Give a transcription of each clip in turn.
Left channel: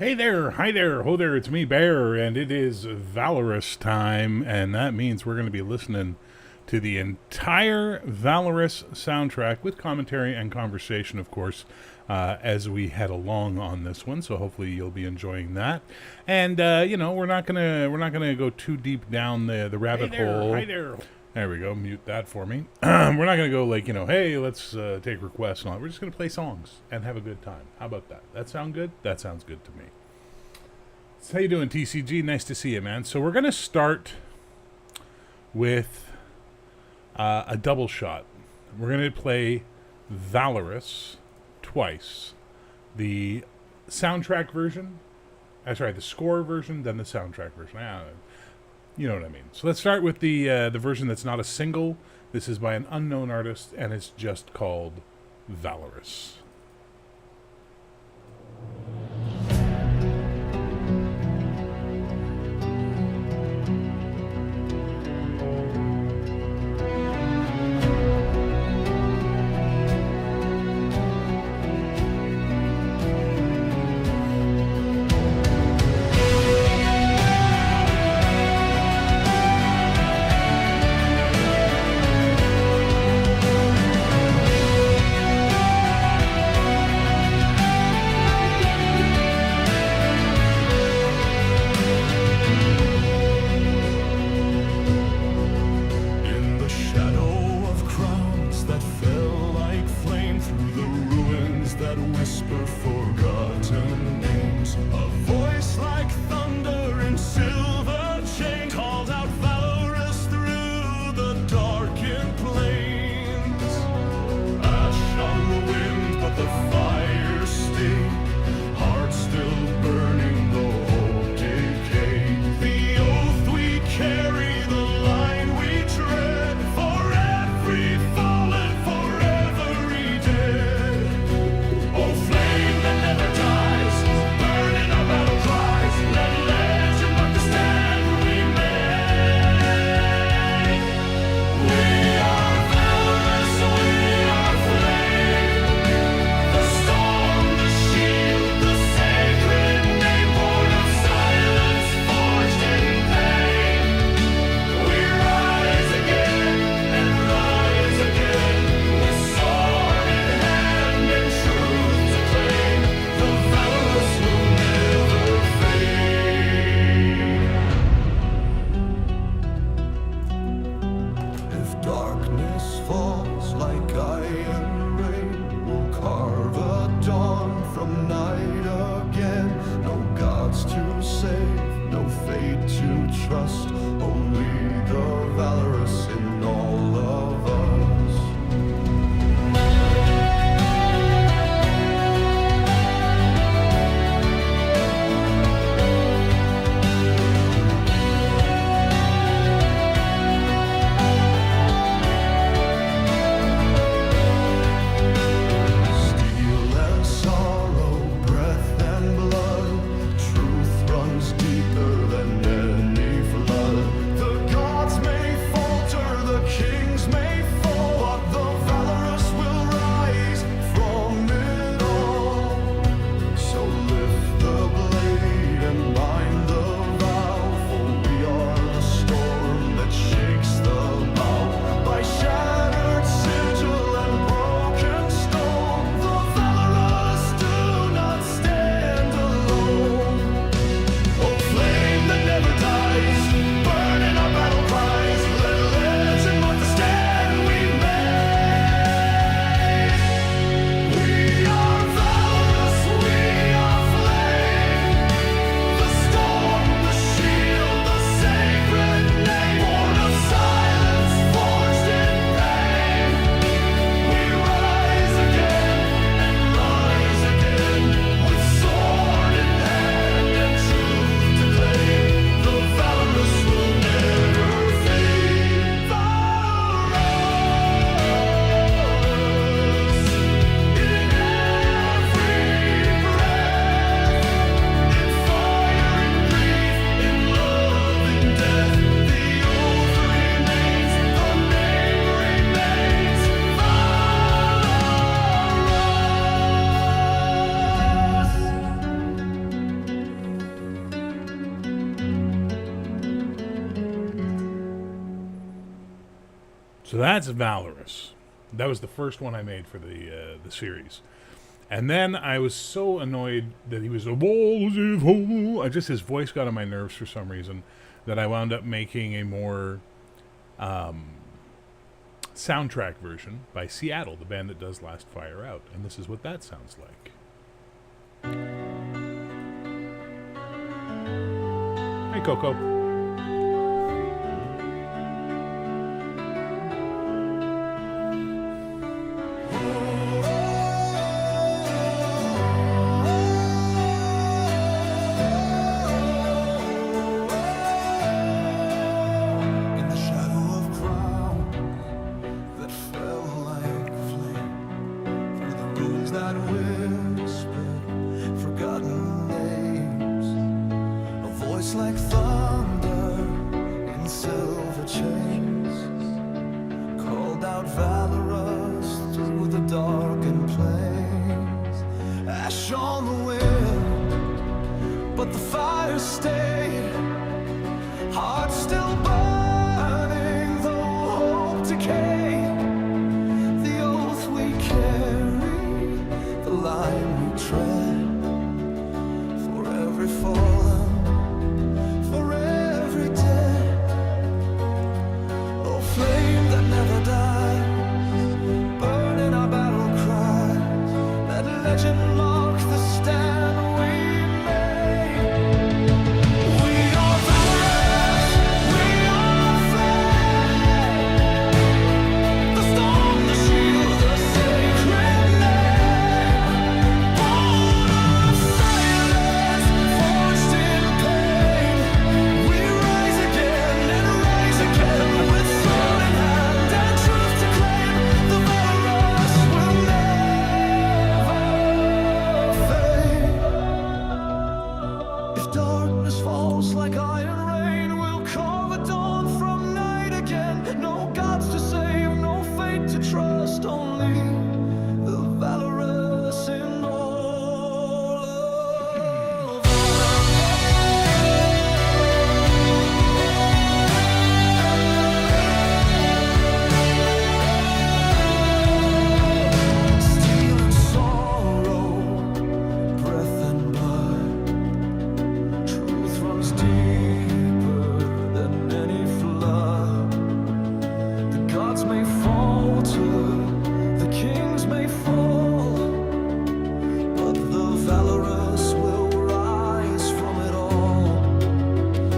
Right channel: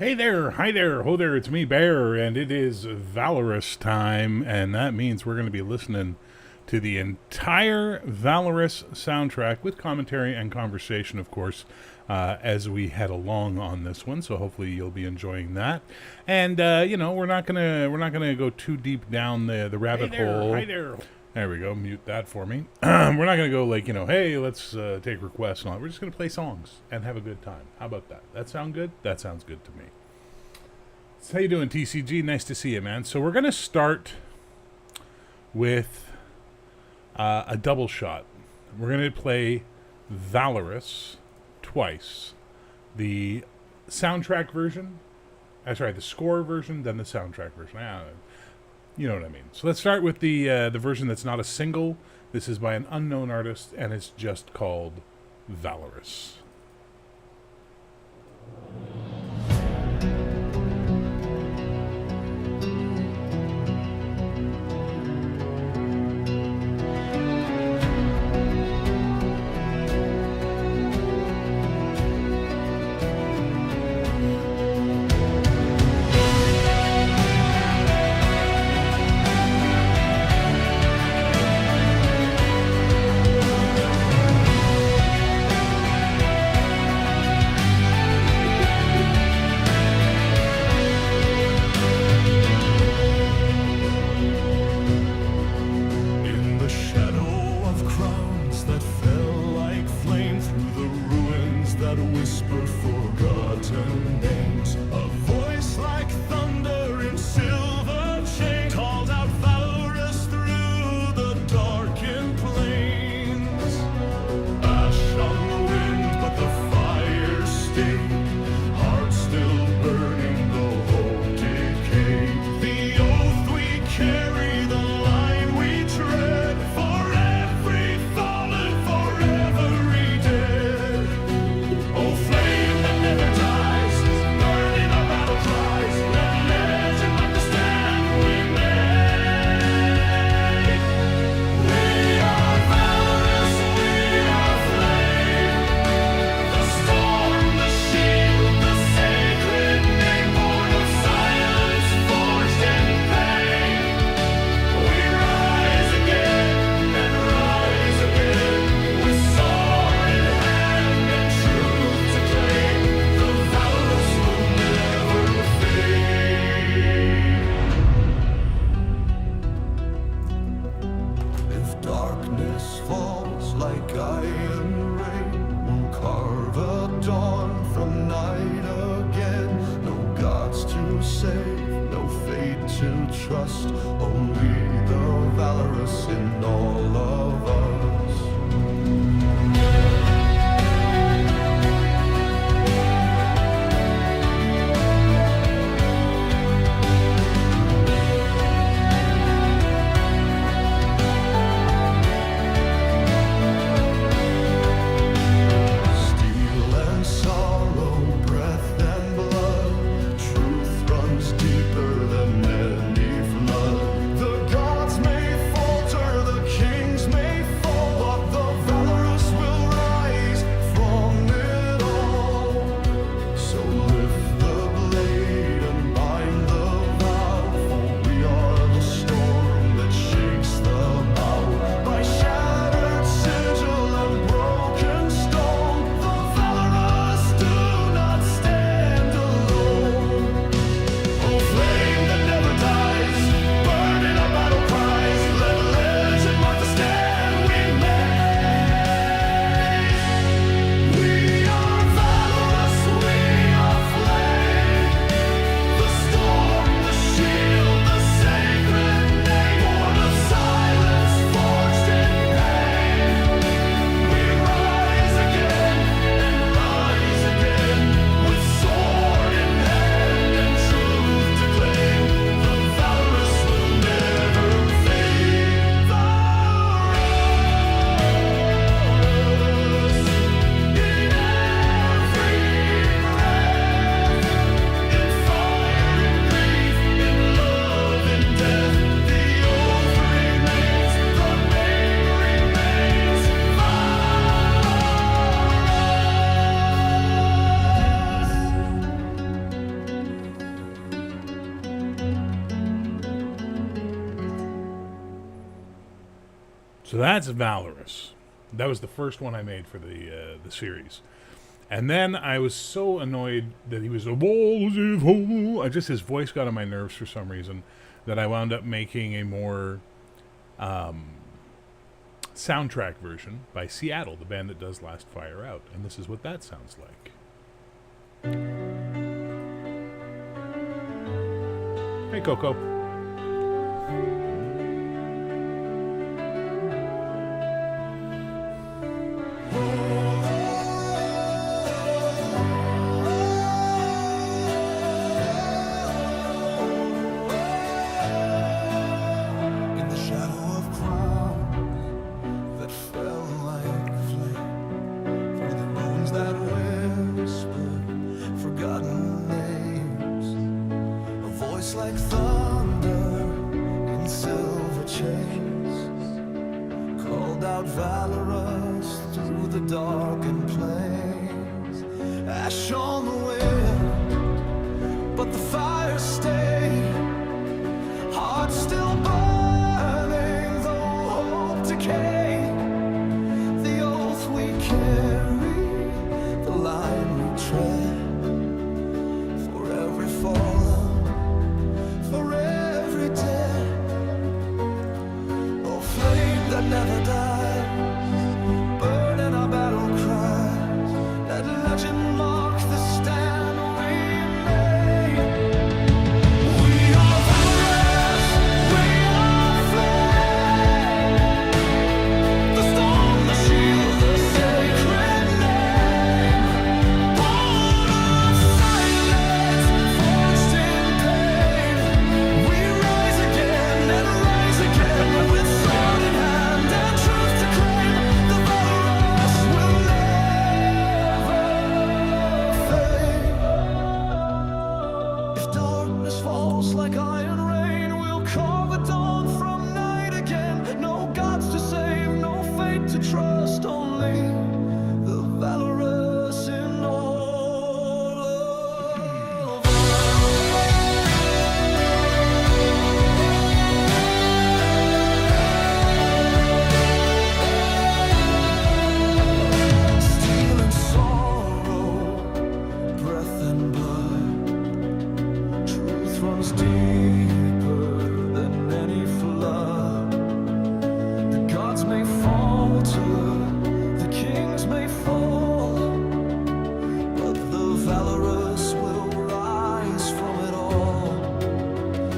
Hey there, hi there, ho there, it's me, Bear, and it is Valorous time, and that means we're going to be listening to the entire Valorous soundtrack with commentary and conversation, of course, as we head along on this one. So hopefully you'll be enjoying that. And we're not gonna go too deep down the rabbit hole. Hi there. There we go. Mute that for me. We're not going to go like, hey, let's take requests and all that. We're just going to play songs and have a good time. How about that? That sound good? That sounds good to me. So how you doing, TCG? Nice to see you, man. So we're going to start with a double shot. We're going to play Valorous twice. The soundtrack version. The score version, then the soundtrack version. You know what I mean. So let's start with the version that's not a single. This is by an unknown artist, and it's just called Valorous. That whisper forgotten names. A voice like thunder in silver chain called out valorous through the darkened plains. Ash on the wind, but the fire stayed. Heart still burning, though hope decayed. The oath we carry, the line we tread, for every fallen, for every dead. Oh, flame that never dies, burn in our battle cries. Let legend mark the stand we made. We are valorous, we are flame. The storm, the shield, the sacred name, born of silence, forged in pain. We rise again and rise again, with sword in hand and truth to claim. The valorous will never fade. If darkness falls like iron rain, we'll carve a dawn from night again. No gods to save, no fate to trust, only the valorous in all of us. Steel and sorrow, breath and blood, truth runs deeper than any flood. The gods may falter, the kings may fall, but the valorous will rise from it all. So lift the blade and bind the vow, for we are the storm that shakes the bow. By shattered sigil and broken stone, the valorous do not stand alone. Oh, flame that never dies, burn in our battle cries. Let So that's Valorous. That was the first one I made for the series. And then I was so annoyed that he was his voice got on my nerves for some reason, that I wound up making a more soundtrack version by Seattle, the band that does Last Fire Out. And this is what that sounds like. Hey, Coco. In the shadow of crowns that fell like flame, through the ruins that whispered forgotten names, a voice like thunder in silver chains called out Valorous through the darkened plains. Ash on the wind, but the fire stayed, heart still burning though hope decayed. The oath we carry, the line we tread, for every fallen, for every dead. Oh, flame that never dies, burning our battle cries, let legend mark the stand we made. We are valorous, we are flame, the storm, the shield, the sacred name, born of silence, forged in pain. We rise again and rise again with sword in hand and truth to claim. The valorous will never fade. If darkness falls like iron rain, we'll carve a dawn from night again. No gods to save, no fate to trust, only the valorous in all of us. Steel and sorrow, breath and blood, truth runs deeper than any flood. The gods may falter, the kings may fall, but the valorous will rise from it all.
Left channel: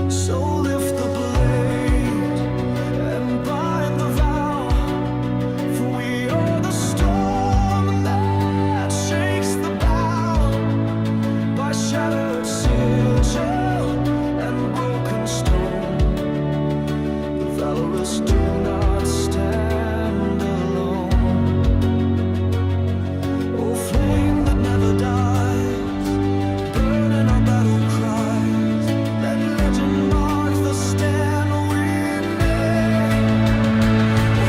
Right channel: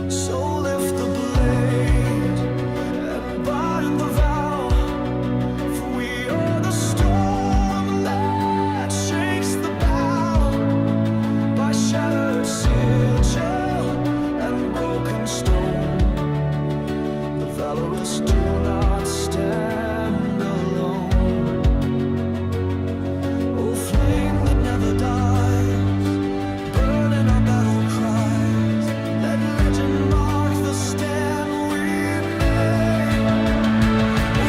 So lift the blade and bind the vow, for we are the storm that shakes the bow. By shattered sigil and broken stone, the valorous do not stand alone. Oh, flame that never dies, burning our battle cries, let legend mark the stand we made.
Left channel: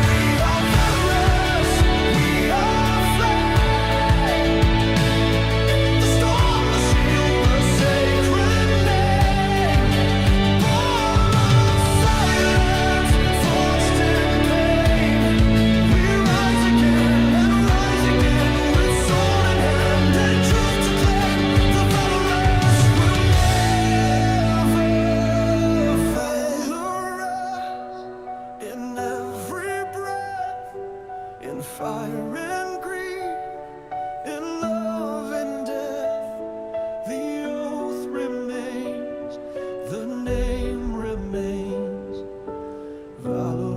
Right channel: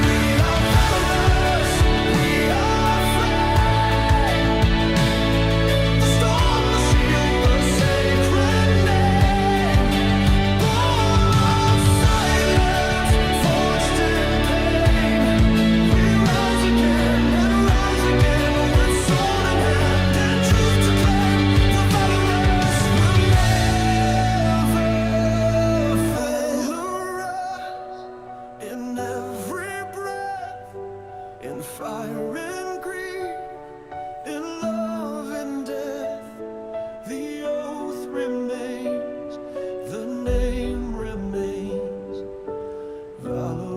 We are valorous, we are flame, the storm, the shield, the sacred name, born of silence, forged in pain. We rise again and rise again with sword in hand and truth to claim. The valorous will never fail. Valorous in every breath, in fire and grief, in love and death. The oath remains, the name remains, valorous.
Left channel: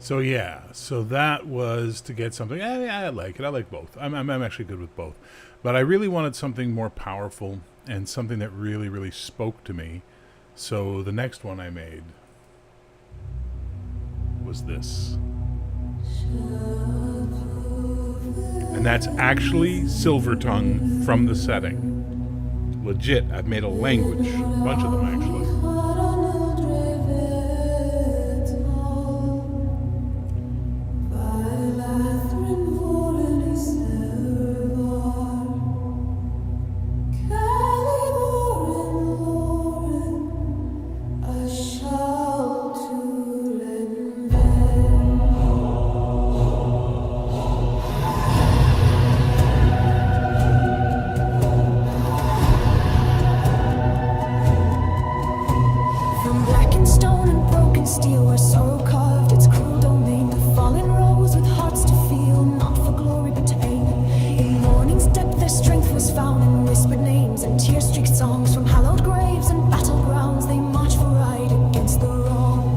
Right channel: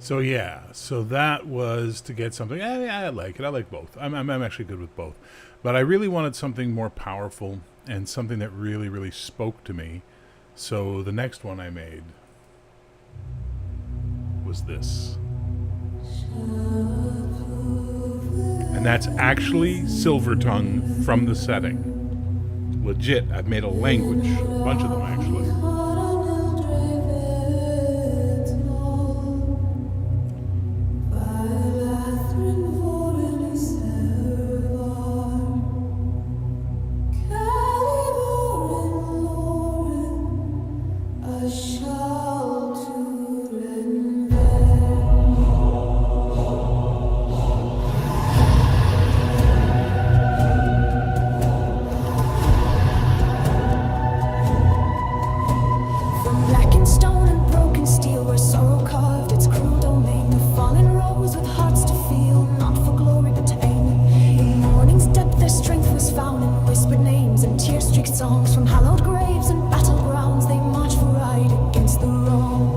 So yeah, so that was to get something. I like it. I like both. I'm actually good with both, but I really wanted something more powerful and something that really, really spoke to me. So the next one I made was this, and that's actually Silvertongue from the setting. Legit, I've made a language, a bunch of them actually. Shall to stone and broken steel, where sorrow carved its cruel domain. The fallen rose with hearts to feel, not for glory but to aim. In morning's depth their strength was found, in whispered names and tear-streaked songs. From hallowed graves and battlegrounds they march for right against the wrong.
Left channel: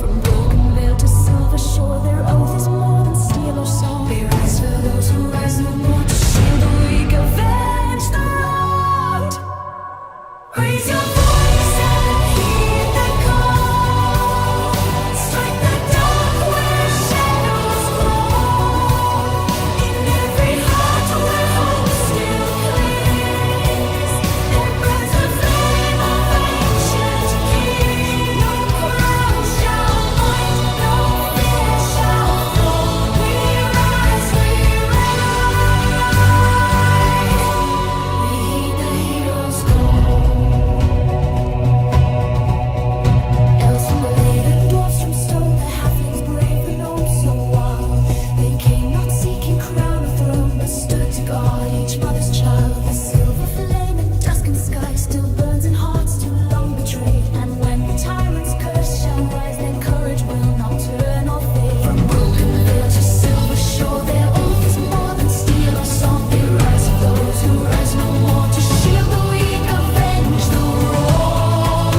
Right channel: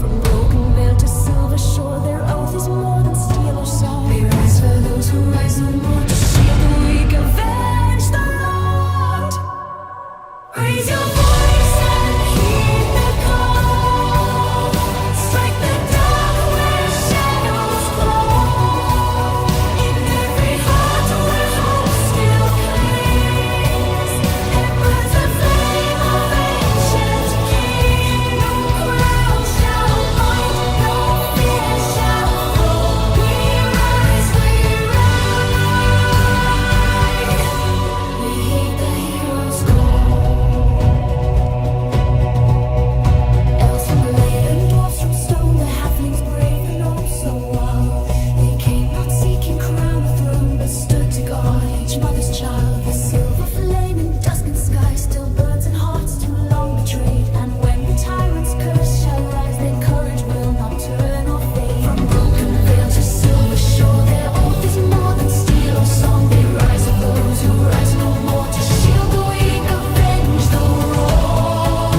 From broken veil to silver shore, their oath is more than steel or song. They rise for those who rise no more, to shield the weak, avenge the wronged. Raise your voice and heed the call. Strike the dark where shadows crawl. In every heart where hope still clings, there burns the flame of ancient king. No crown shall bind, no fear shall fall. We rise, we ride. We heed the hero's call. Elves from blade and dwarfs from stone, the halflings brave and oh so wild. They came not seeking crown or throne, but stood to guard each mother's child. The silver flame in dusk and sky still burns in hearts too long betrayed. And when the tyrant's curse shall rise, their courage will not turn or fade. From broken veil to silver shore, their oath is more than steel or song. They rise of those who rise no more, to shield the weak, avenge the wrong.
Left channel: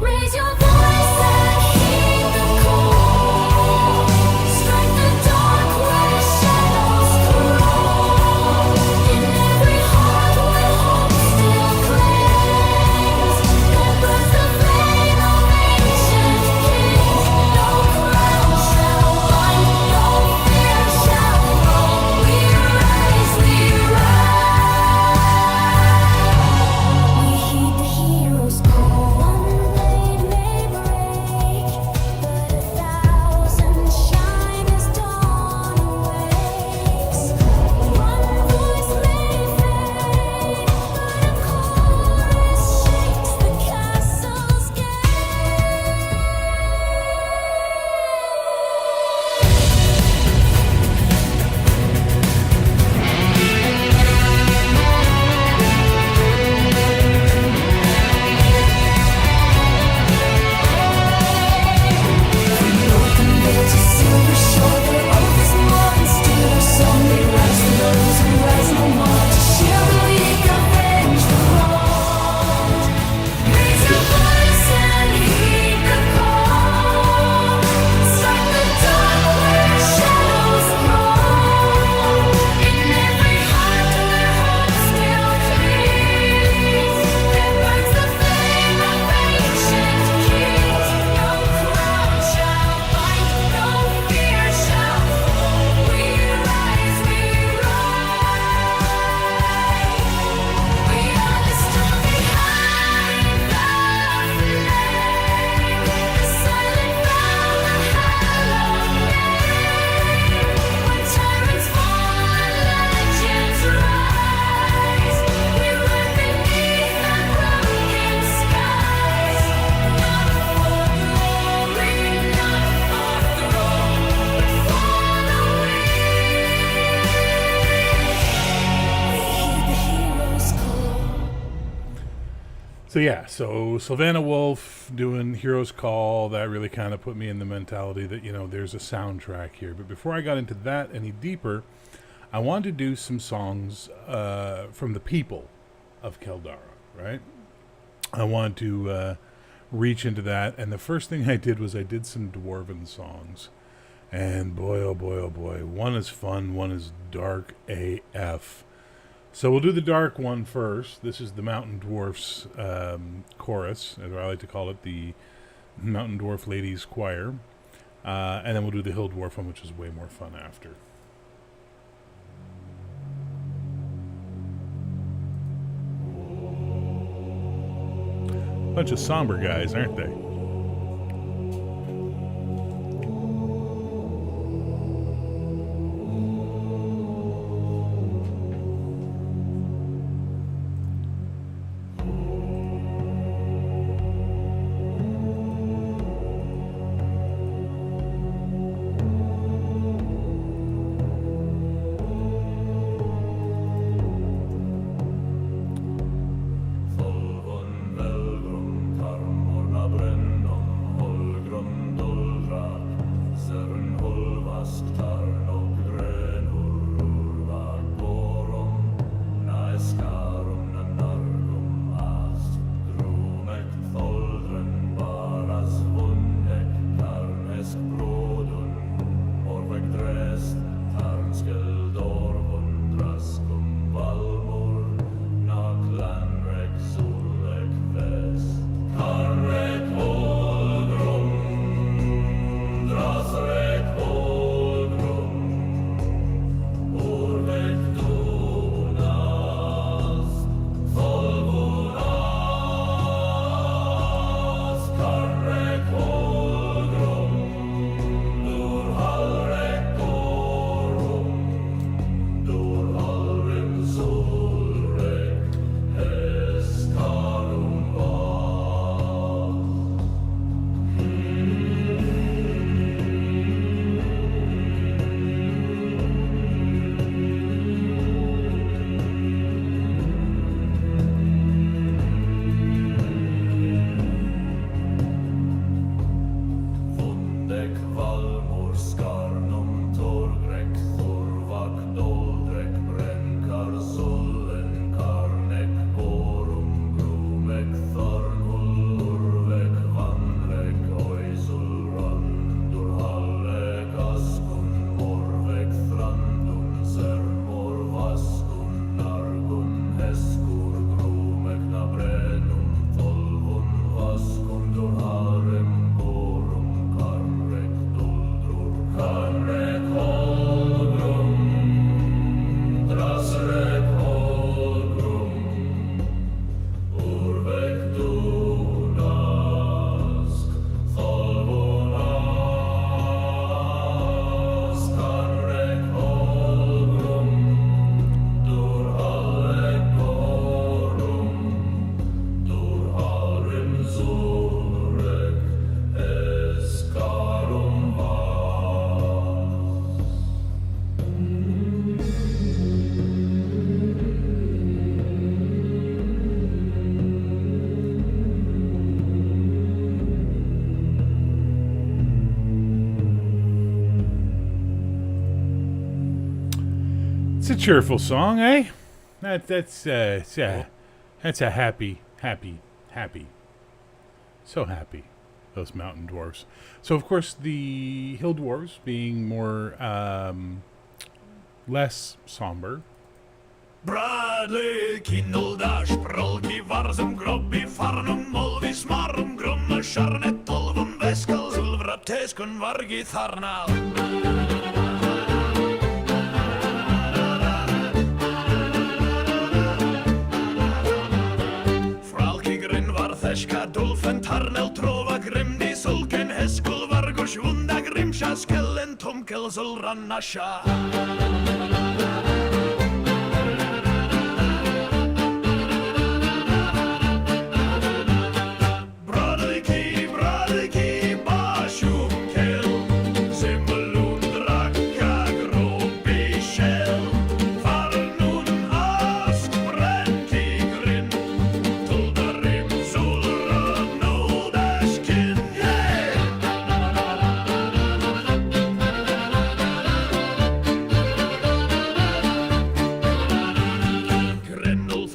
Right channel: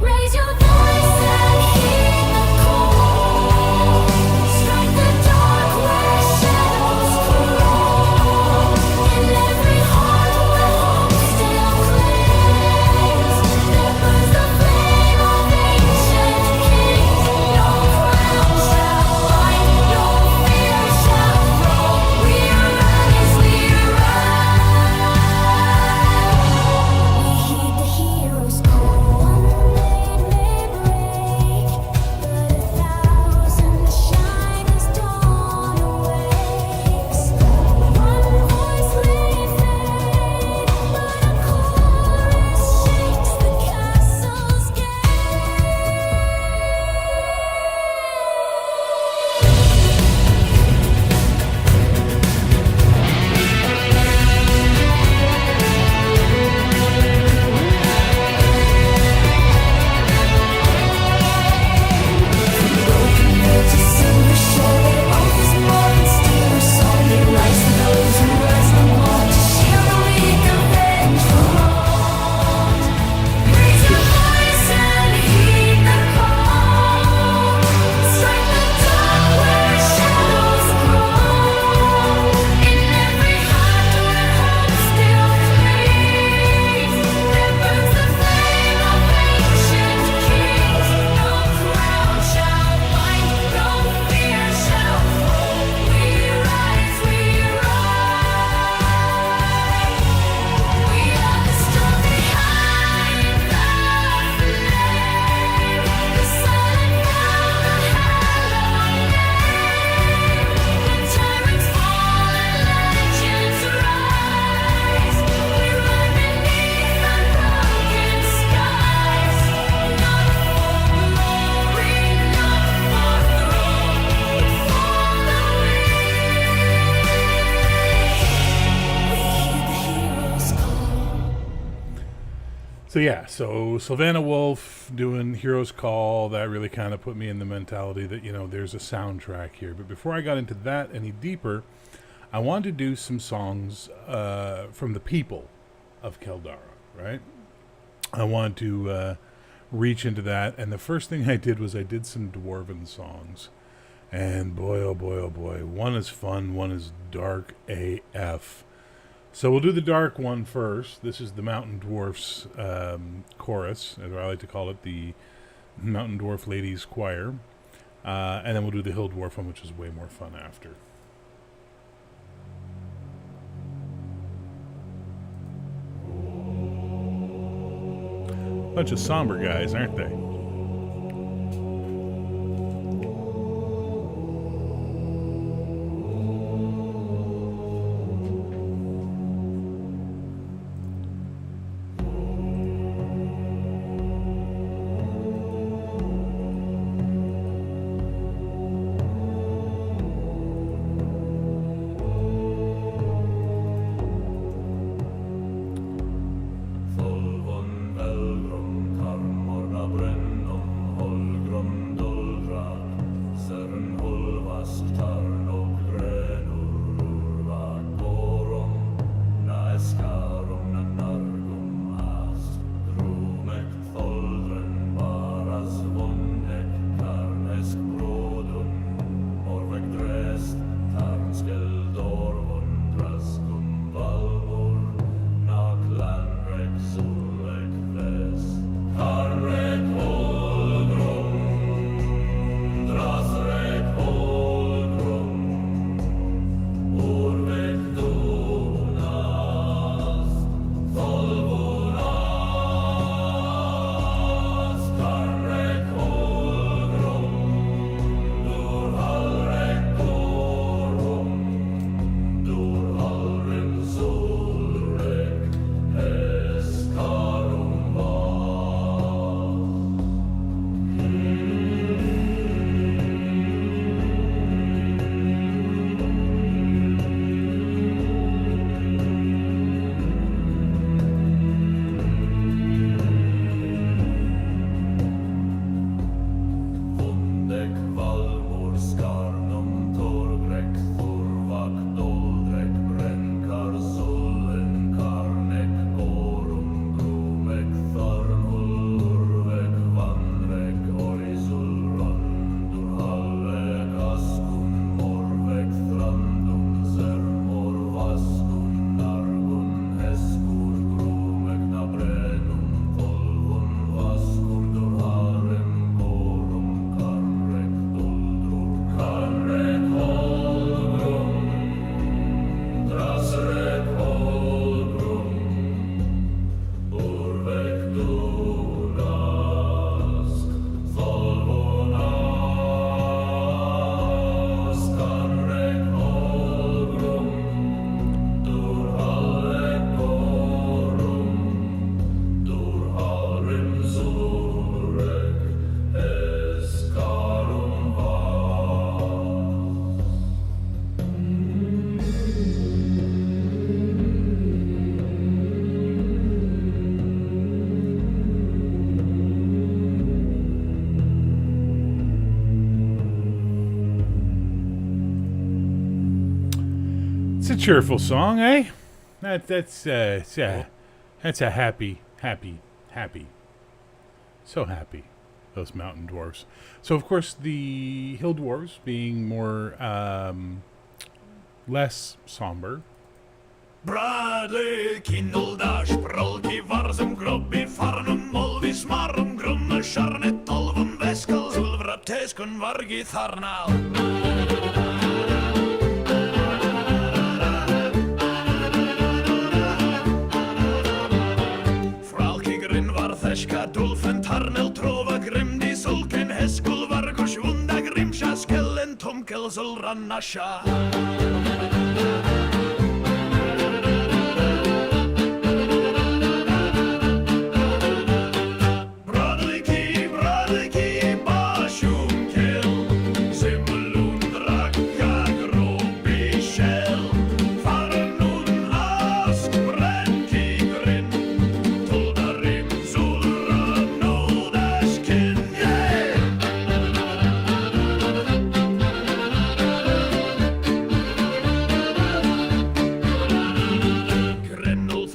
Raise your voice and heed the call. Strike the dark where shadows crawl. In every heart where hope still clings, there burns the flame of ancient kings. No crown shall bind, no fear shall thrall. We rise, we ride. We heed the hero's call. One blade may break, but 1,000 shine as dawn awakes. One voice may fade, but a chorus shakes the castle's From broken veil to silver shore, their oath is more than steel or song. They rise for those who rise no more, to shield the weak, avenge the wronged. Raise your voice and heed the call. Strike the dark where shadows crawl. In every heart where hope still clings, there burns the flame of ancient kings. No crown shall bind, no fear shall fall. We rise, we ride. We are the storm behind the flame, the silent vow, the hallowed name. When tyrants fall and legends rise, we ride beneath unbroken skies. Not for glory, not for throne, but for the weak. We heed the hero's call. So yeah, so Savannah Wolf doing Hero's Call, that really kind of put me in the mentality that, you know, there's a soundtrack here. But before I got into that any deeper, I wanted to do some songs from the people of Keldara, right? I wanted to reach into that, and the first thing I did was I did some Dwarven songs. And boy, oh boy, oh boy, one is fun, one is dark AF. So we'll do the dark one first. This is the Mountain Dwarfs chorus, as I like to call it, the Mountain Dwarf Ladies Choir. And then we'll do the Hill Dwarf one, which is way more fun after. Bunch of somber guys, aren't they? Volvon Velgrum Karmorna Brenn It's a cheerful song, eh? That's a happy, so happy. Those mountain dwarfs. So of course the hill dwarfs being more less somber. Bradley, Kinoldash, Prolki, Varsum, Grobby, Farnum, Molvis, Marum, Grumme, Sharnet, Tolvum, Veskel, Zulvra, Teskun, Vargi, Tharnal. Fralki, Grin, Vartheshka, Dulfen, Tarnel, Trova, Grimdi, Sulken, Heskul, Vargush, Vunda, Grimsha, Skellen, Tumkel, Zulran, Nasha.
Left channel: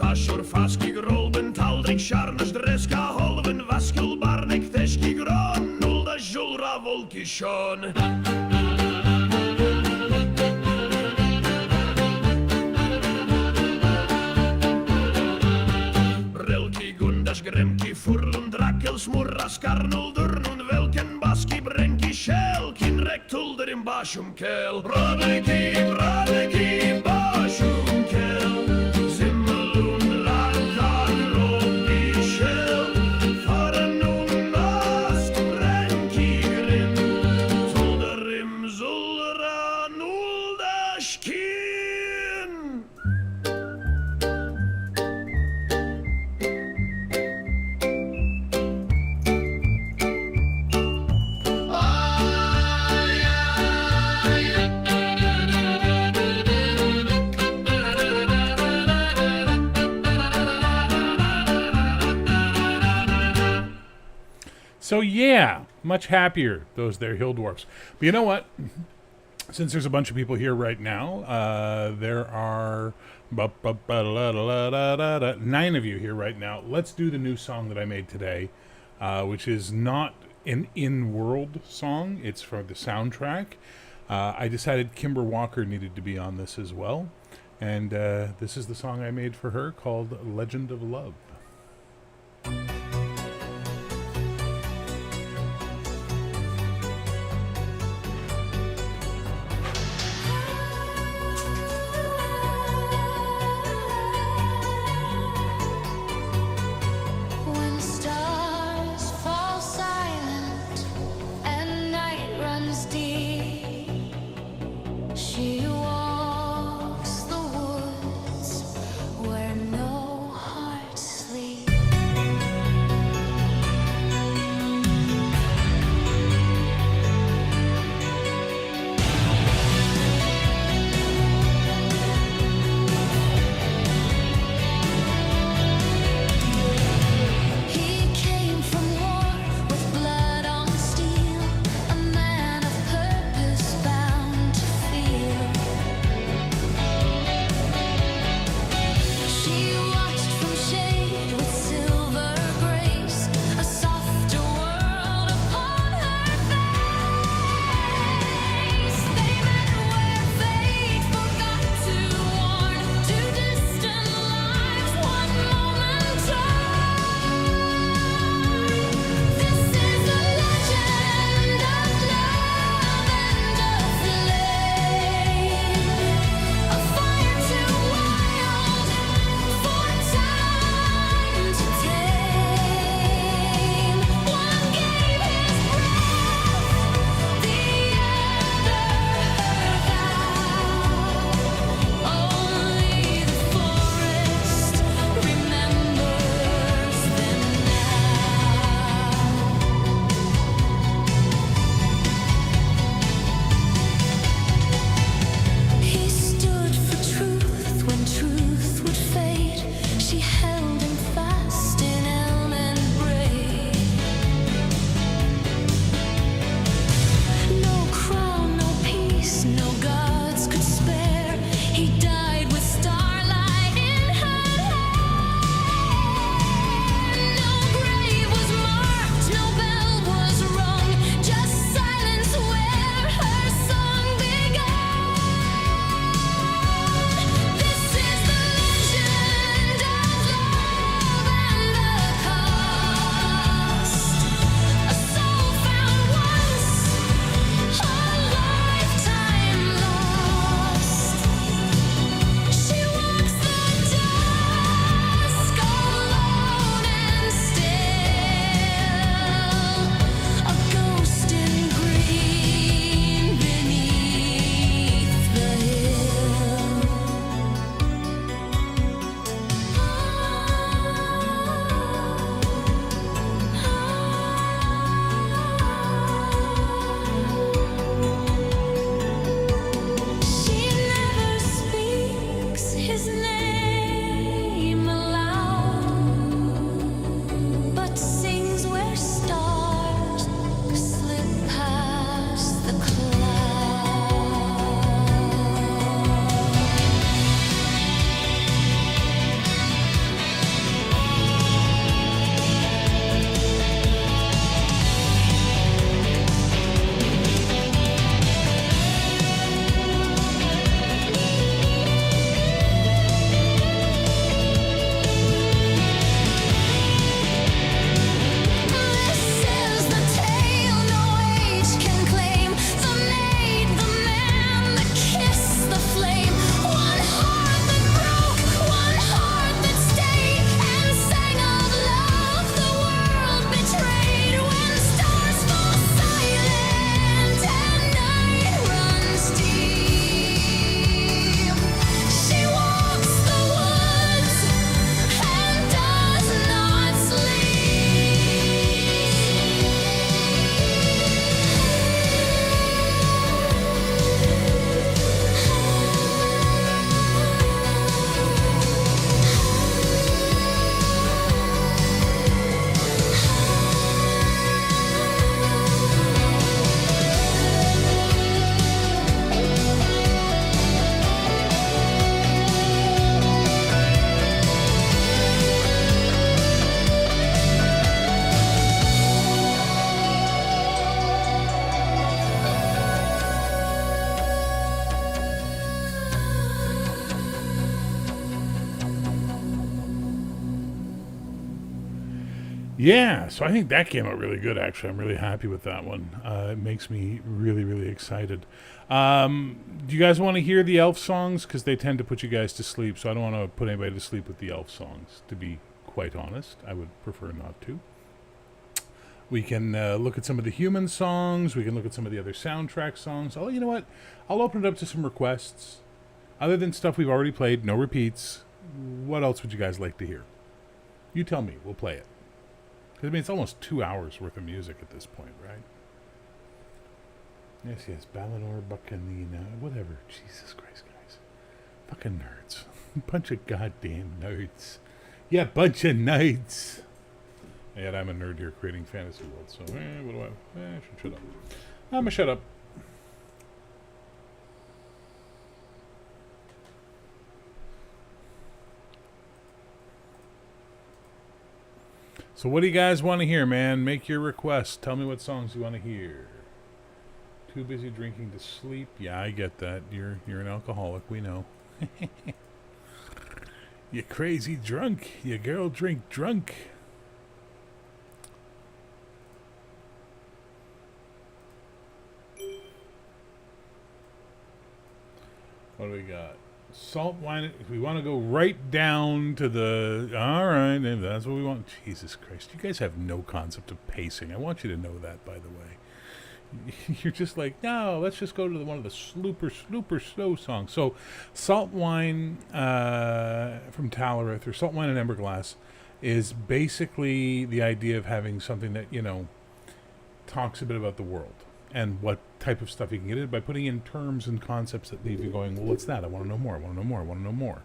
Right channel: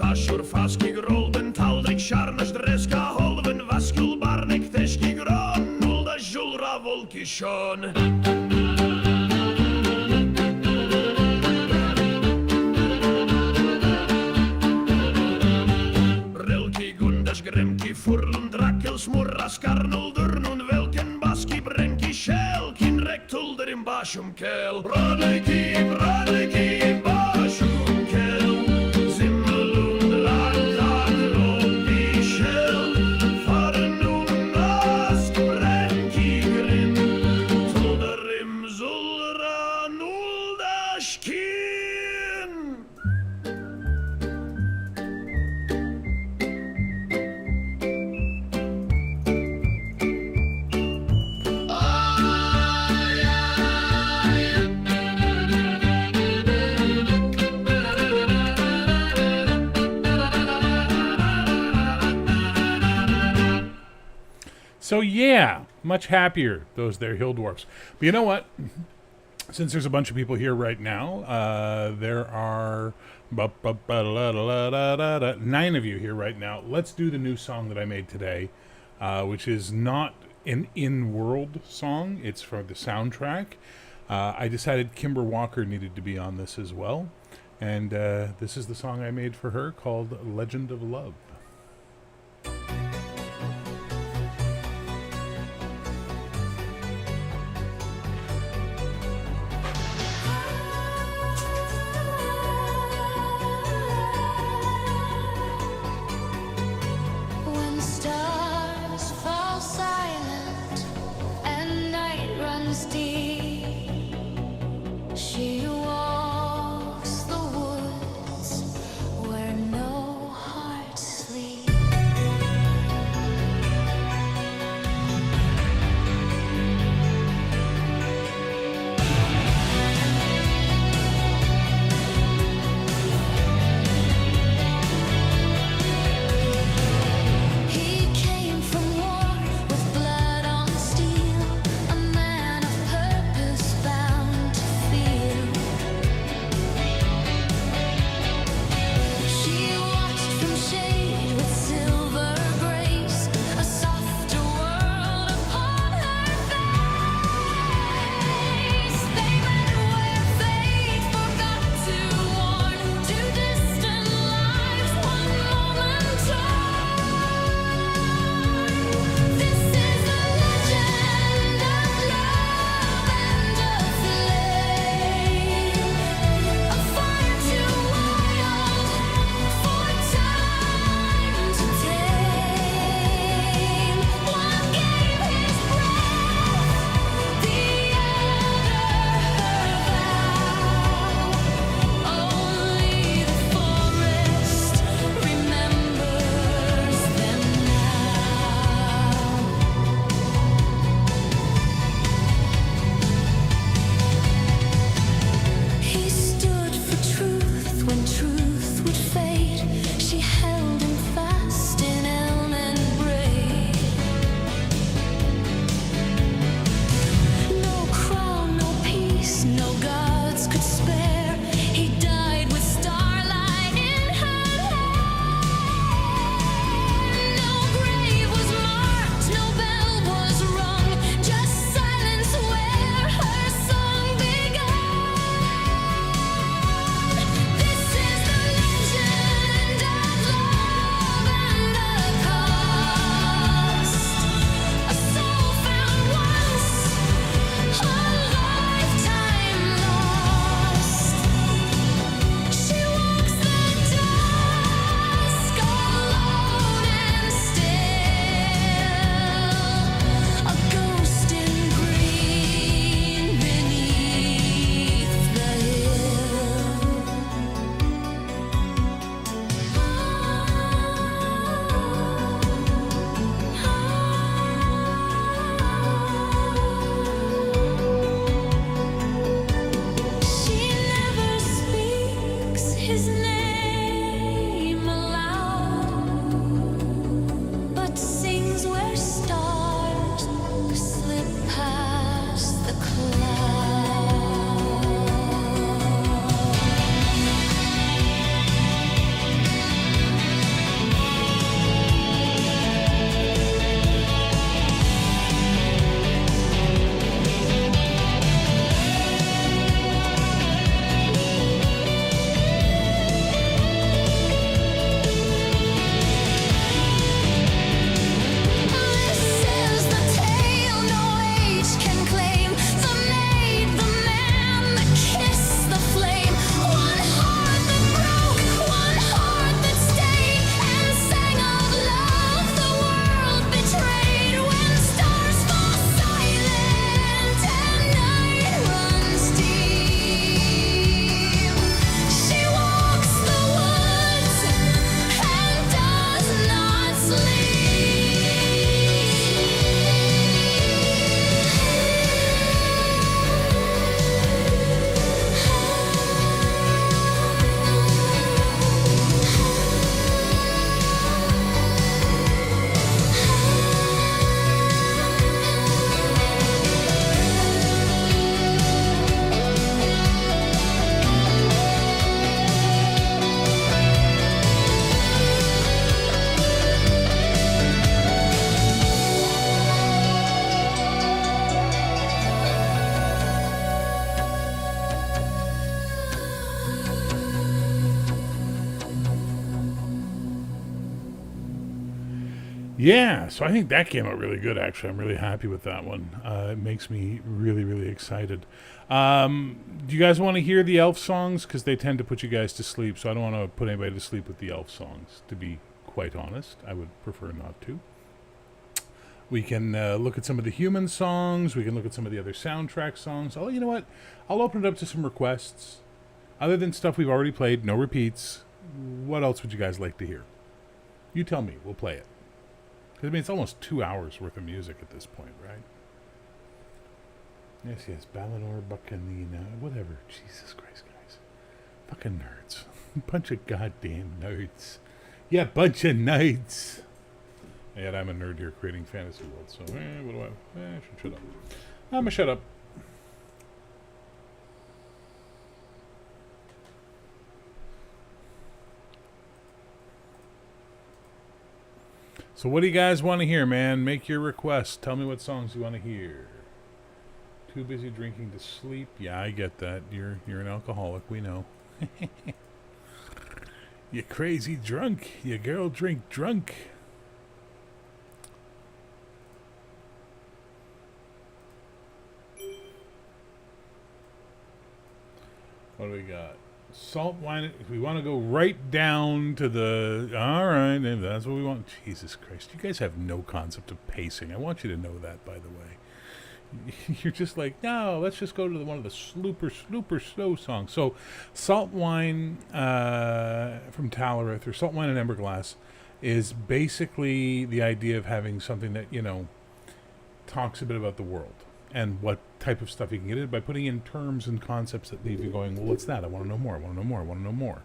Ashur faski grolben taldrik sharnes dreska holven vaskul barnek teski gron nulda julra volki shon. Relki gundas gremki furlun drakel smurras karnul durnun velken baski brenki shell kin rektulder in bashum kel. Bradeki bashum kel. So yeah, much happier, those there hill dwarfs. But you know what? Since there's a bunch of people here right now, there are 9 of you here right now. Let's do the new song that I made today, which is not an in-world song. It's from the soundtrack. I decided Kimber Walker needed to be on this as well. And this is the song I made for her called Legend of Love. When stars fall silent and night runs deep, she walks the woods where no heart sleeps. Yeah, so I think that came out really good, actually. I'm really happy with that one. It makes me really, really excited. Do you guys want to hear the elf songs? Because they tend to put you guys to sleep, so I don't want to put anybody to sleep with the elf songs, to be quite honest. I would prefer not to. We can look at some of the human songs. We can look at some of the other soundtrack songs. Oh, you know what? I'll open it up to some requests. Other than stuff we've already played, no repeats, what else would you guys like to hear? You tell me. We'll play it. I mean, it's almost 2 hours worth of music at this point, right? Yes, Balinor, Buccanina, whatever. Jesus Christ, guys. Fucking nerds. Bunch of goddamn nerds. Yeah, bunch of nerds. And I'm a nerd here creating fantasy worlds, so, what do I should shut up. I'm gonna shut up. So what do you guys want to hear, man? Make your requests. Tell me what songs you want to hear. Too busy drinking to sleep. Yeah, I get that. You're an alcoholic. We know. You crazy drunk. You girl drink drunk. What do we got? Salt wine. If we want to go right down to the... All right, if that's what we want. Jesus Christ. You guys have no concept of pacing. I want you to know that, by the way. You're just like, no, let's just go to one of the super slow songs. So, Salt Wine from Talarith, or Salt Wine and Emberglass, is basically the idea of having something that, talks a bit about the world and what type of stuff you can get in by putting in terms and concepts that leave you going, well, what's that? I want to know more. I want to know more. I want to know more.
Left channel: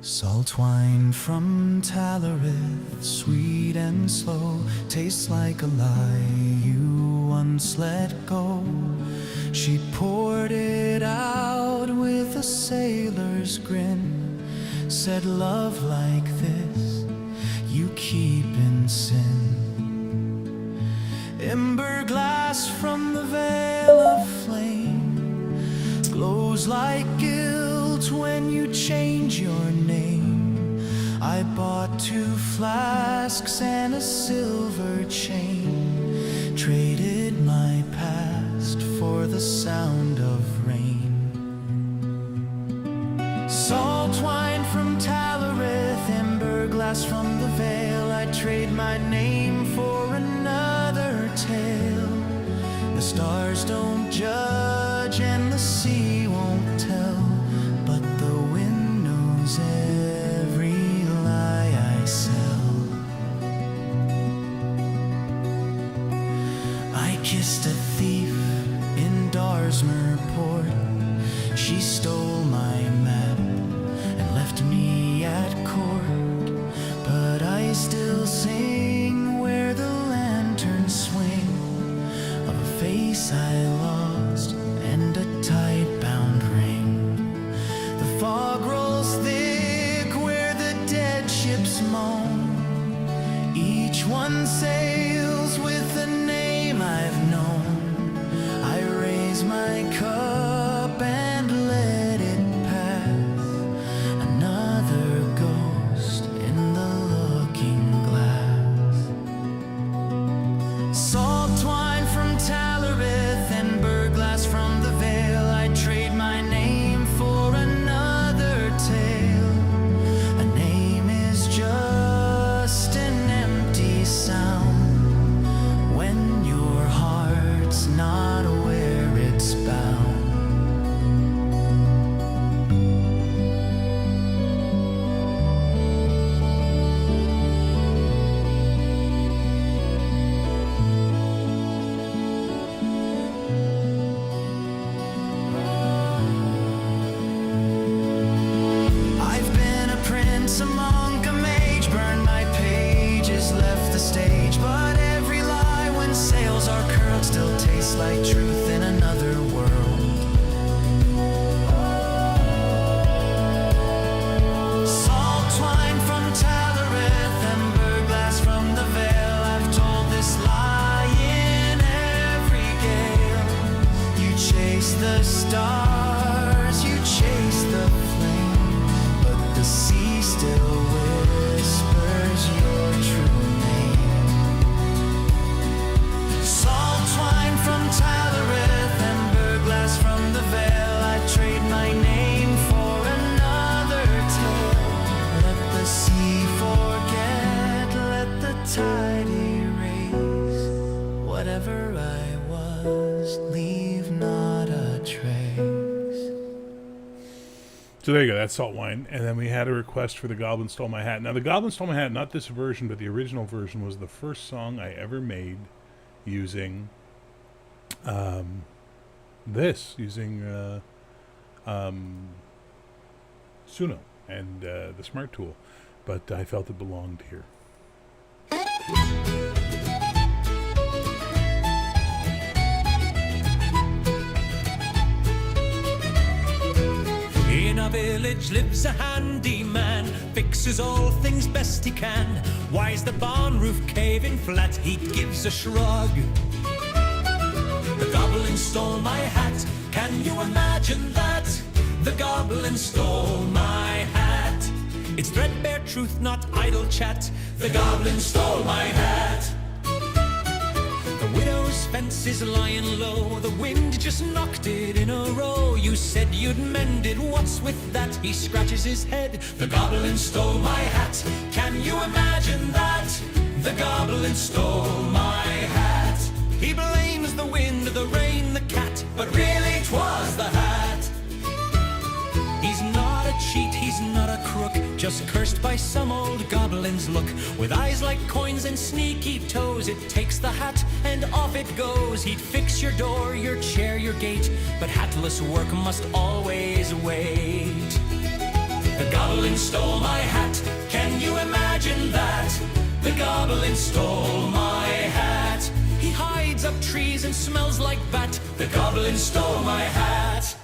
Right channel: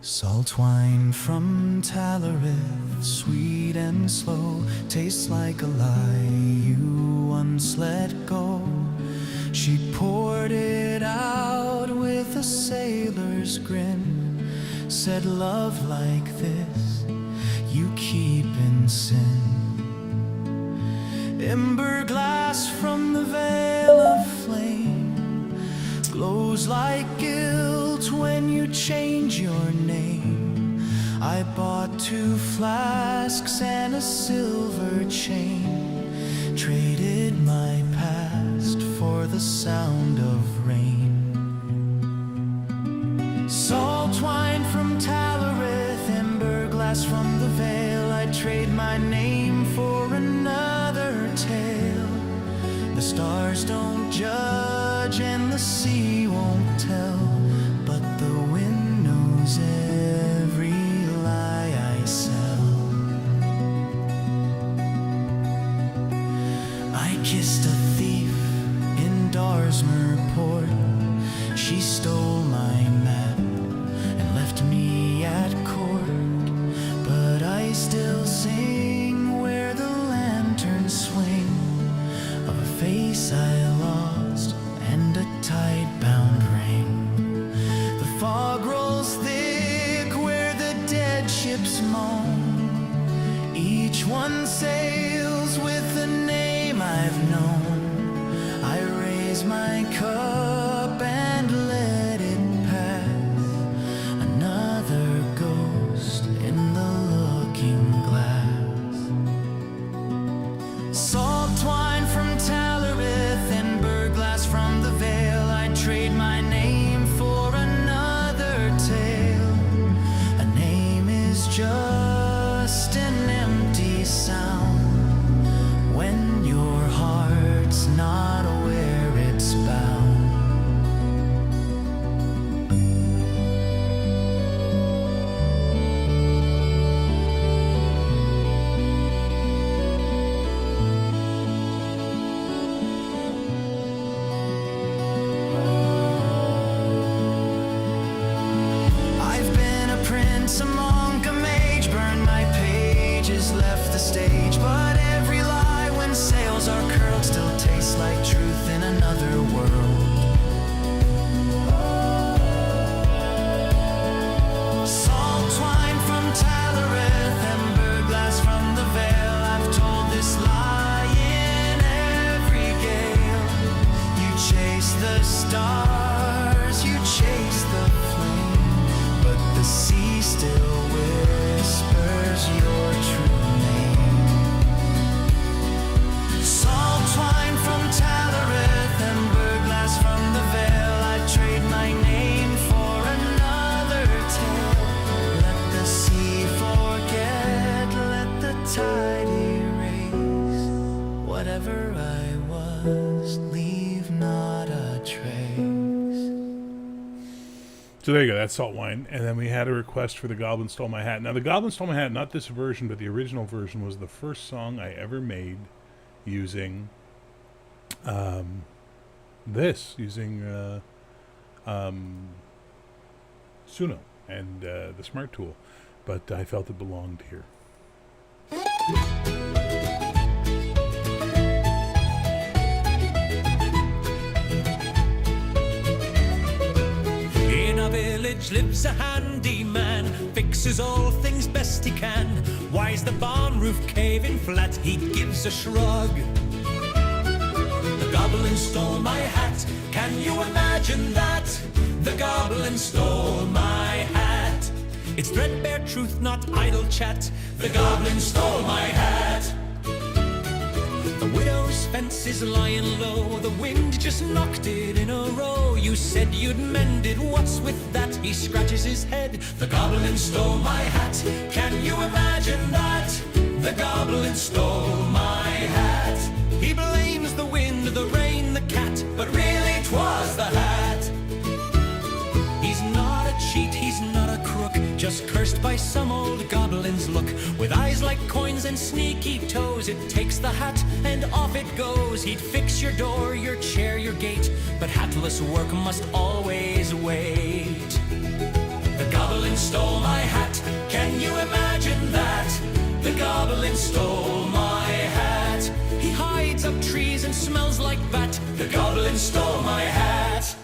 Salt wine from Talarith, sweet and slow, tastes like a lie you once let go. She poured it out with a sailor's grin, said love like this you keep in sin. Ember glass from the veil of flame glows like guilt when you change your name. I bought 2 flasks and a silver chain, traded my past for the sound of rain. Salt wine from Talarith, ember glass from the veil, I'd trade my name for another tale. The stars don't judge and the sea won't tell, but the wind knows every lie I sell. I kissed a thief in Darsmer Port. She stole my map and left me at court, but I still sing where the lanterns swing of a face I lost and a tide-bound ring. The fog rolls thick where the dead ships moan. Each one sails with a name I've known. I raise my cup and let it pass, another ghost in the looking glass. Salt wine from Talarith, ember glass from the veil, I'd trade my name for another tale. A name is just an empty sound when your heart's not where it's bound. I've been a prince, a monk, a mage, burned my pages, left the stage, but every lie when sails are curled still tastes like truth in another world. Salt wine from Talarith, ember glass from stars, you chase the flame, but the sea still whispers your true name. Salt twine from Talarith, amber glass from the Vale, I'd trade my name for another tale. Let the sea forget, let the tide erase whatever I was, leave not a trace. So there you go, that's Salt Wine. And then we had a request for The Goblin Stole My Hat. Now, The Goblin Stole My Hat, not this version, but the original version, was the first song I ever made using Suno and the Smart Tool. But I felt it belonged here. In a village lives a handyman, fixes all things best he can. Why's the barn roof caving flat? He gives a shrug. The goblin stole my hat, can you imagine that? The goblin stole my hat. It's threadbare truth, not idle chat. The goblin stole my hat. The widow's fence is lying low, the wind just knocked it in a row. You said you'd mend it, what's with that? He scratches his head. The goblin stole my hat, can you imagine that? The goblin stole my hat. He blames the wind, the rain, the cat, but really 'twas the hat. He's not a cheat, he's not a crook, just cursed by some old goblin's look. With eyes like coins and sneaky toes, it takes the hat and off it goes. He'd fix your door, your chair, your gate, but hatless work must always wait. The goblin stole my hat, can you imagine that? The goblin stole my hat. He hides up trees and smells like bat. The goblin stole my hat.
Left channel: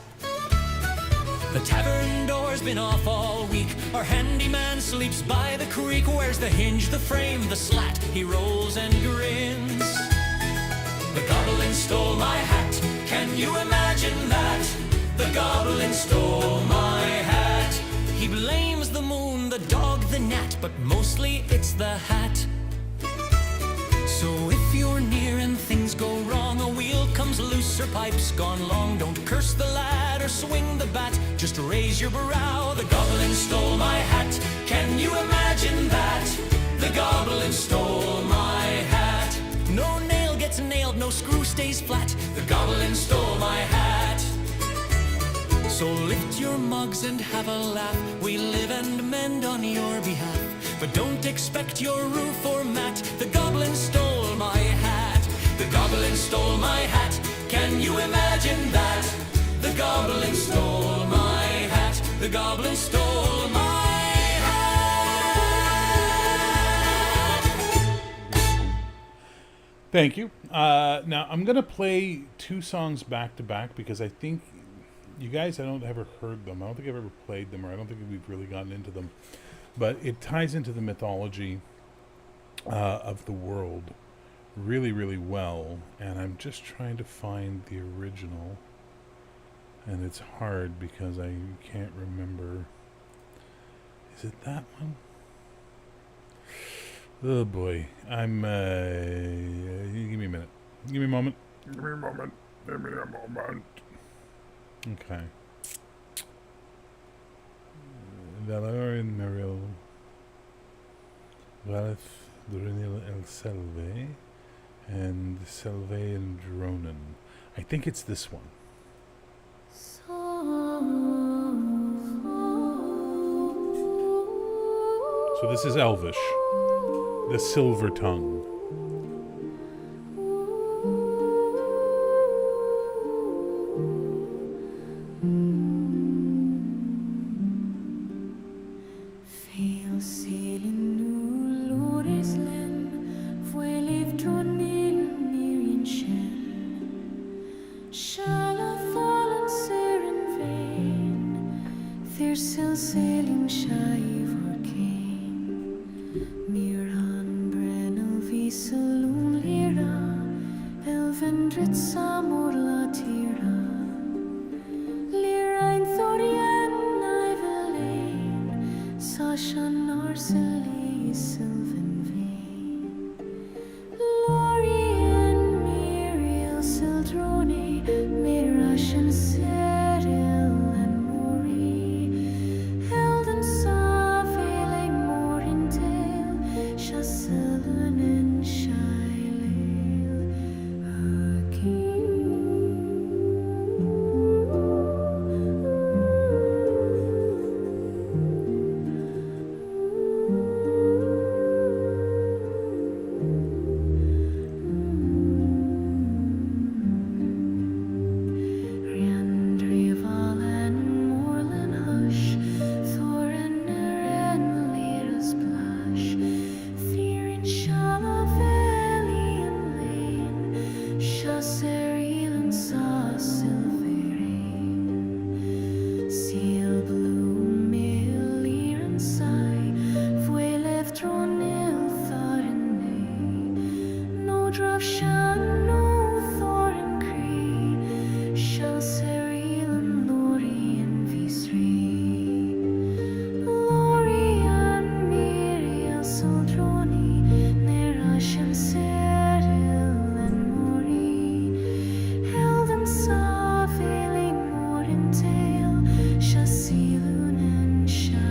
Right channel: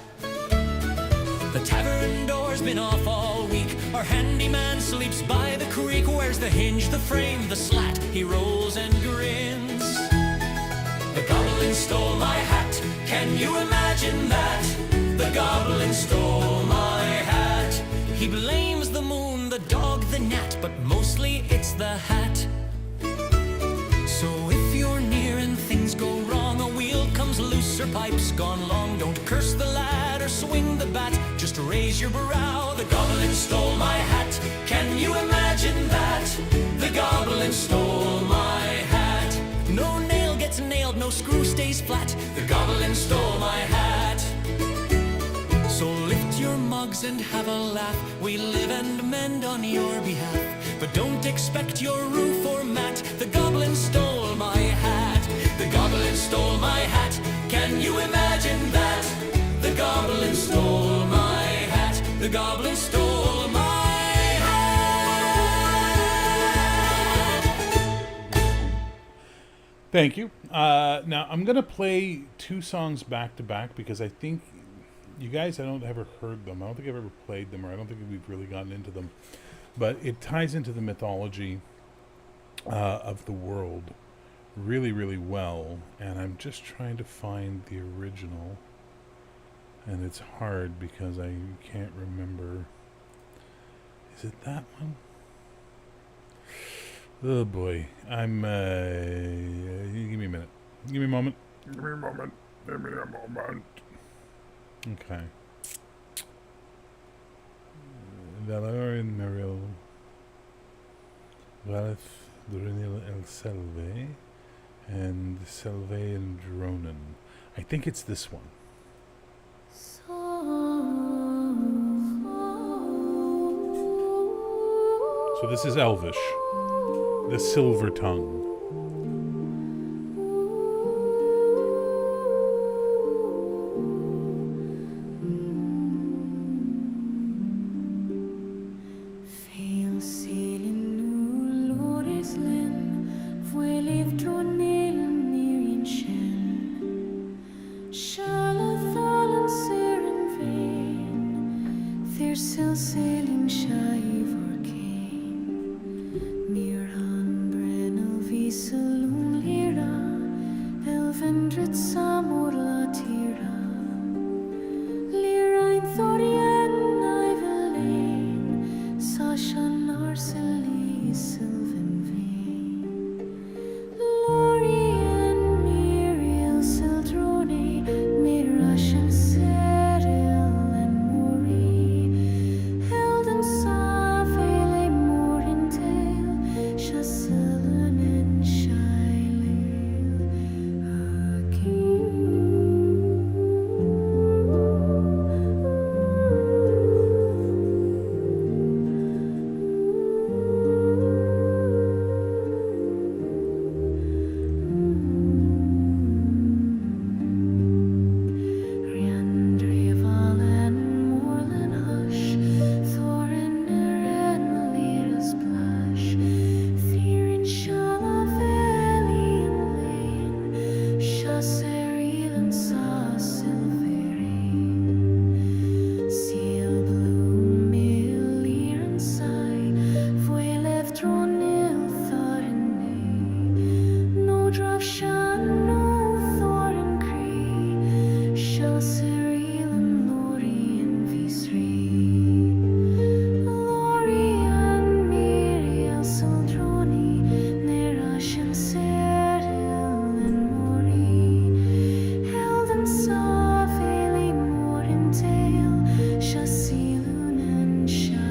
The tavern door's been off all week. Our handyman sleeps by the creek. Where's the hinge, the frame, the slat? He rolls and grins. The goblin stole my hat, can you imagine that? The goblin stole my hat. He blames the moon, the dog, the gnat, but mostly it's the hat. So if you're near and things go wrong, a wheel comes loose or pipe's gone long, don't curse the lad or swing the bat, just raise your brow. The goblin stole my hat, can you imagine that? The goblin stole my hat. No nail gets nailed, no screw stays flat. The goblin stole my hat. So lift your mugs and have a laugh. We live and mend on your behalf, but don't expect your roof or mat. The goblin stole my hat. The goblin stole my hat. Can you imagine that? The goblin stole my hat. The goblin stole my hat. Thank you. Now, I'm going to play two songs back to back because I think you guys, I don't ever heard them. I don't think I've ever played them, or I don't think we've really gotten into them. But it ties into the mythology of the world really, really well. And I'm just trying to find the original. And it's hard because I can't remember. Is it that one? Oh boy. I'm, give me a minute. Give me a moment. Give me a moment. Give me a moment. Okay. Valorous Merrill. Valith Durinil El Selve. And Selve and Dronen. I think it's this one. So this is Elvish. The Silver Tongue. Thorien Ivelane, Sashan Arsely Sylvan Vane, Lorien Miriel Sildrone, Mirashan Seril and Mori, Helden Savele Morintail, Chasselun and Shilail, Riandrival and Moorland Hush, Thorin and Lyra's Blush, Thirin Shalaveli and Lane, Chasseril and Sa Silverine, Seal Bloom, Milir and Sai, Vuelev Dronil Thorin, no Dravshan, no Thorin Cree, Shelseril and Lori and Visri, Lori and Miriel Sildroni, Nerash and Seril and Mori, Helden Saveli Morintail, Chassilun and Shilail,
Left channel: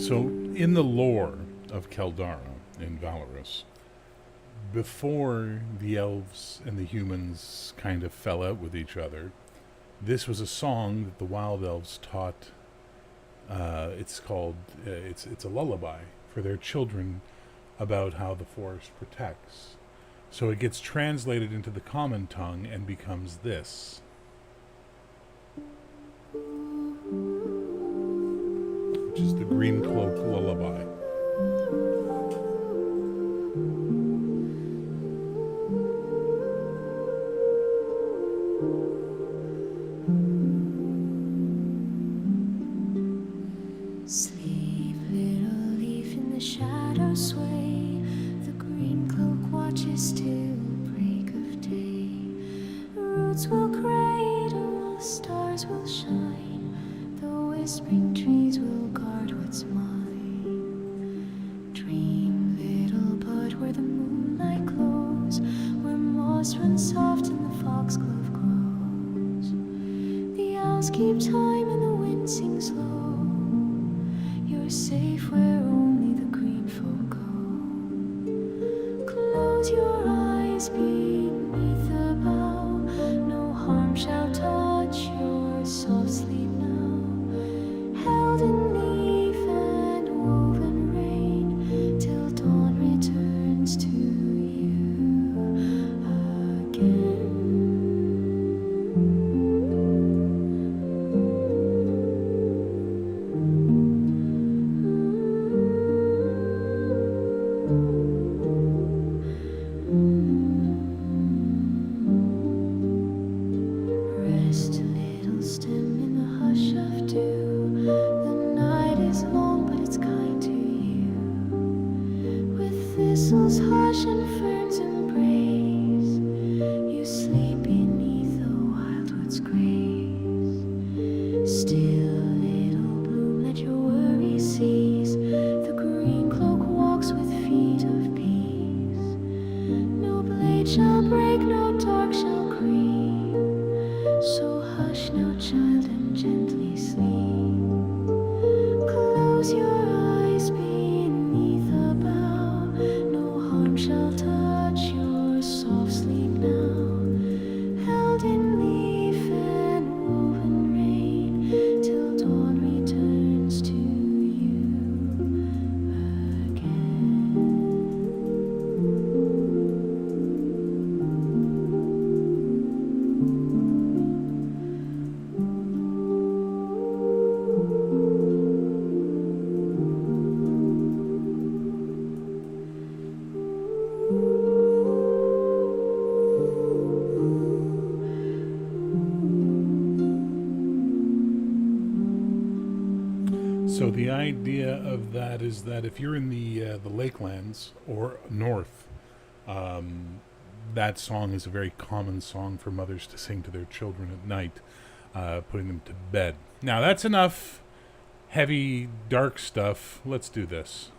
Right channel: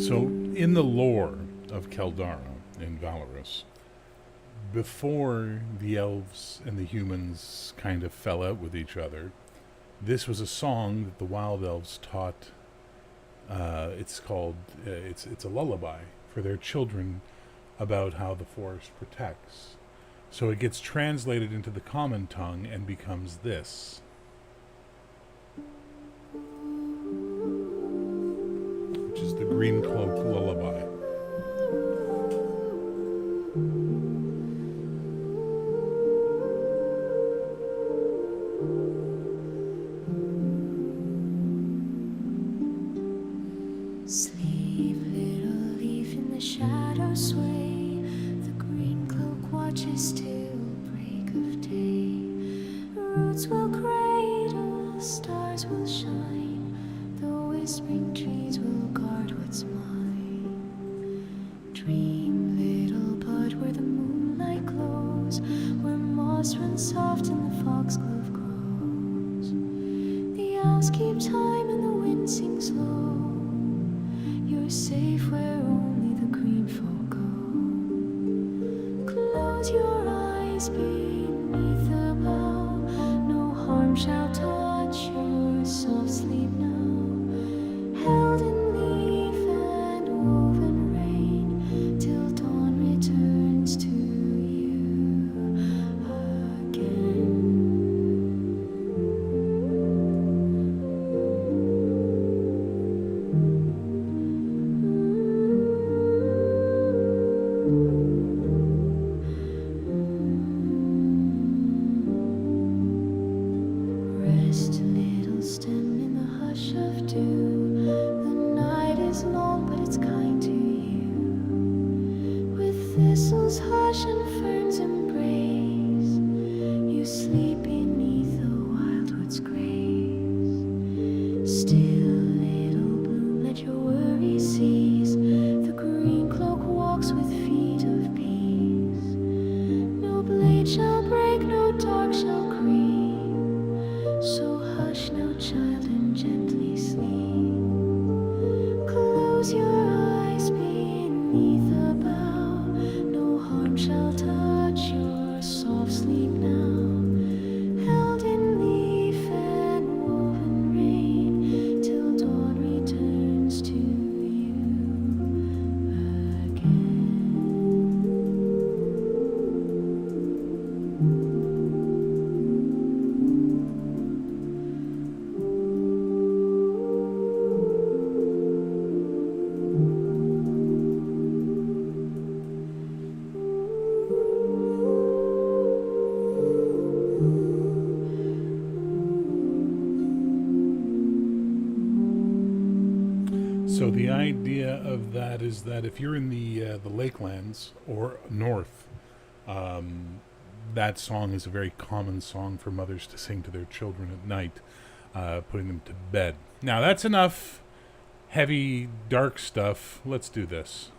So, in the lore of Keldara in Valorous, before the elves and the humans kind of fell out with each other, this was a song that the wild elves taught. It's called it's a lullaby for their children about how the forest protects. So it gets translated into the common tongue and becomes this. Which is the Green Cloak Lullaby. Sleep, little leaf, in the shadow sway. The green cloak watches till break of day. Roots will cradle, stars will shine. The whispering trees will guard what's mine. Dream, little bud, where the moonlight glows, where moss runs soft and the foxglove grows. The owls keep time and the wind sings low. You're safe where only the green folk go. Close your eyes beneath the bough. No harm shall touch your soft sleep now. Held in leaf and woven rain, till dawn returns to you again. Rest, little stem, in the hush of dew. The night is long, but it's kind to you. With thistles hush and ferns embrace, you sleep beneath the wildwood's grace. Still, little bloom, let your worry cease. The green cloak walks with feet of peace. No blade shall break, no dark shall creep. So hush now, child, and gently sleep. Close your eyes beneath the bough. No harm shall touch your soft sleep now. Held in leaf and woven rain, till dawn returns to you again. So the idea of that is that if you're in the Lakelands or north, that song is a very common song for mothers to sing to their children at night, putting them to bed. Now that's enough heavy, dark stuff. Let's do this.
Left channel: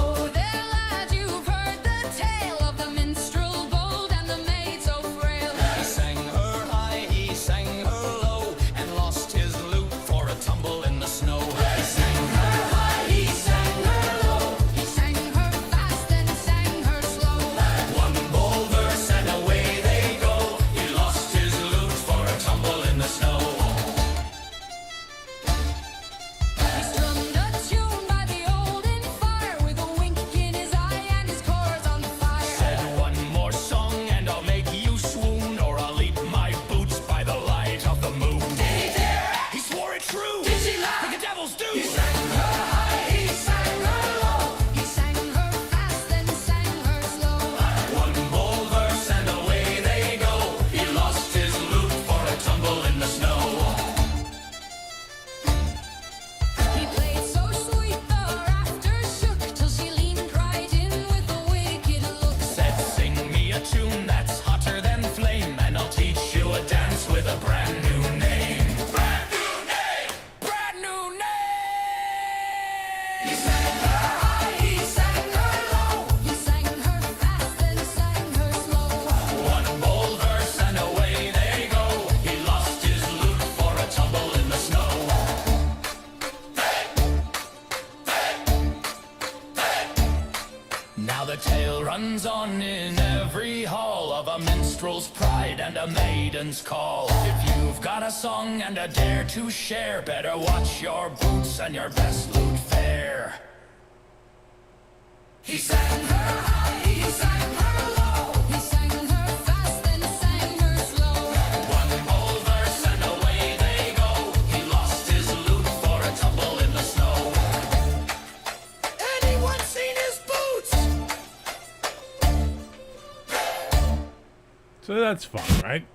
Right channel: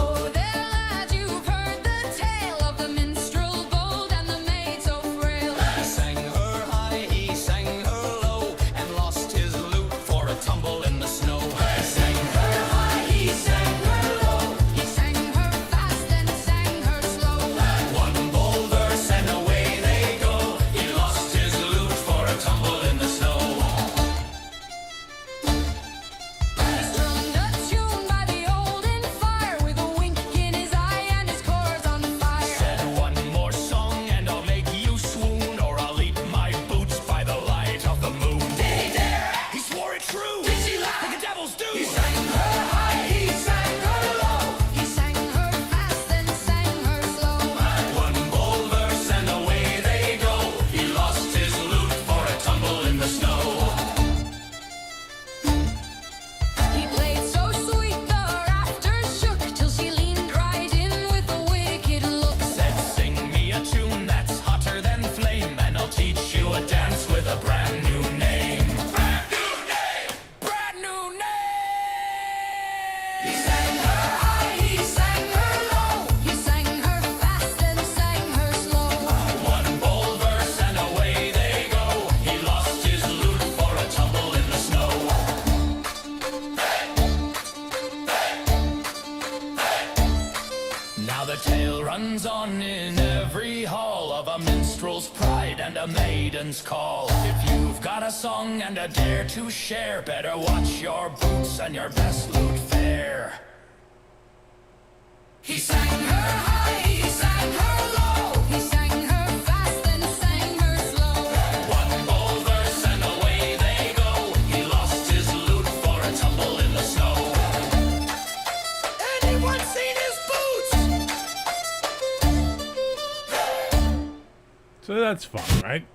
Oh, there, lad, you've heard the tale of the minstrel bold and the maid so frail. He sang her high, he sang her low, and lost his lute for a tumble in the snow. He sang her high, he sang her low. He sang her fast and sang her slow. One bold verse and away they go. He lost his lute for a tumble in the snow. He strummed a tune by the olden fire with a wink in his eye and his chords on fire. Said one more song and I'll make you swoon, or I'll eat my boots by the light of the moon. Did he dare? He swore it true. Did she laugh? Like the devils do. He sang her high, he sang her low. He sang her fast and sang her slow. One bold verse and away they go. He lost his lute for a tumble in the snow. He played so sweet the rafters shook till she leaned right in with a wicked look. Said, sing me a tune that's hotter than flame, and I'll teach you a dance with a brand new name. Brand new name! Brand new name! He sang her high, he sang her low. He sang her fast and sang her slow. One bold verse and away they go. He lost his lute for a tumble in the snow. Now the tale runs on in every hall of a minstrel's pride and a maiden's call. If you've got a song and a dare to share, better watch your boots and your best lute fair. He sang her high, he sang her low. He sang her fast and sang her slow. One bold verse and away they go. He lost his lute for a tumble in the snow. Anyone seen his boots? So that's fun, right?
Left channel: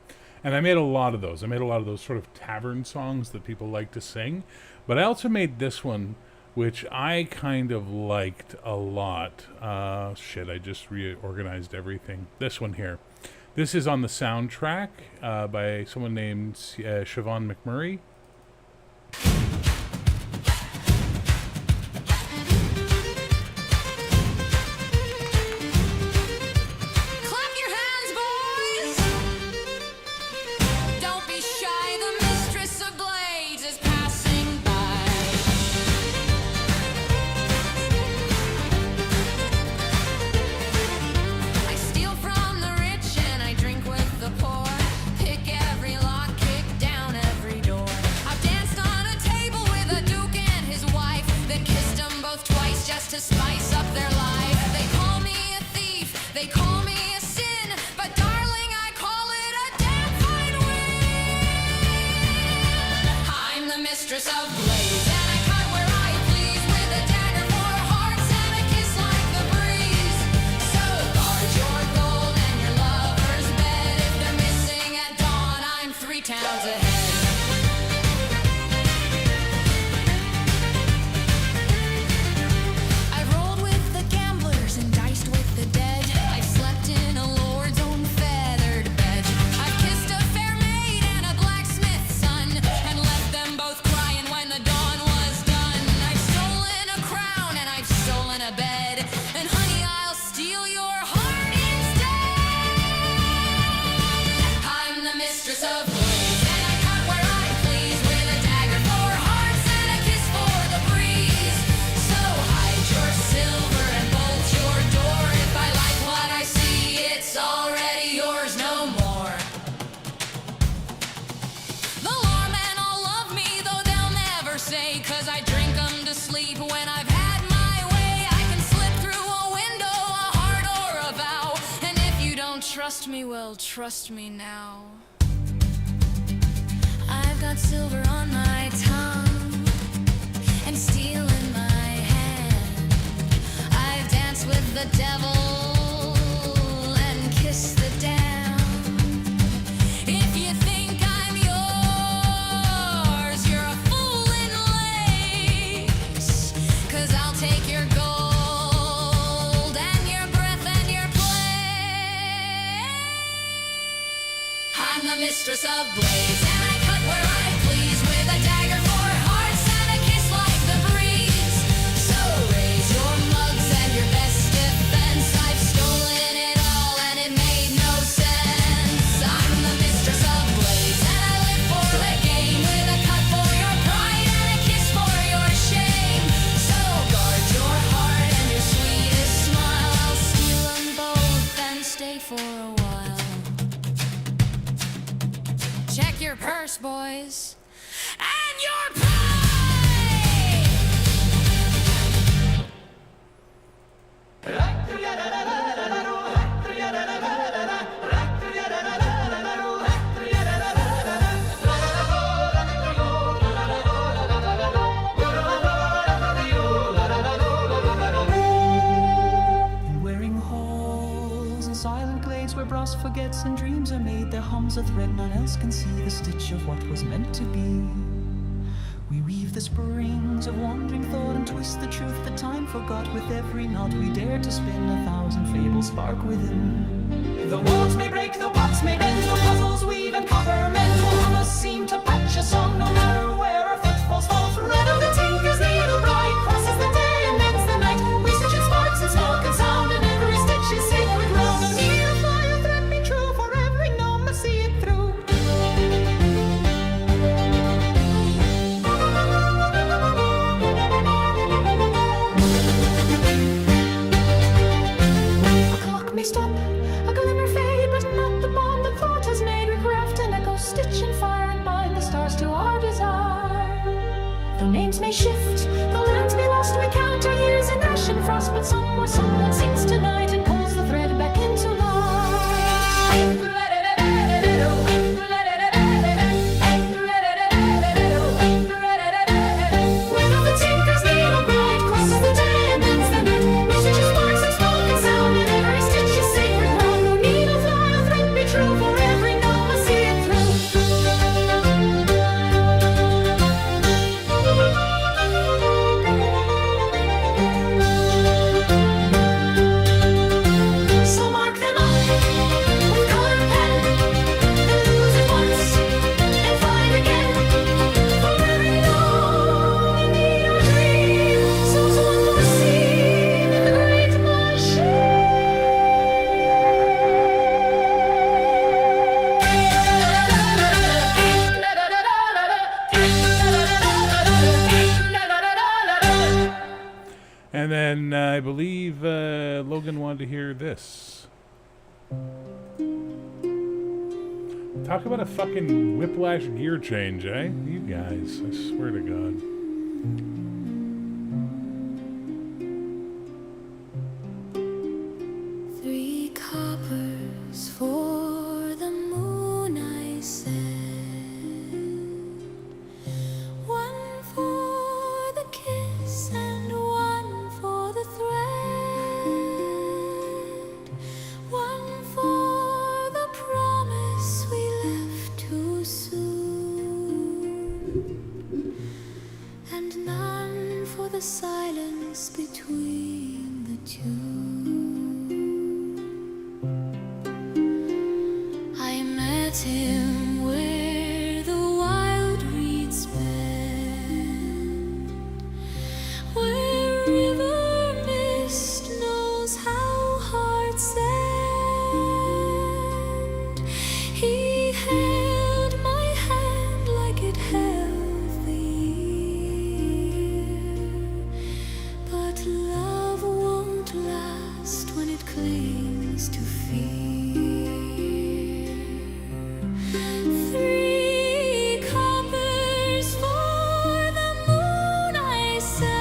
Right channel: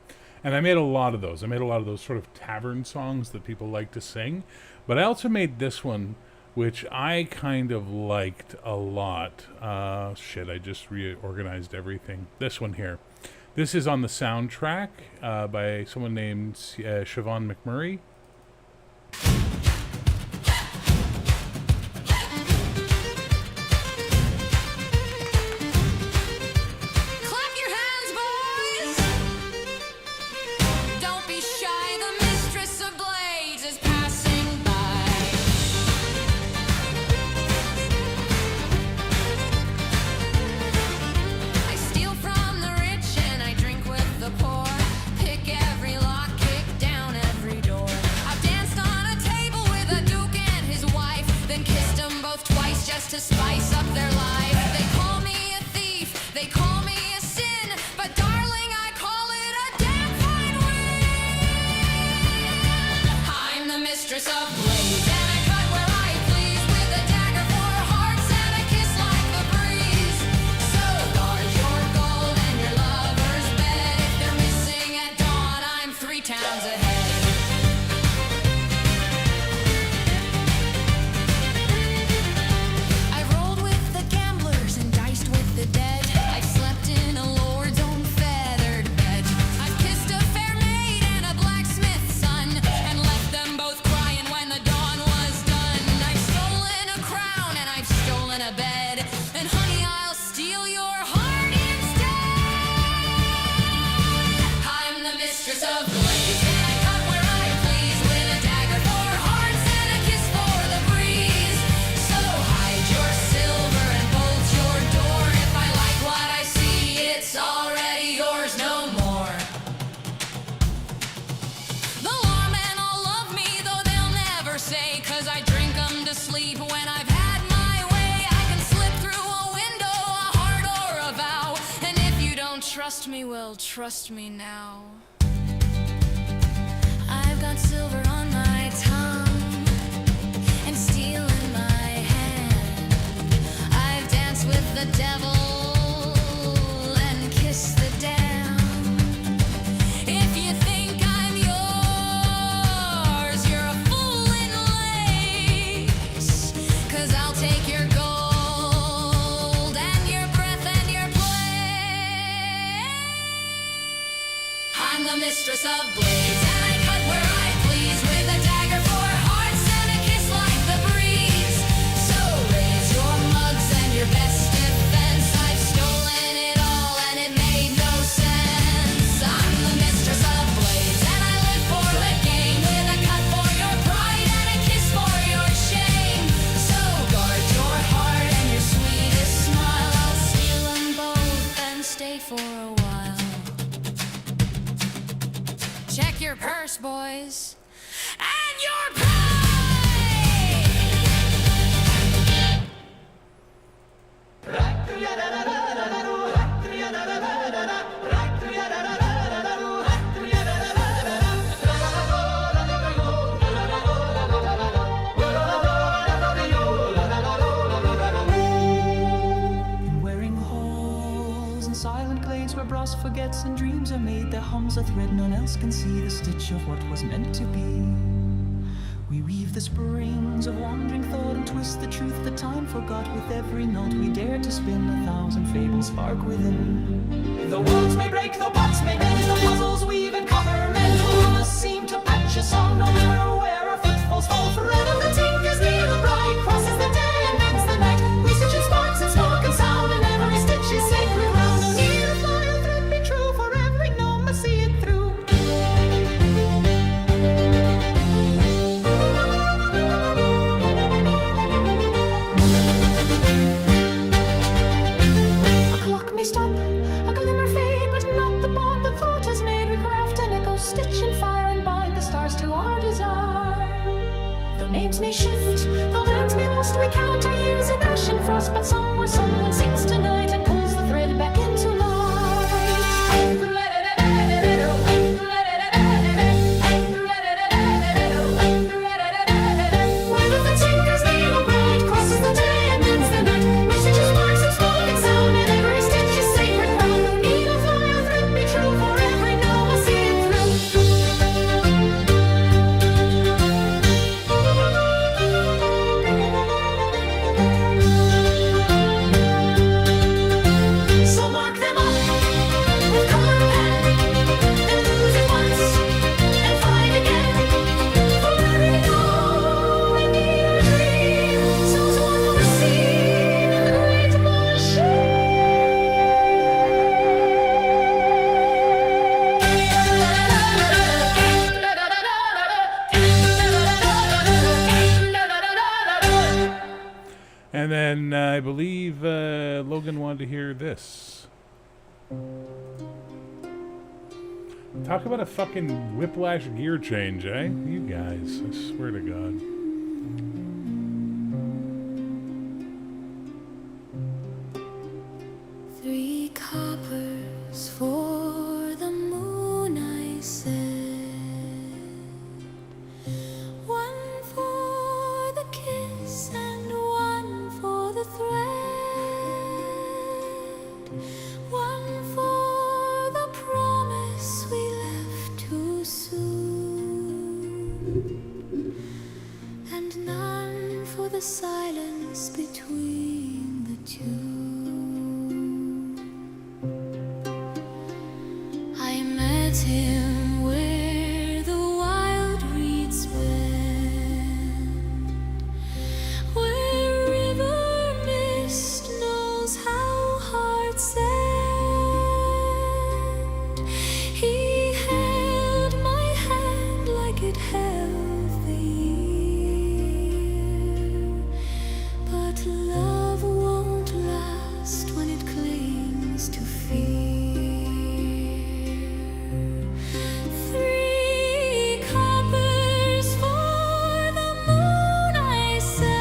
And I made a lot of those. I made a lot of those sort of tavern songs that people like to sing. But I also made this one, which I kind of liked a lot. Shit, I just reorganized everything. This one here. This is on the soundtrack by someone named Siobhan McMurray. Clap your hands, boys! Don't be shy, the mistress of blades is passing by. I steal from the rich and I drink with the poor. Pick every lock, kick down every door. I've danced on a table with a duke and his wife, then kissed them both twice just to spice up their life. They call me a thief, they call me a sin, but darling, I call it a damn fine win. I'm the mistress of blades, and I cut where I please with a dagger for hearts and a kiss like the breeze. So guard your gold and your lover's bed. If they're missing at dawn, I'm 3 towns ahead. I've rolled with the gamblers and diced with the dead. I've slept in a lord's own feathered bed. I've kissed a fair maid and a blacksmith's son, and left them both crying when the dawn was done. I've stolen a crown and I've stolen a bed, and honey, I'll steal your heart instead. I'm the mistress of blades, and I cut where I please with a dagger for hearts and a kiss for the breeze. So hide your silver and bolt your door. If I like what I see, it's already yours, no more. The lawmen all love me, though they'll never say, 'cause I drink 'em to sleep when I've had my way. I can slip through a window, a heart or a vow, and if you don't trust me, well, trust me now. I've got silver on my tongue and steel in my hand. I've danced with the devil I'm the mistress of blades, and I cut where I please with a dagger for hearts and a kiss like the breeze. So raise your mugs and your best defense. I've stolen it all and it made no sense. I'm the mistress of blades, and I live for the game with a cut for your pride and a kiss for your shame. So guard your heart and your sweetest smile. I'll steal them both and stay for a while. Check your purse, boys, and your pride! Wearing halls and silent glades where brass forgets and dreams are made, there hums a thread none else can see, the stitch of what was meant to be. We weave the springs of wandering thought and twist the truth that time forgot. With every knot we dare to spin, 1,000 fables spark within. The worlds may break, though pots may bend, though puzzles weave and copper mend, will hum a seam to patch a song, no matter where our footfalls fall. Thread of the tinker's needle bright crosses the day and mends the night. We stitch in sparks and smoke and sound, and every stitch is sacred ground. No need of fly or thread be true, for every gnome must see it through. A clock may stop, a glimmer fade, but not the bond that thought has made. We craft an echo, stitch in fire, and bind the stars to our desire. Though names may shift, though lands be lost, we count our years in ash and frost. But somewhere someone sings tonight and pulls the thread back into light. Where the tinker's needle bright crosses the day and mends the night. We stitch in sparks and smoke and sound, and every stitch is sacred ground. No needle fly or thread be true, for every gnome must see it through. So mark them up with colored pen, then lose it once and find again. For every gnome, indeed our dream, sows one more seam in the great machine. And then I believe Logan wanted to hear this. Talk about a fucking whiplash gear change, eh? You guys, I swear to God. Three coppers for the moon, I said. One for the kiss and one for the thread. One for the promise we left too soon. And none for the silence between the two. I met him where the wild reeds bend, where river mist knows how hearts end. He held my hand like it held the year, but love won't last when it clings to fear. Three coppers for the moon, I said,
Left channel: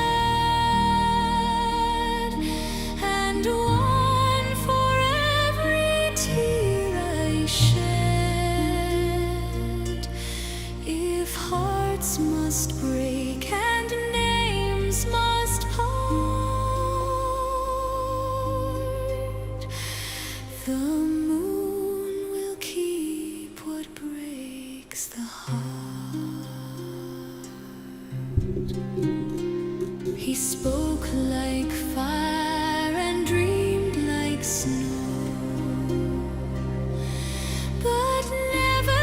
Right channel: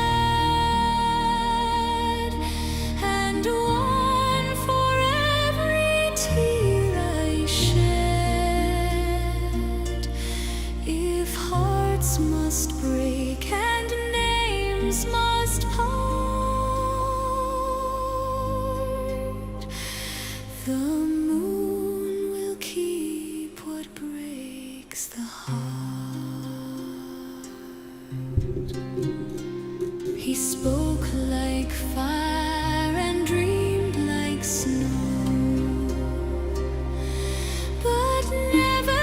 and one for every tear I shed. If hearts must break and names must part, the moon will keep what breaks the heart. He spoke like fire and dreamed like snow, but never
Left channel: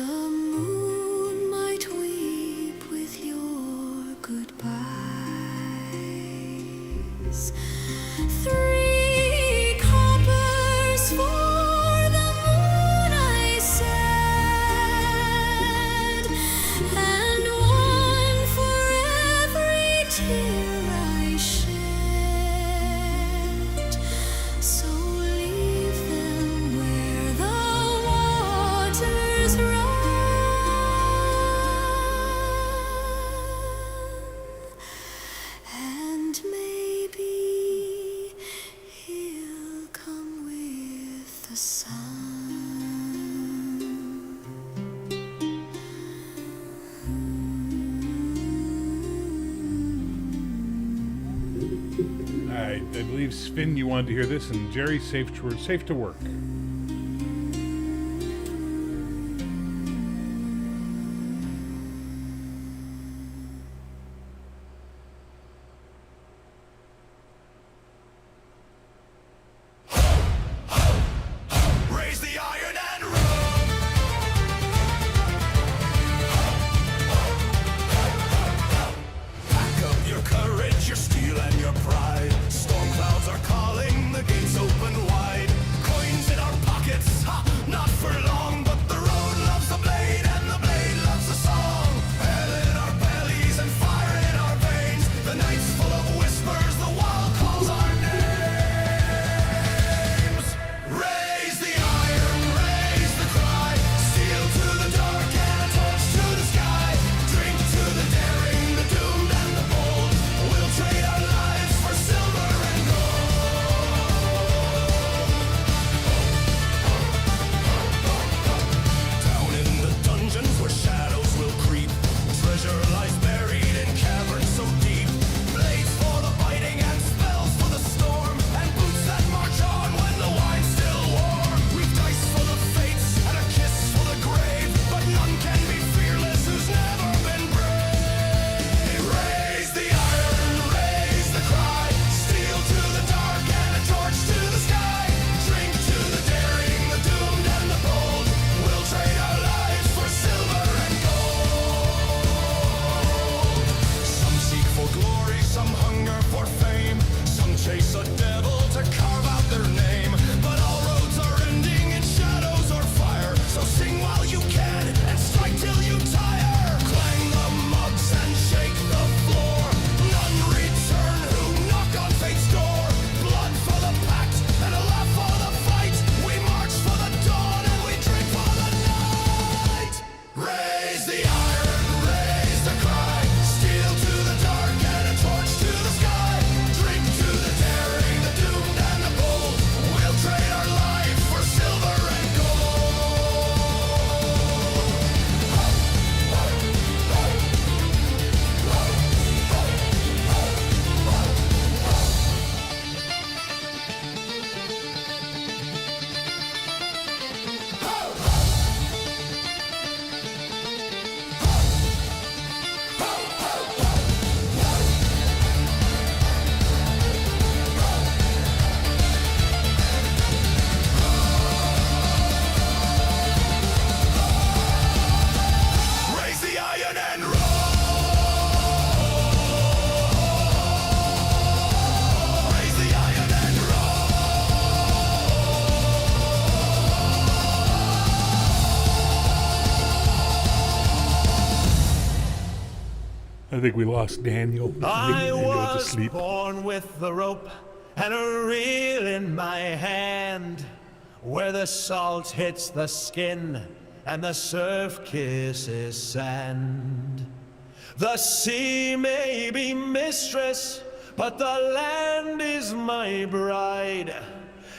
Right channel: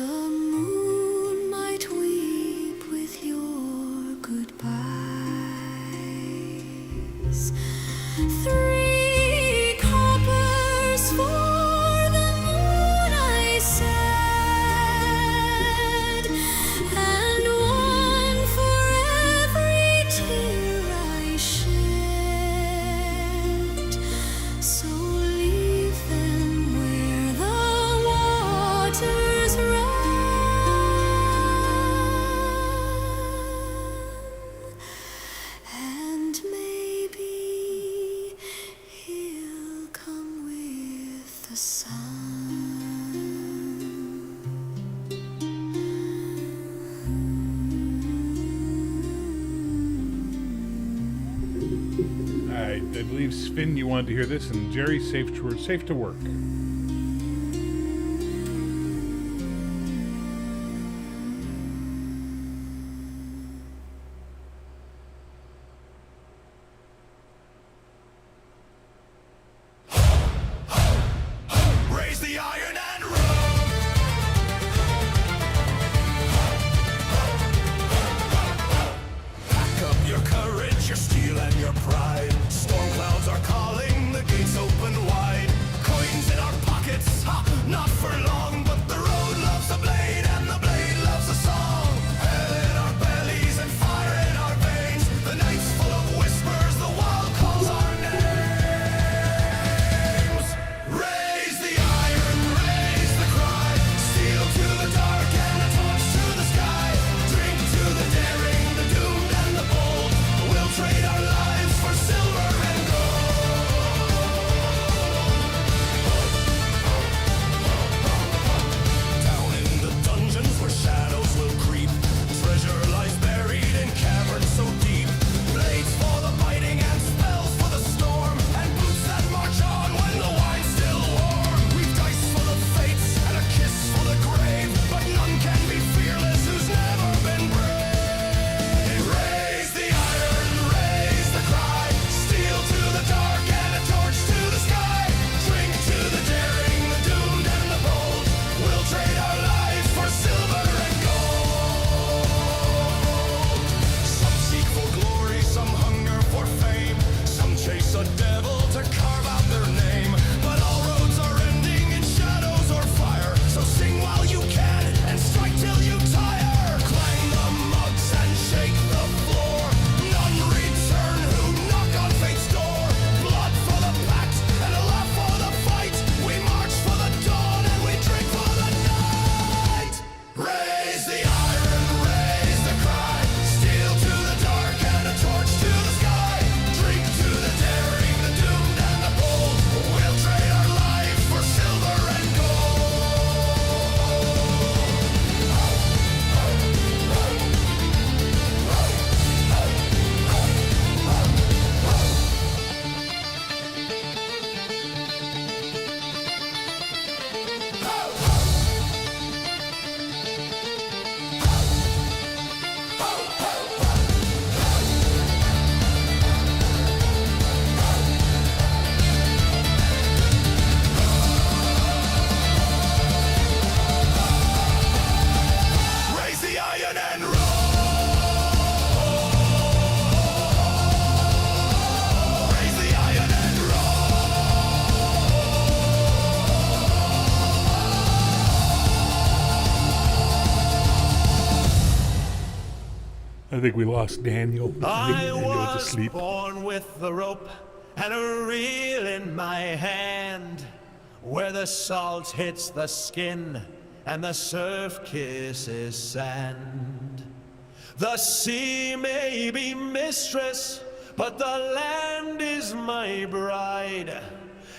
The moon might weep with your goodbyes. 3 coppers for the moon, I said, and 1 for every tear I shed. So leave them where the waters run, and maybe he'll come with the sun. I believe, Sven, you wanted to hear this, and Jerry, safe to work. Raise the iron and roll. Pack up your courage, your steel and your pride. Storm clouds are calling, the gates open wide. Coins in our pockets, ha, not for long, but the road loves the blade and the blade loves the song. Hell in our bellies and fire in our veins. The night's full of whispers, the wild calls our names. Raise the iron, raise the cry. Steel to the dark and a torch to the sky. Drink to the daring, the doomed and the bold. We'll trade our lives for silver and gold. Down in the dungeons where shadows will creep. Treasure lies buried in caverns so deep. Blades for the biting and spells for the storm. And boots that march on when the wine's still warm. We've dice for the fates and a kiss for the grave. But none can be fearless who's never been brave. Raise the iron, raise the cry. Steel to the dark and a torch to the sky. Drink to the daring, the doomed and the bold. We'll trade our lives for silver and gold. Some seek for glory, some hunger for fame. Some chase a devil to carve out their name. But all roads are ending in shadows or fire. So sing while you can and strike till you tire. Clang the mugs and shake the floor. None return who knock on fate's door. Blood for the pact and a laugh for the fight. We march for the dawn and we drink for the night. Raise the iron, raise the cry. Steel to the dark and a torch to the sky. Drink to the daring, the doomed and the bold. We'll trade our lives for silver and gold. Raise the iron and roll. Raise the iron and I think we lost Daniel. I think I Daniel went to was sleep. born with the rope and a reel in my hand, where the salt hits the skin and the surf kisses sand. The sea may be mistress, but the land is my bride,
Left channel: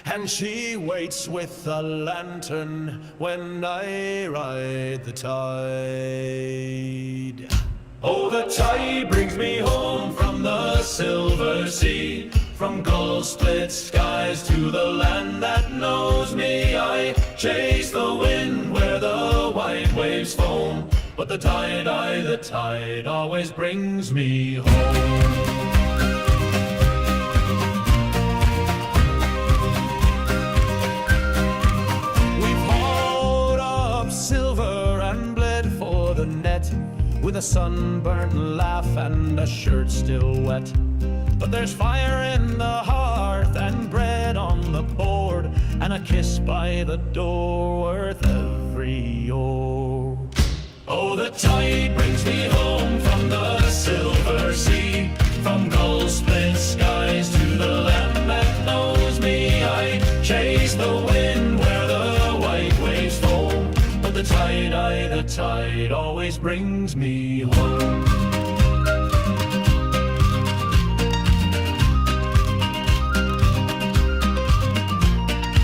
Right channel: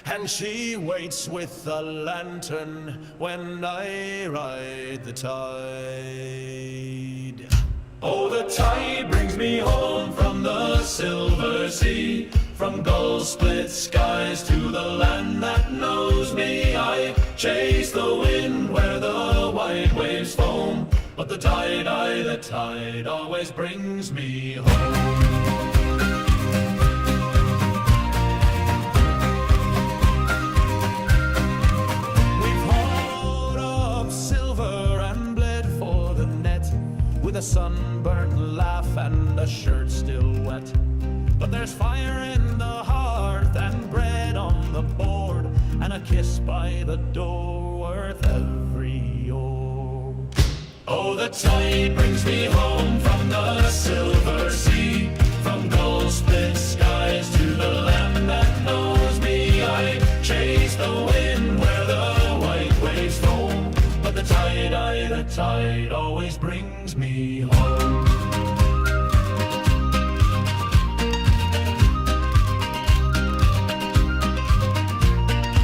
and she waits with a lantern when I ride the tide. Oh, the tide brings me home from the silver sea, from gull-split skies to the land that knows me. I chase the wind where the white waves foam, but the tide always brings me home. We've hauled up silver and the net with a sunburnt laugh and a shirt still wet. But there's fire in the hearth and bread on the board and a kiss by the door worth every oar. Oh, the tide brings me home from the silver sea, from gull-split skies to the land that knows me. I chase the wind where the white waves foam, but the tide always brings me home.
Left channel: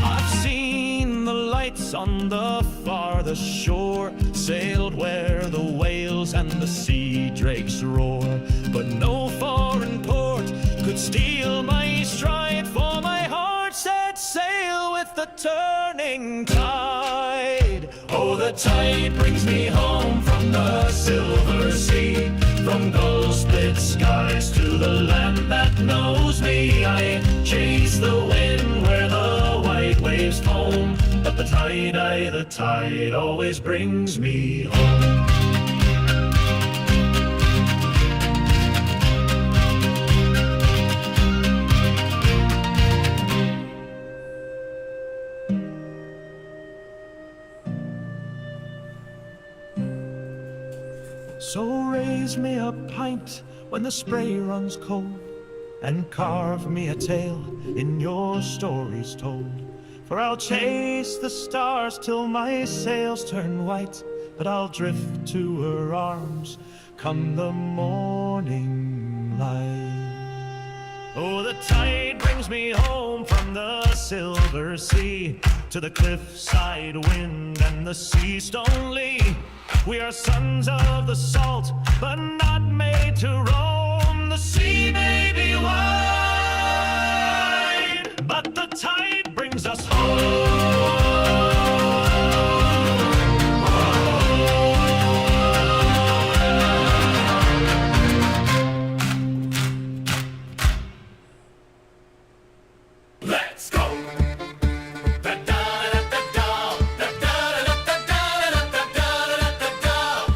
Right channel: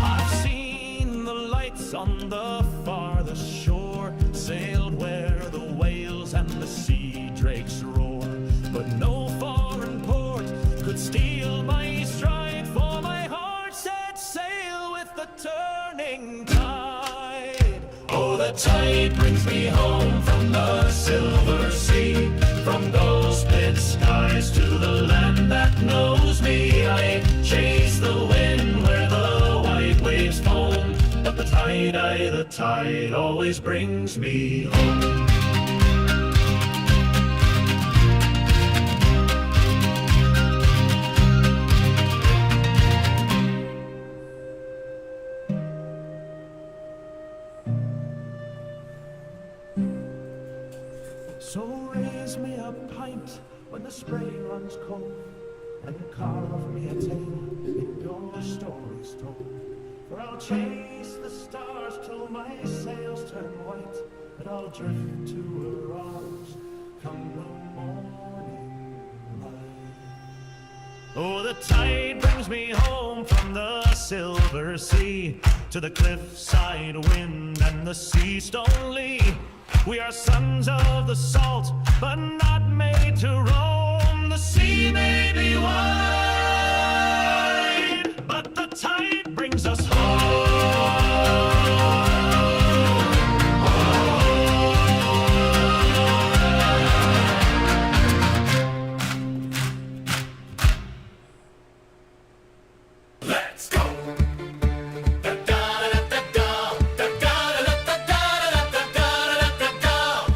I've seen the lights on the farthest shore, sailed where the whales and the sea drakes roar, but no foreign port could steal my stride, for my heart set sail with the turning tide. Oh, the tide brings me home from the silver sea, from gull-split skies to the land that knows me. I chase the wind where the white waves foam, but the tide always brings me home. So raise me a pint when the spray runs cold, and carve me a tale in your stories told. For I'll chase the stars till my sails turn white, but I'll drift to her arms come the morning light. Oh, the tide brings me home from the silver sea, to the cliffside wind and the sea stone lee. We are sons of the salt, but not made to roam. The sea may be wide, but the tide brings us home. Let's go!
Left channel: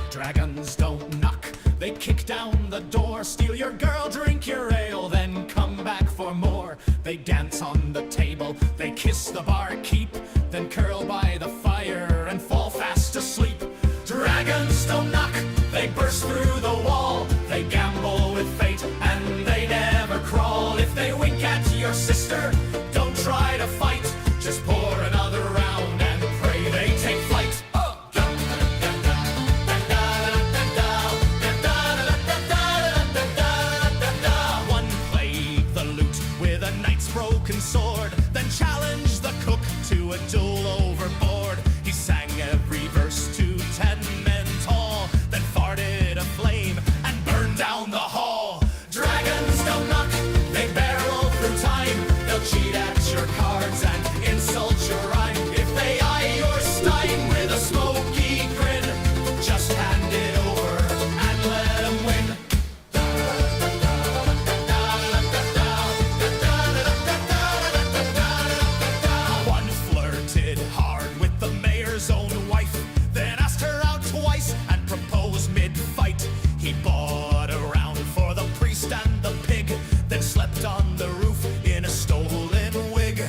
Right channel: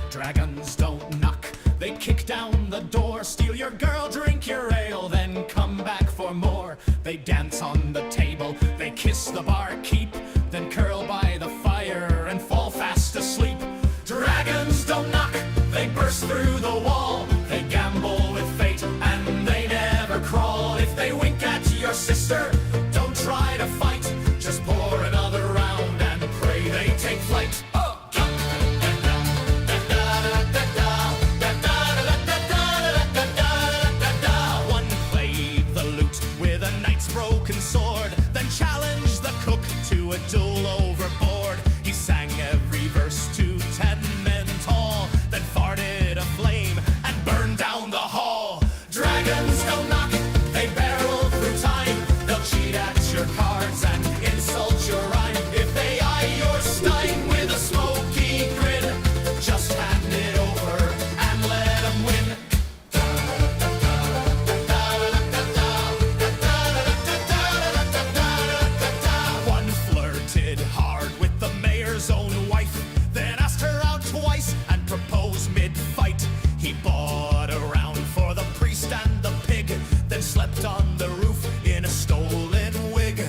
Dragons don't knock, they kick down the door, steal your girl, drink your ale, then come back for more. They dance on the table, they kiss the barkeep, then curl by the fire and fall fast asleep. Dragons don't knock, they burst through the wall, they gamble with fate and they never crawl. If they wink at your sister, don't try to fight, just pour another round and pray they take flight. One played the lute with a knight's broken sword, then challenged the cook to a duel overboard. He sang every verse to 10 men tall, then farted a flame and burned down the hall. Dragons don't knock, they barrel through time, they'll cheat at your cards and insult your rhyme. If they eye your stein with a smoky grin, just hand it over and let them win. One flirted hard with the mayor's own wife, then asked her out twice and proposed mid-fight. He bought a round for the priest and the pig, then slept on the roof in a stolen wig.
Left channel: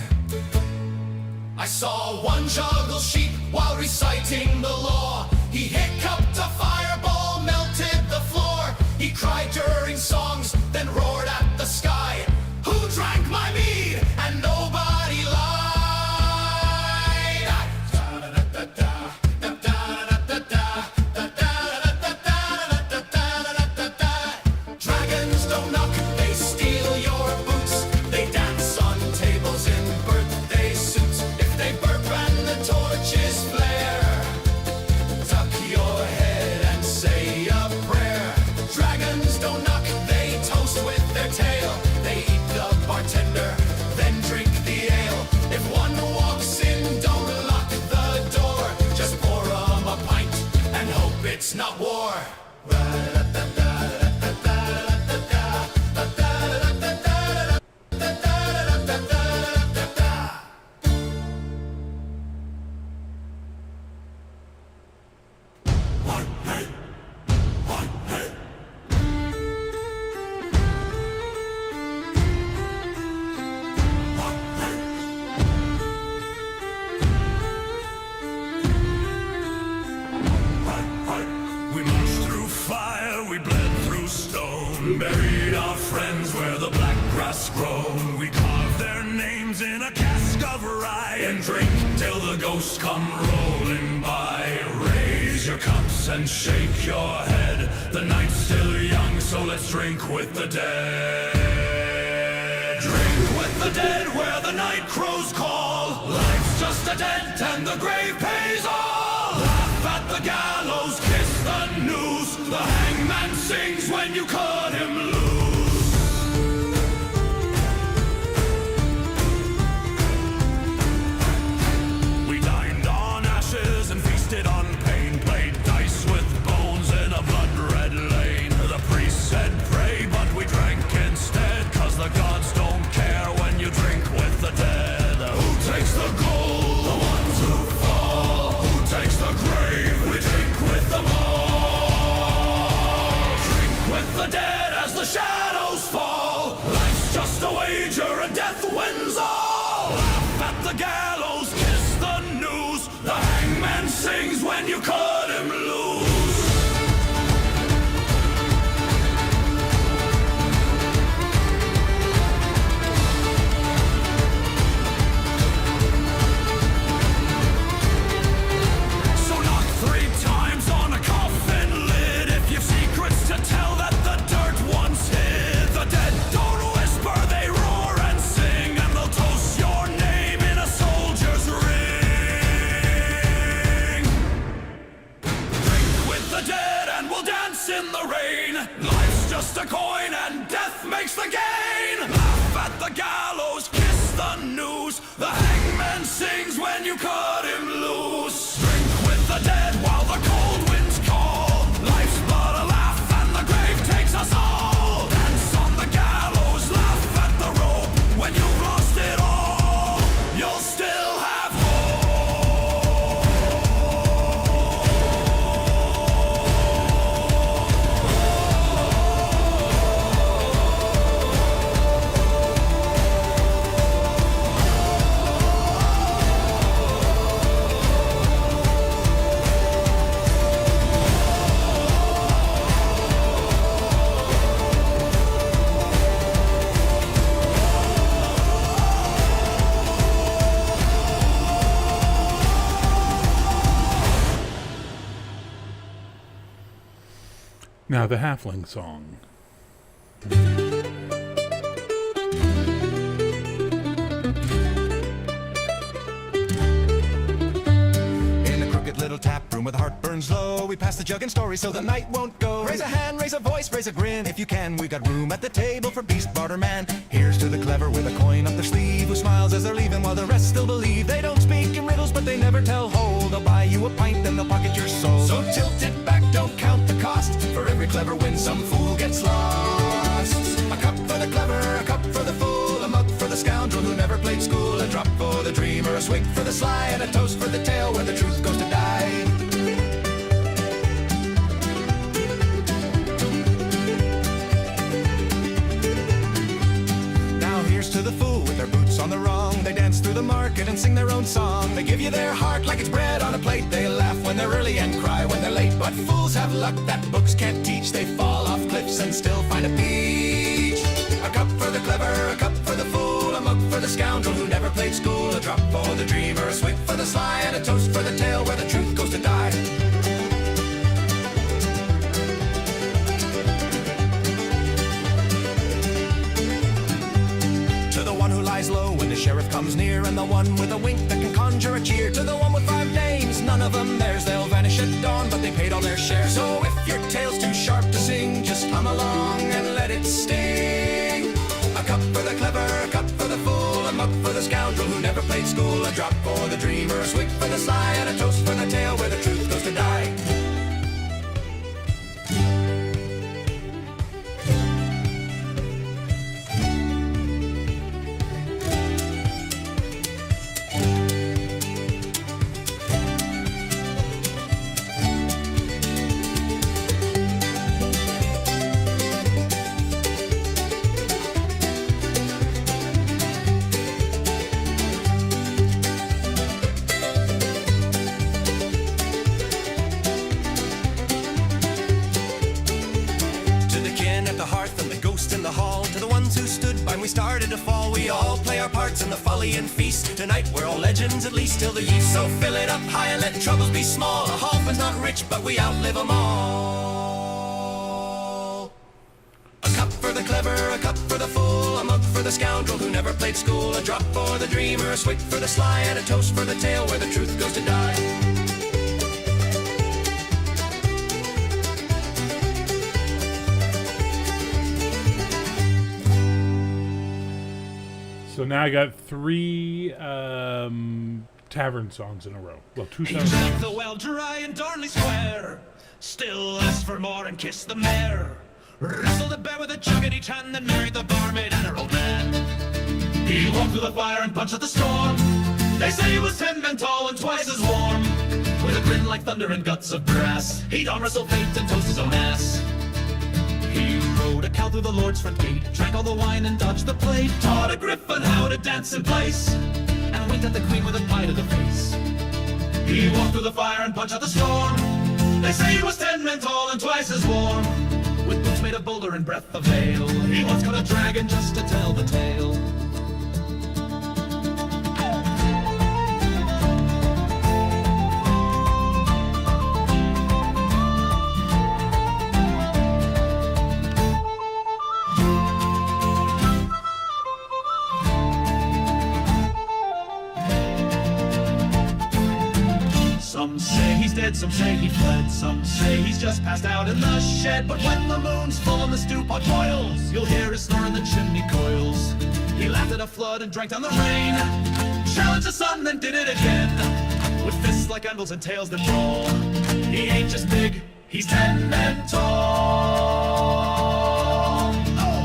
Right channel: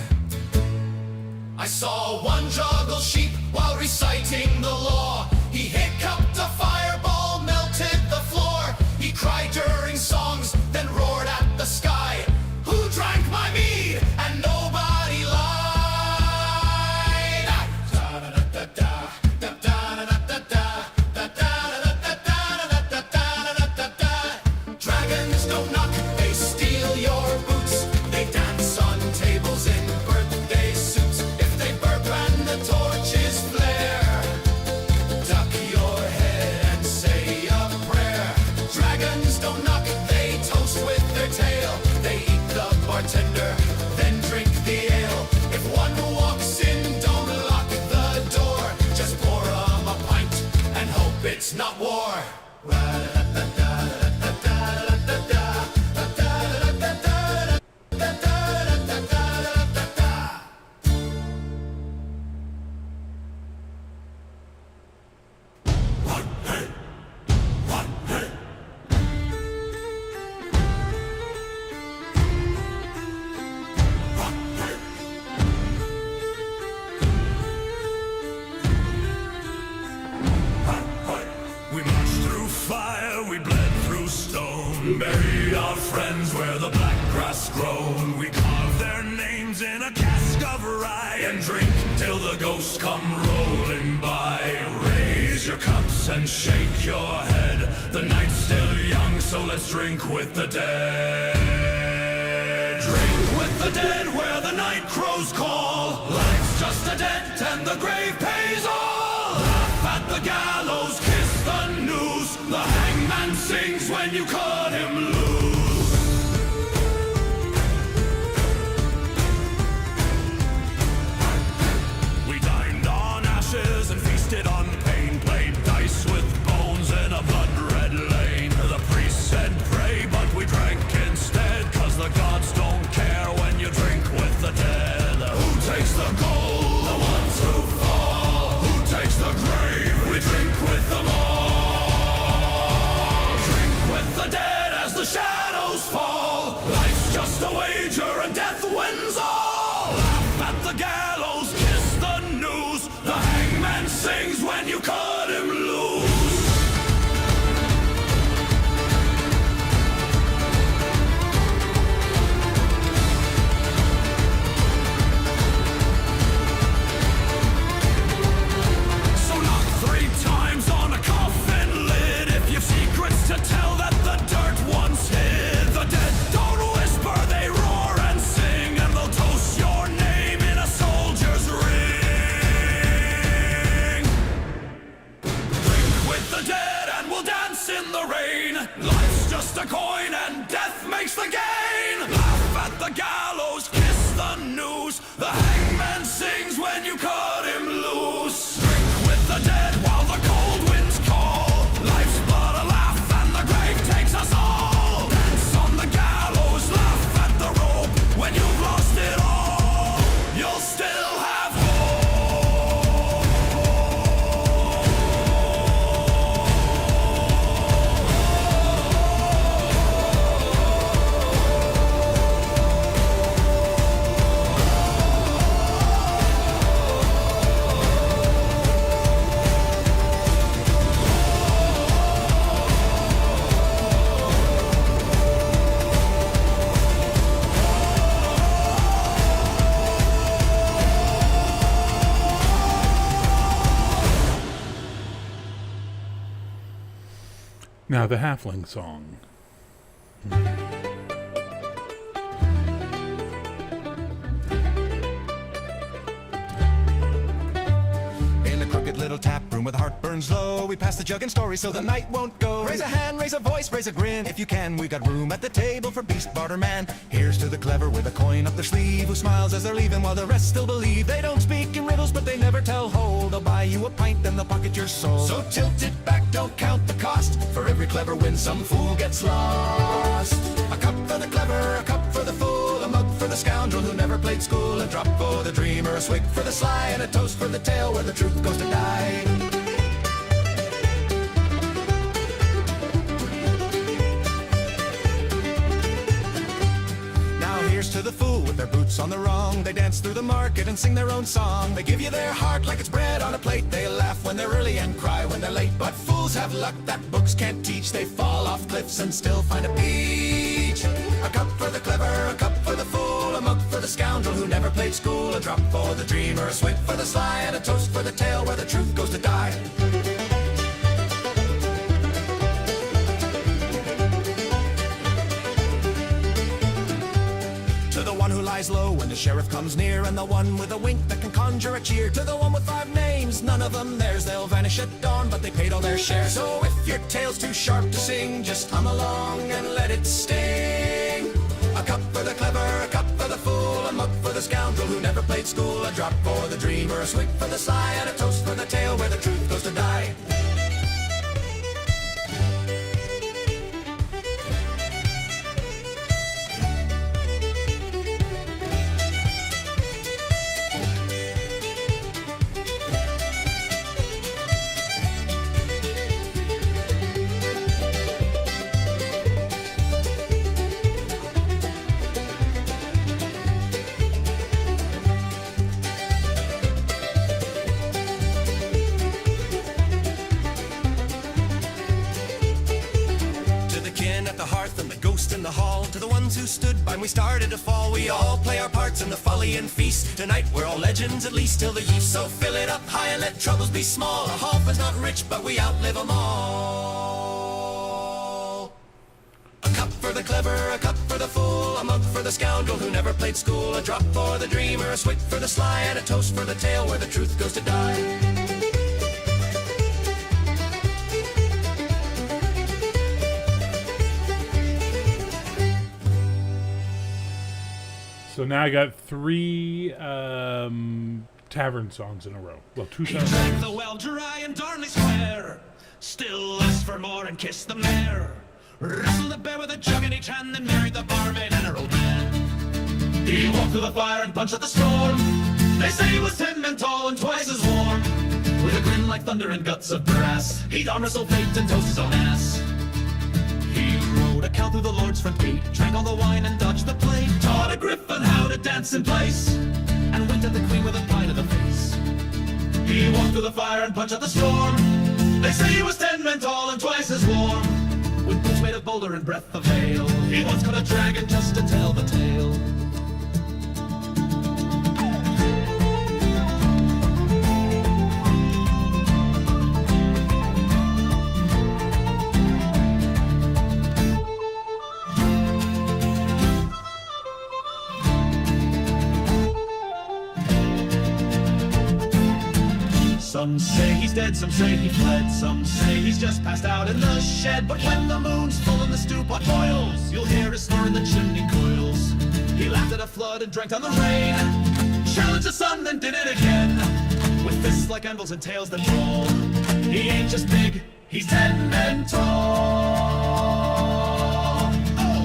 I saw one juggle sheep while reciting the law. He hiccuped a fireball, melted the floor. He cried during songs, then roared at the sky. Who drank my mead? And nobody lied. Dragons don't knock, they steal your boots. They dance on tables in birthday suits. If they burp and the torches flare, duck your head and say a prayer. Dragons don't knock, they toast with their tail. They eat the bartender, then drink the ale. If one walks in, don't lock the door. Just pour 'em a pint and hope it's not war. we bled through stone. Buried our friends where the black grass grown. We carved their names in a cask of rye and drink till the ghosts come rolling by. Raise your cups and shake your head. The night's still young, so let's drink with the dead. Drink with the dead where the night crows call. Life's just a debt and the grave pays all. Laugh at the gallows, kiss the noose. The hangman sings when you cut him loose. We dined on ashes and feasted on pain. Played dice with bones in a blood-red lane. The priest said pray, but we drank instead, 'cause the gods don't care when you drink with the dead. Who takes the gold? The ones who fall. Who takes the grave? We drink with them all. Drink with the dead as the shadows fall. Life's just a wager and death wins all. Laugh at the gallows, kiss the noose. The hangman sings when you cut him loose. Times on a coffin lid. If you've secrets to tell that the dirt once hid. The dead don't whisper, they roar and sing, and they'll toast your name in a soldier's ring. Drink with the dead and we'll dance in the rain. Life's just a coin and death makes the gain. Laugh at the gallows, kiss the noose. The hangman sings when you cut him loose. Drink with the dead while the cold winds call. Life's but a laugh and the grave takes us all. Dance on the gallows, laugh at the rope. When you've lost it all, you'll still have hope. Now the halfling song. In a crooked little tap room where the heart burns low, we pass the jug and story so the night won't go. Raise a hand, raise a voice, raise a grin. If you can, we got room at the table for beast barter man. Here's to the clever with a coin up their sleeve, who smiles as they're leaving while the rest still believe. They don't speak in riddles, but they never tell whole. They'll buy you a pint, then they'll pocket your soul. So tilt it back, don't count the cost. For every clever win, some fool gets lost. A cup for the clever, a cup for the fool, a mug for the scoundrel who never played school, a drop for the dreamer, a swig for the sly, and a toast for the tale where the truth goes to die. Here's to the fool with their boots on the wrong. They dance through the market and sing their own song. They give you their heart like it's bread on a plate. They laugh when they're early and cry when they're late. But fools have luck that books can't teach. They fall off cliffs and still find a beach. A cup for the clever, a cup for the fool, a mug for the scoundrel who never played school, a drop for the dreamer, a swig for the sly, and a toast for the tale where the truth goes to die. To the one who lies low when the sheriff comes near, and the one with a wink that can conjure a cheer. To the one with 5 names, none of them theirs. They'll vanish at dawn, but they paid all their share. So if your tale's too sharp to sing, just hum along and let it sting. A cup for the clever, a cup for the fool, a mug for the scoundrel who never played school, a drop for the dreamer, a swig for the sly, and a toast for the tale where the truth goes to die. When we started to fall, we all play our parts in the folly and feast. Tonight we're all legends, at least till the yeast. So fill it up high and let troubles be small. A Halfin's not rich, but we outlive them all. A cup for the clever, a cup for the fool, a mug for the scoundrel who never played school, a drop for the dreamer, a swig for the sly, and a toast for the tale where the truth goes to die. So now I got 3 tavern songs in a row. Well, 2 He tavern drank songs. the well dry in Darnley Square, still asked for more and kissed the mare. Wrestled the bear with a jug in each hand, then married the barmaid and her old man. He walked through the fire and punched out the storm. They say he was 10 men tall and twice as warm. With a grin like thunder and guts of brass, he'd arm wrestle fate and toast his own ass. He rode a cow through the Lord's front gate, drank all the wine and dodged the plate, taught a griffin how to dance in place, and winked at the queen with a pie to the face. He walked through the fire and punched out the storm. They say he was 10 men tall and twice as warm. With boots made of boulder and breath of ale, he once caught a dragon just to tell the tale. Some say he's dead, some say he fled, some say he's just passed out in the shed. But when the moon's full and the stew pot boils, you'll hear his snore in the chimney coils. He laughed at a flood and drank down the rain, challenged the sun, then did it again. With fists like anvils and tails that brawl, he ain't just big, he's 10 men tall. Oh!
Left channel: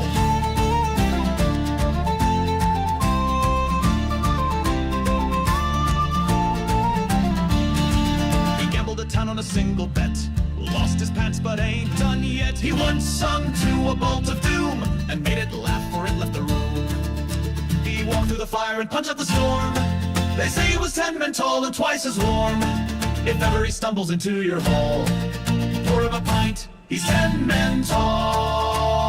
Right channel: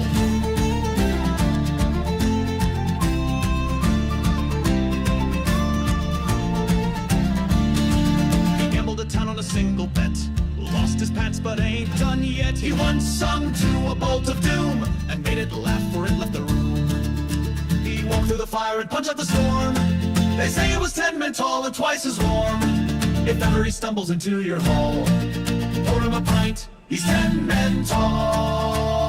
A town on a single bet, lost his pants but ain't done yet. He once sung to a bolt of doom and made it laugh for it left the room. He walked through the fire and punched out the storm. They say he was 10 men tall and twice as warm. If ever he stumbles into your hall, pour him a pint, he's 10 men tall.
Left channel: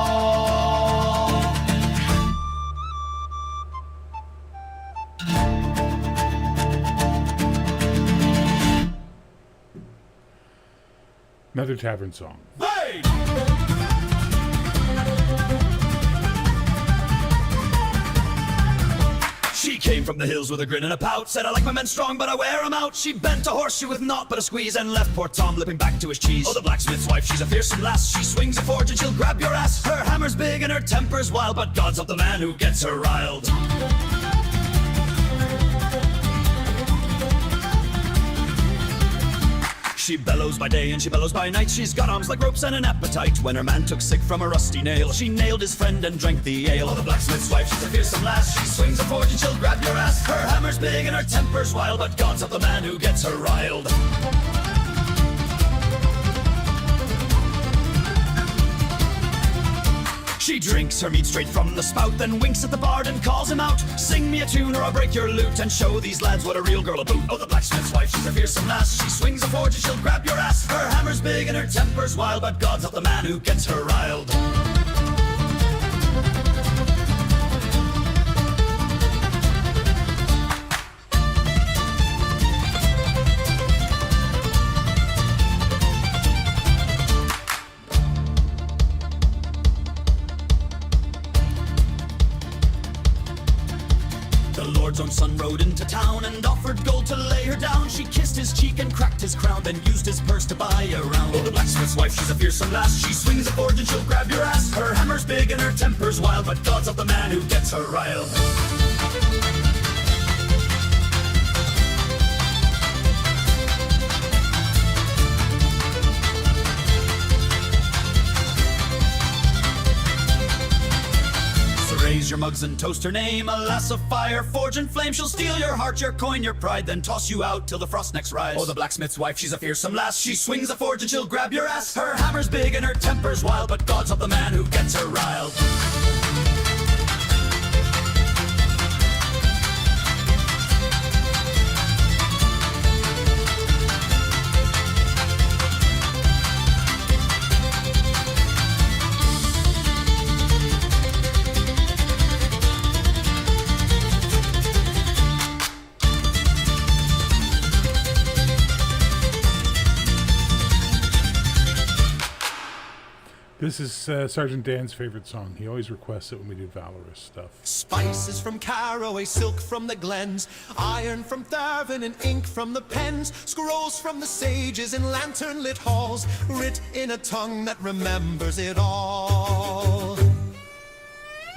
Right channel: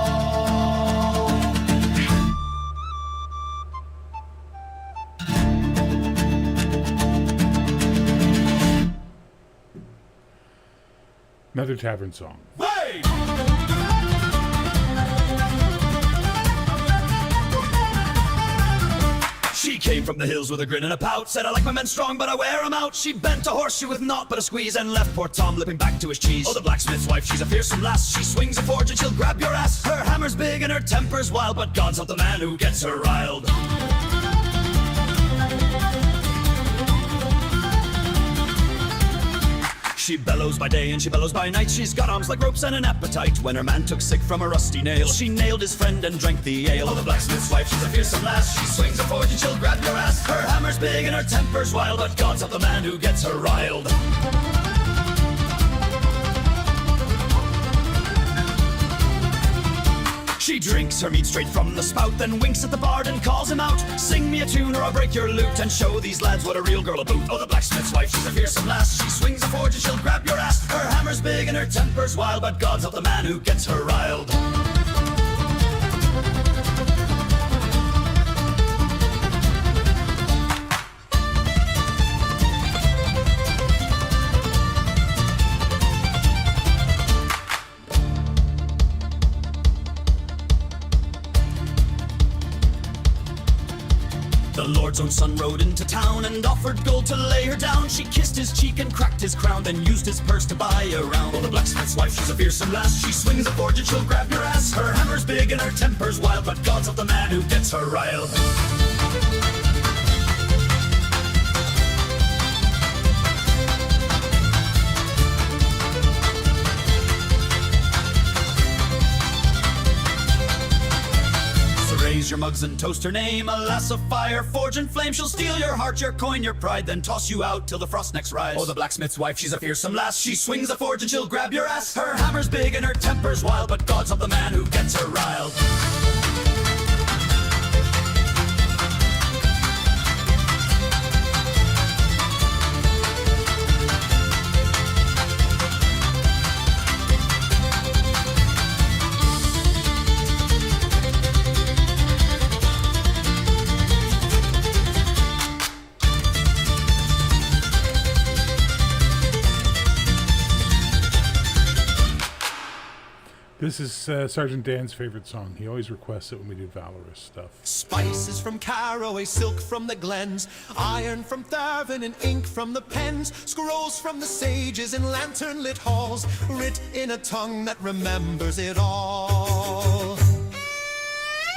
Another tavern song. Hey! She came from the hills with a grin and a pout, said I like my men strong but I wear 'em out. She bent a horseshoe with naught but a squeeze and left poor Tom lipping back to his cheese. Oh, the blacksmith's wife, she's a fearsome lass. She swings a forge and she'll grab your ass. Her hammer's big and her temper's wild, but God's help the man who gets her riled. She bellows by day and she bellows by night. She's got arms like ropes and an appetite. When her man took sick from a rusty nail, she nailed his friend and drank the ale. Oh, the blacksmith's wife, she's a fearsome lass. She swings a forge and she'll grab your ass. Her hammer's big and her temper's wild, but God's help the man who gets her riled. She drinks her meat straight from the spout, then winks at the bard and calls him out. Sing me a tune or I'll break your lute and show these lads what a real girl'll boot. Oh, the blacksmith's wife, she's a fearsome lass. She swings a forge and she'll grab your ass. Her hammer's big and her temper's wild, but God's help the man who gets her riled. The Lord's own son rode into town and offered gold to lay her down. She kissed his cheek and cracked his crown, then used his purse to buy a round. Oh, the blacksmith's wife, she's a fearsome lass. She swings a forge and she'll grab your ass. Her hammer's big and her temper's wild, but God's help the man who gets her riled. Raise your mugs and toast her name, a lass of fire, forge and flame. She'll steal your heart, your coin, your pride, then toss you out till the frost next rise. Oh, the blacksmith's wife, she's a fearsome lass. She swings a forge and she'll grab your ass. Her hammer's big and her temper's wild, but God's help the man who gets her riled. This is Sergeant Dan's favorite song. He always requests it when we do Valorous stuff. Spices from Caraway, silk from the glens, iron from Tharvin and ink from the pens, scrolls from the sages in lantern-lit halls, writ in a tongue that remembers it all.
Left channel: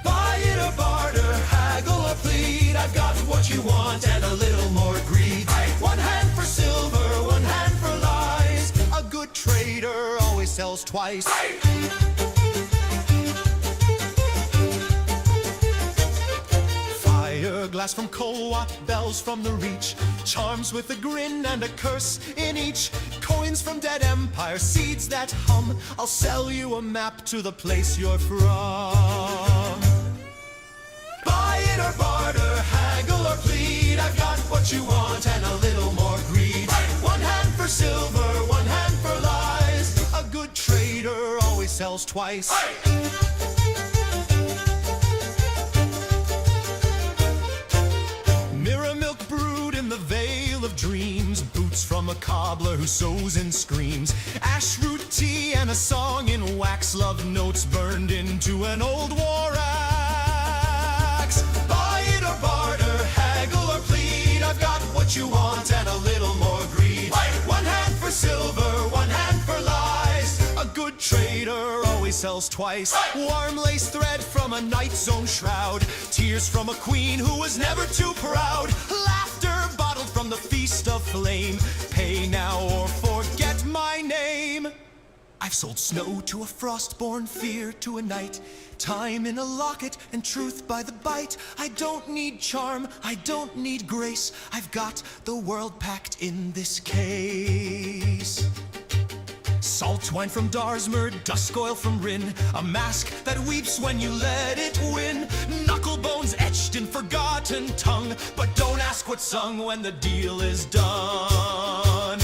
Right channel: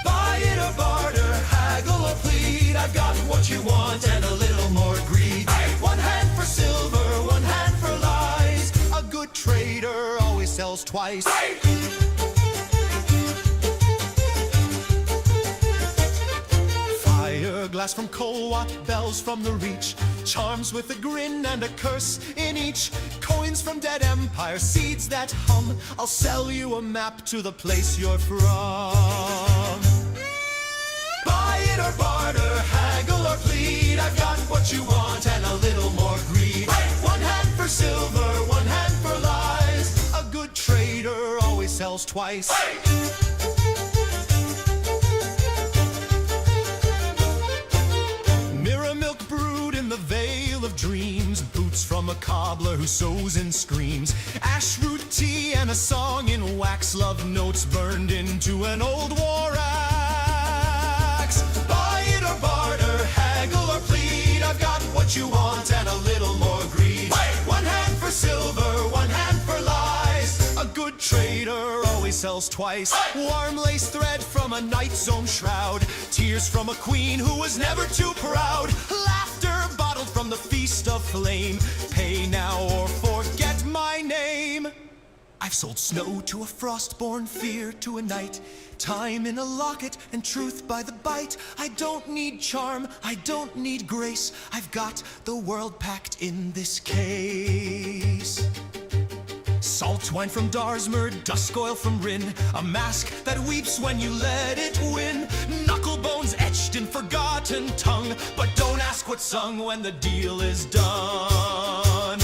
Buy it or barter, haggle or plead, I've got what you want and a little more greed. One hand for silver, one hand for lies, a good trader always sells twice. Glass from Colwat, bells from the Reach, charms with a grin and a curse in each, coins from dead empire, seeds that hum. I'll sell you a map to the place you're from. Buy it or barter, haggle or plead, I've got what you want and a little more greed. One hand for silver, one hand for lies, a good trader always sells twice. The veil of dreams, boots from a cobbler who sews and screams, ash root tea and a song in wax, love notes burned into an old war axe. Buy it or barter, haggle or plead, I've got what you want and a little more greed. One hand for silver, one hand for lies, a good trader always sells twice. Warm lace thread from a knight's own shroud, tears from a queen who was never too proud, laughter bottled from the feast of flame, pay now or forget my name. I've sold snow to a frost-born, fear to a knight, time in a locket and truth by the bite. I don't need charm, I don't need grace, I've got the world packed in this case. Salt wine from Darsmer, dusk oil from Rin, a mask that weeps when you let it win. Knuckle bones etched in forgotten tongue, but don't ask what's sung when the deal is done.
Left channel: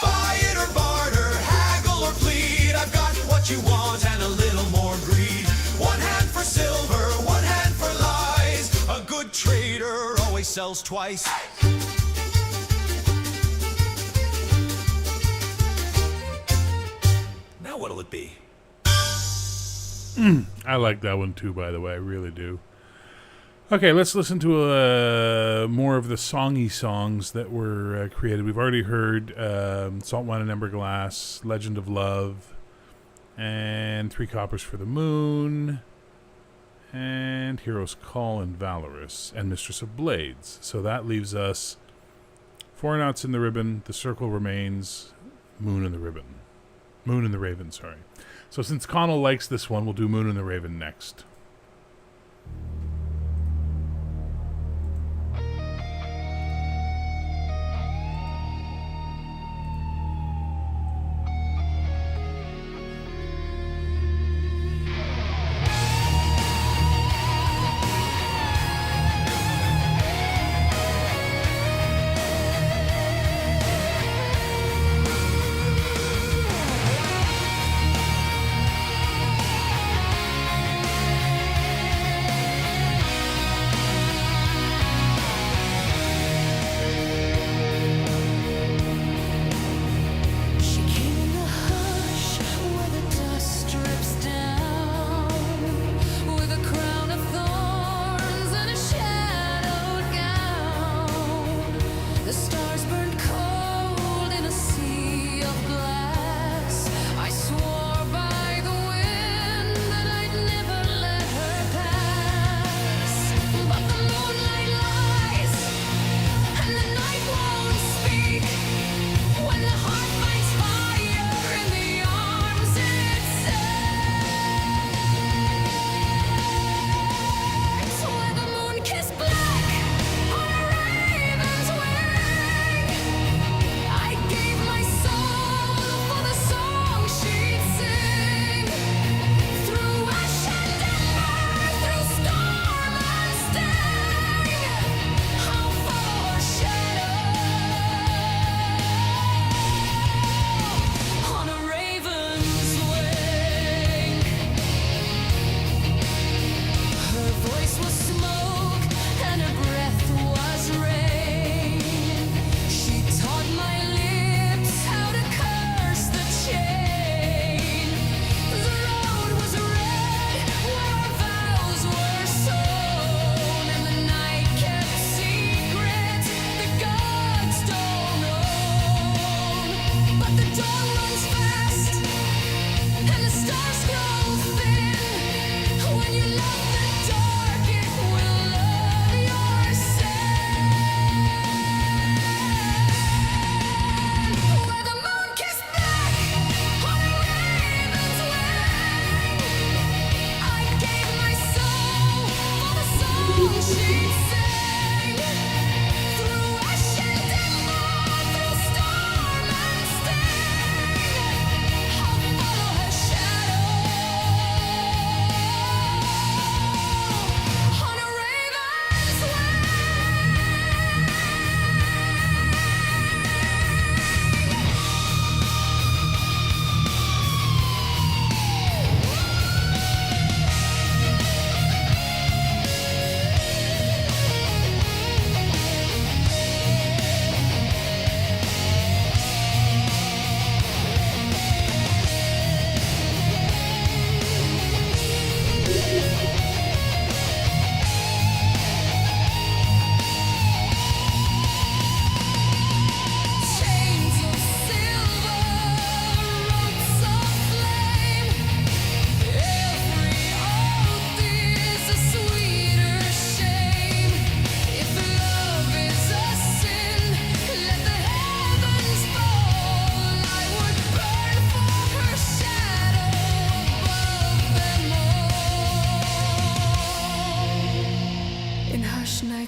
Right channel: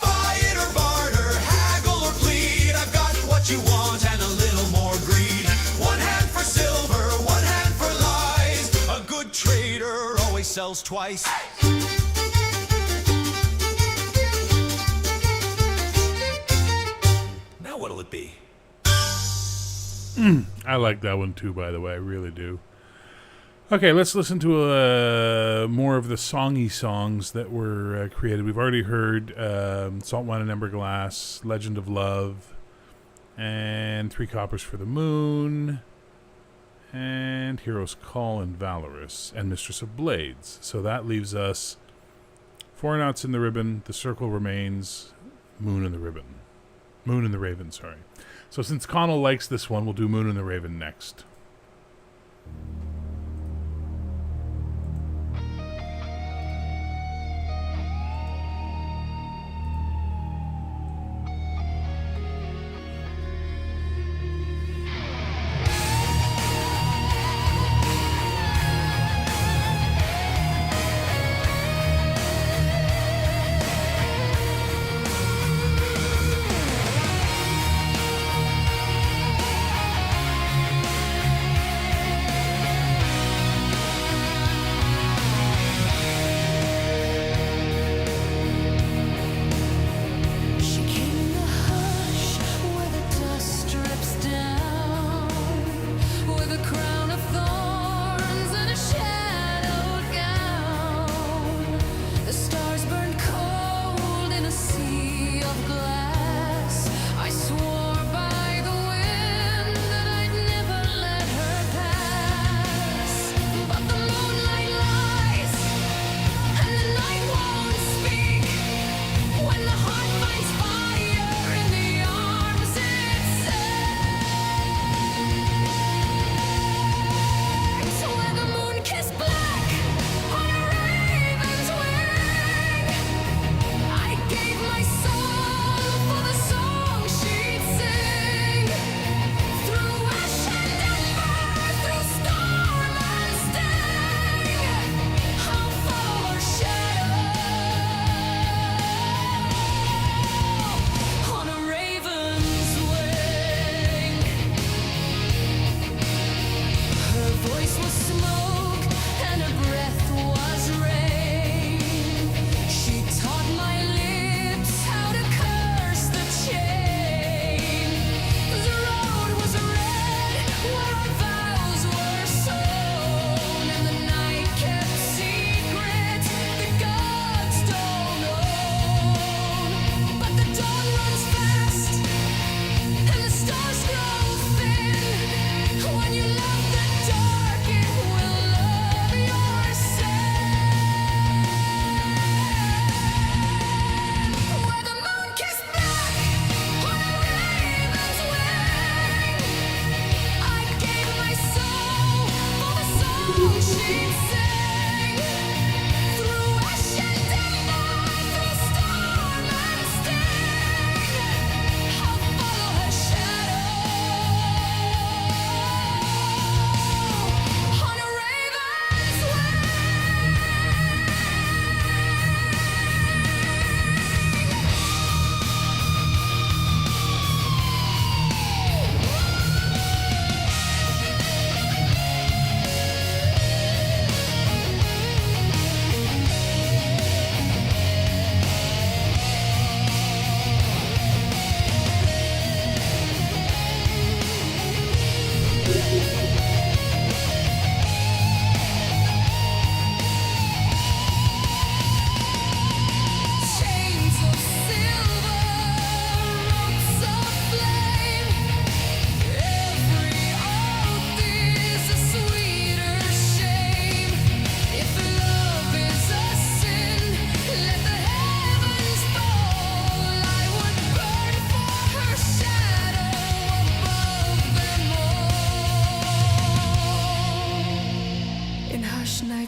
Buy it or barter, haggle or plead, I've got what you want and a little more greed. One hand for silver, one hand for lies, a good trader always sells twice. What'll it be? I like that one too, by the way. I really do. Okay, let's listen to more of the songy songs that were created. We've already heard Salt Wine and Ember Glass, Legend of Love, and 3 Coppers for the Moon, and Hero's Call and Valorous, and Mistress of Blades. So that leaves us 4 Knots in the Ribbon, The Circle Remains, Moon in the Ribbon. Moon and the Raven, sorry. So since Connell likes this one, we'll do Moon and the Raven next.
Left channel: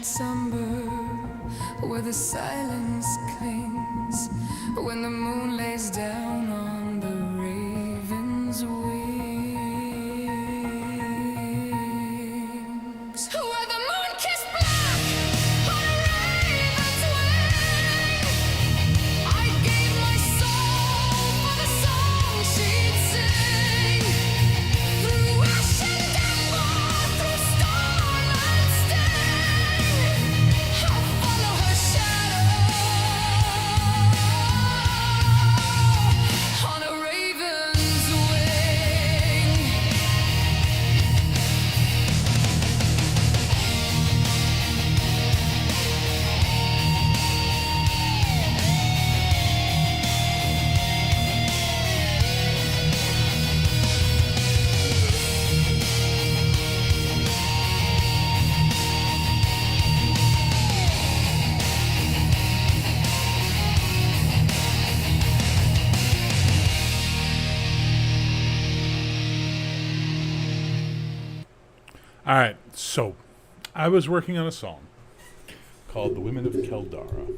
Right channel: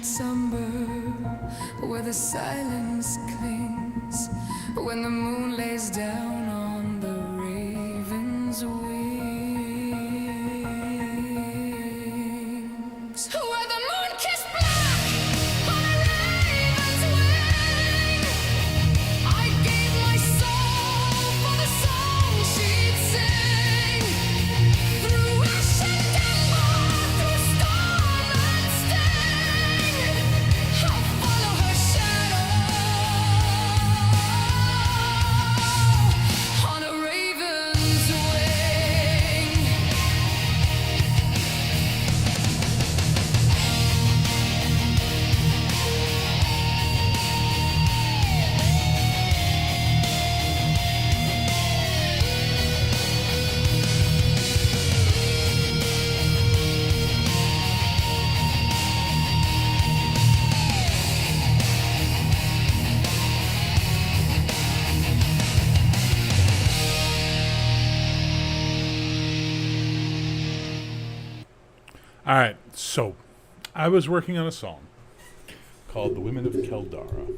night somber, where the silence clings, when the moon lays down on the raven's wings, where the moon kissed black on a raven's wing. I gave my soul for the song she'd sing, through ash and ember, through storm and sting. I'll follow her shadow on a raven's wing. All right, so I was working on a song called "The Women of Keldara."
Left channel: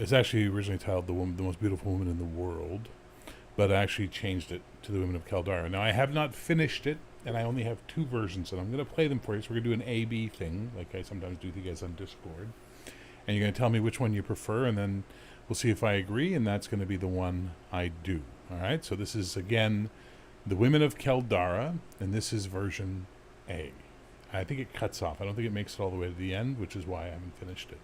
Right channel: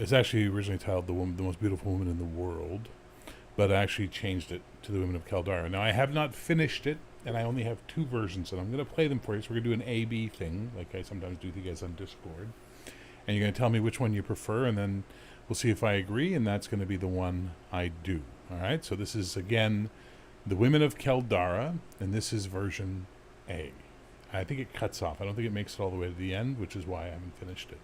It's actually originally titled "The Most Beautiful Woman in the World," but I actually changed it to "The Women of Keldara." Now I have not finished it, and I only have 2 versions, and I'm going to play them for you. So we're going to do an A/B thing, like I sometimes do with you guys on Discord, and you're going to tell me which one you prefer, and then we'll see if I agree, and that's going to be the one I do. All right. So this is again "The Women of Keldara," and this is version A. I think it cuts off. I don't think it makes it all the way to the end, which is why I haven't finished it.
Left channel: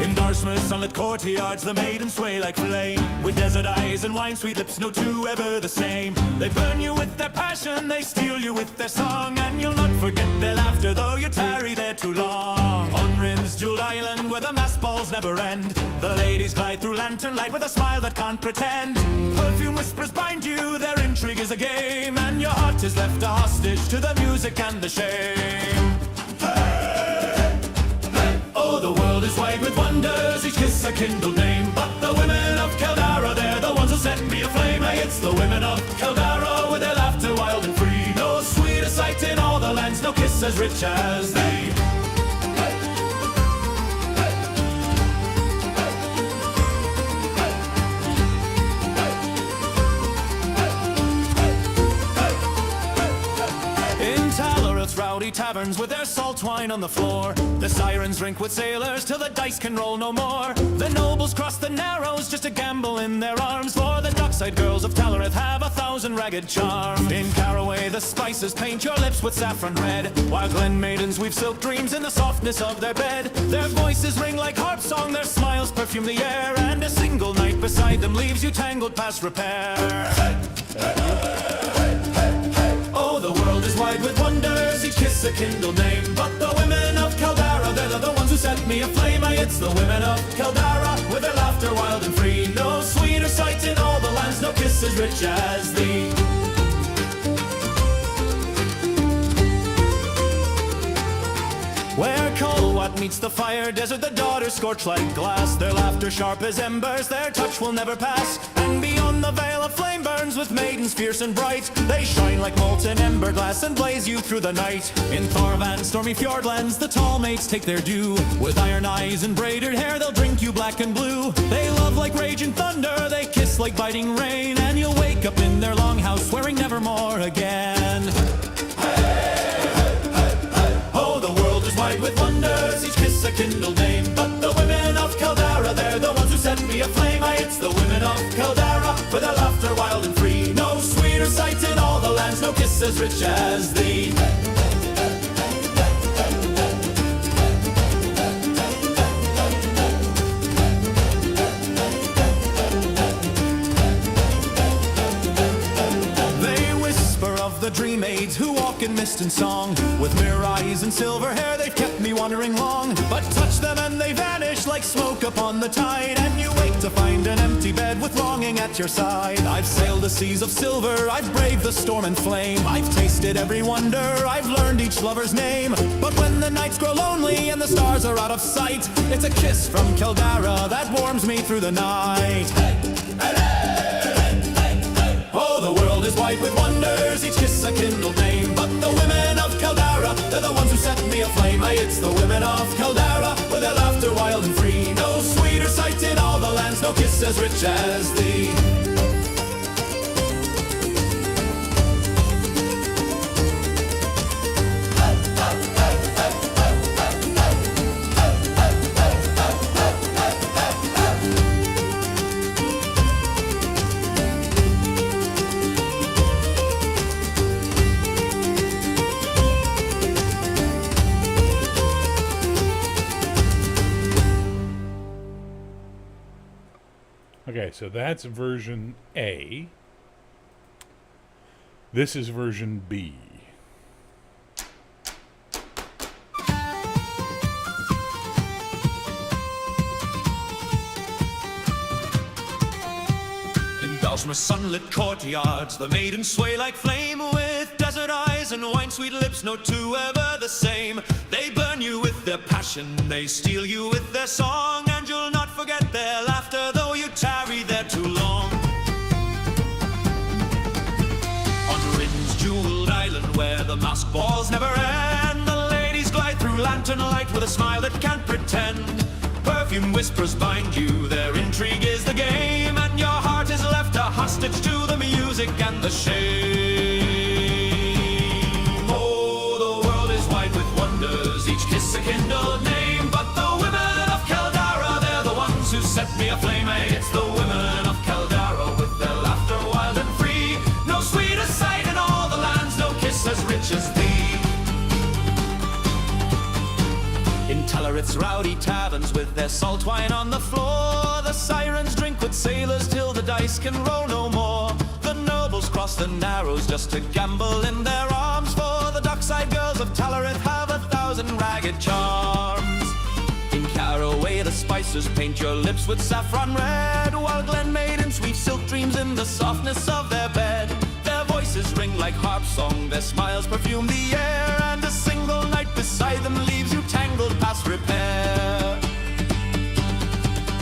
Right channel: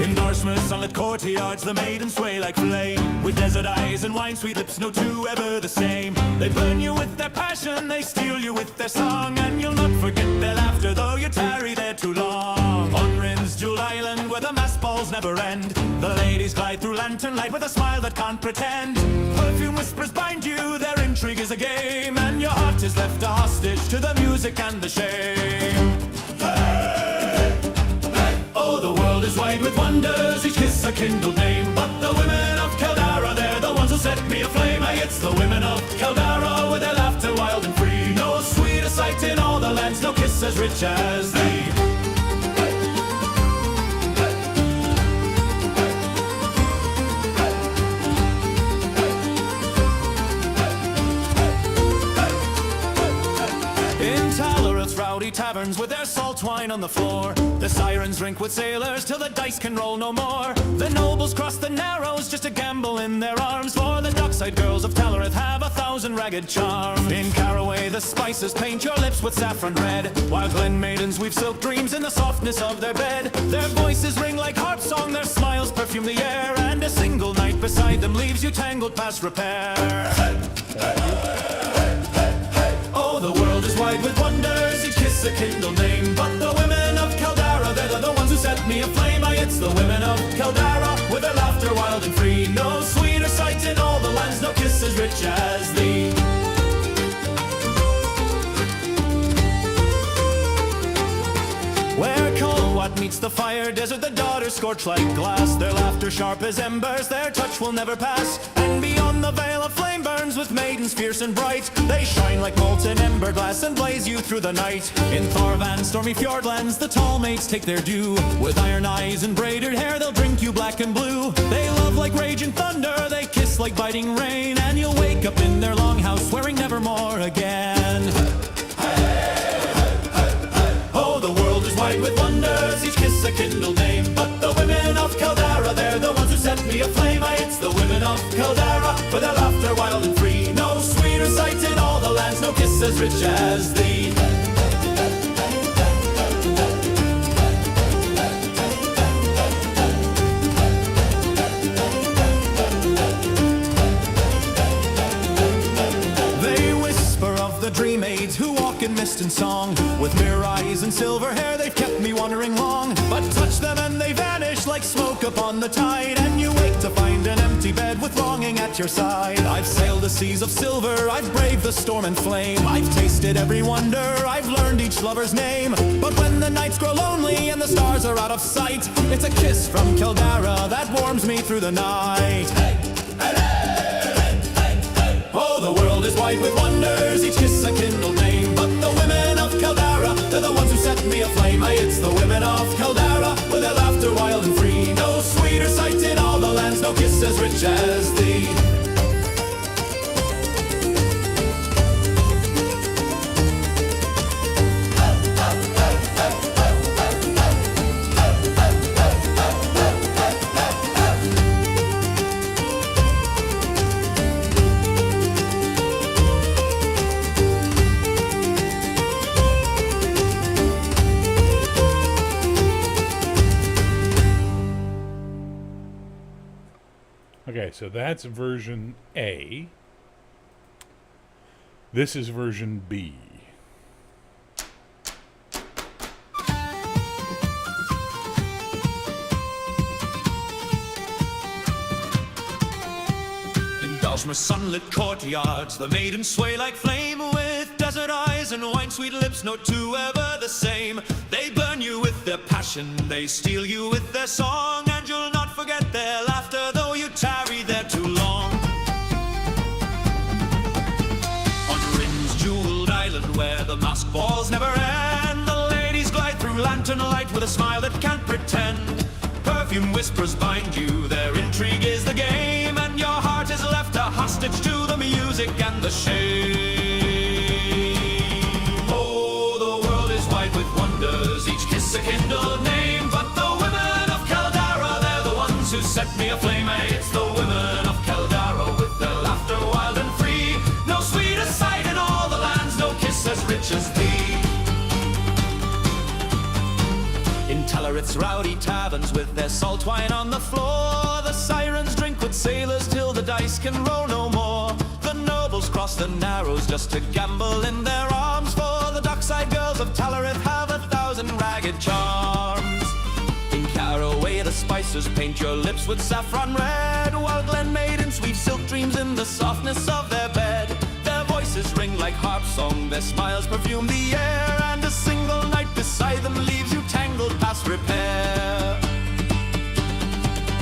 In Dartmouth sunlit courtyards, the maidens sway like flame. With desert eyes and wine-sweet lips, no two ever the same. They burn you with their passion, they steal you with their song, and you'll not forget their laughter, though you tarry there too long. On Rin's jeweled island, where the masked balls never end, the ladies glide through lantern light with a smile that can't pretend. Perfume whispers bind you, their intrigue is a game, and your heart is left a hostage to the music and the shame. Oh, the world is wide with wonders, each kiss a kindled name. But the women of Keldara, they're the ones who set me aflame. Aye, it's the women of Keldara, with their laughter wild and free. No sweeter sight in all the lands, no kiss as rich as thee. Rowdy taverns with their salt wine on the floor, the sirens drink with sailors till the dice can roll no more. The nobles cross the narrows just to gamble in their arms, for the dockside girls of Taloreth have 1,000 ragged charms. In Caraway the spices paint your lips with saffron red, while Glen maidens weave silk dreams in the softness of their bed. Their voices ring like harp song, their smiles perfume the air, and a single night beside them leaves you tangled past repair. Oh, the world is wide with wonders, each kiss a kindled name. But the women of Keldara, they're the ones who set me aflame. Aye, it's the women of Keldara, with their laughter wild and free. No sweeter sight in all the lands, no kiss as rich as thee. Where Colwat meets the fire desert, the daughters scorch like glass. Their laughter sharp as embers, their touch will never pass. And beyond the veil of flame burns with maidens fierce and bright. They shine like molten ember glass and blaze you through the night. In Thorvan's stormy fjordlands, the tall maids take their due. With iron eyes and braided hair, they'll drink you black and blue. They love like raging thunder, they kiss like biting rain, and you'll wake up in their longhouse swearing nevermore again. Oh, the world is wide with wonders, each kiss a kindled name. But the women of Keldara, they're the ones who set me aflame. Aye, it's the women of Keldara, with their laughter wild and free. No sweeter sight in all the lands, no kiss as rich as thee. mist and song. With mirror eyes and silver hair, they've kept me wandering long. But touch them and they vanish like smoke upon the tide, and you wake to find an empty bed with longing at your side. I've sailed the seas of silver, I've braved the storm and flame. I've tasted every wonder, I've learned each lover's name. But when the nights grow lonely and the stars are out of sight, it's a kiss from Kildara that warms me through the night. Oh, the world is white with wonders, each kiss a kindled name. But the women of Kildara, they're the ones who set me aflame. Aye, it's the women of Kildara, with their laughter wild and free. No sweeter sight in all the lands, no kiss as rich as thee. Okay, so that's version A. This is version B. In Dosmer's sunlit courtyards, the maidens sway like flame. With desert eyes and wine-sweet lips, no two ever the same. They burn you with their passion, they steal you with their song, and you'll not forget their laughter, though you tarry there too long. On Rin's jeweled island, where the masked balls never end, the ladies glide through lantern light with a smile that can't pretend. Perfume whispers bind you, their intrigue is the game, and your heart is left a hostage to the music and the shame. Oh, the world is white with wonders, each kiss a kindled name. But the women of Kildara, they're the ones who set me aflame. Aye, it's the women of Kildara, with their laughter wild and free. No sweeter sight in all the lands, no kiss as rich as thee. In Tellerith's rowdy taverns, with their salt wine on the floor, the sirens drink with sailors till the dice can roll no more. The nobles cross the narrows just to gamble in their arms, for the dockside girls of Tellerith have 1,000 ragged charms. In Caraway the spicers paint your lips with saffron red, while Glen maidens weave silk dreams in the softness of their bed. Their voices ring like harp song, their smiles perfume the air, and a single night beside them leaves you tangled past repair.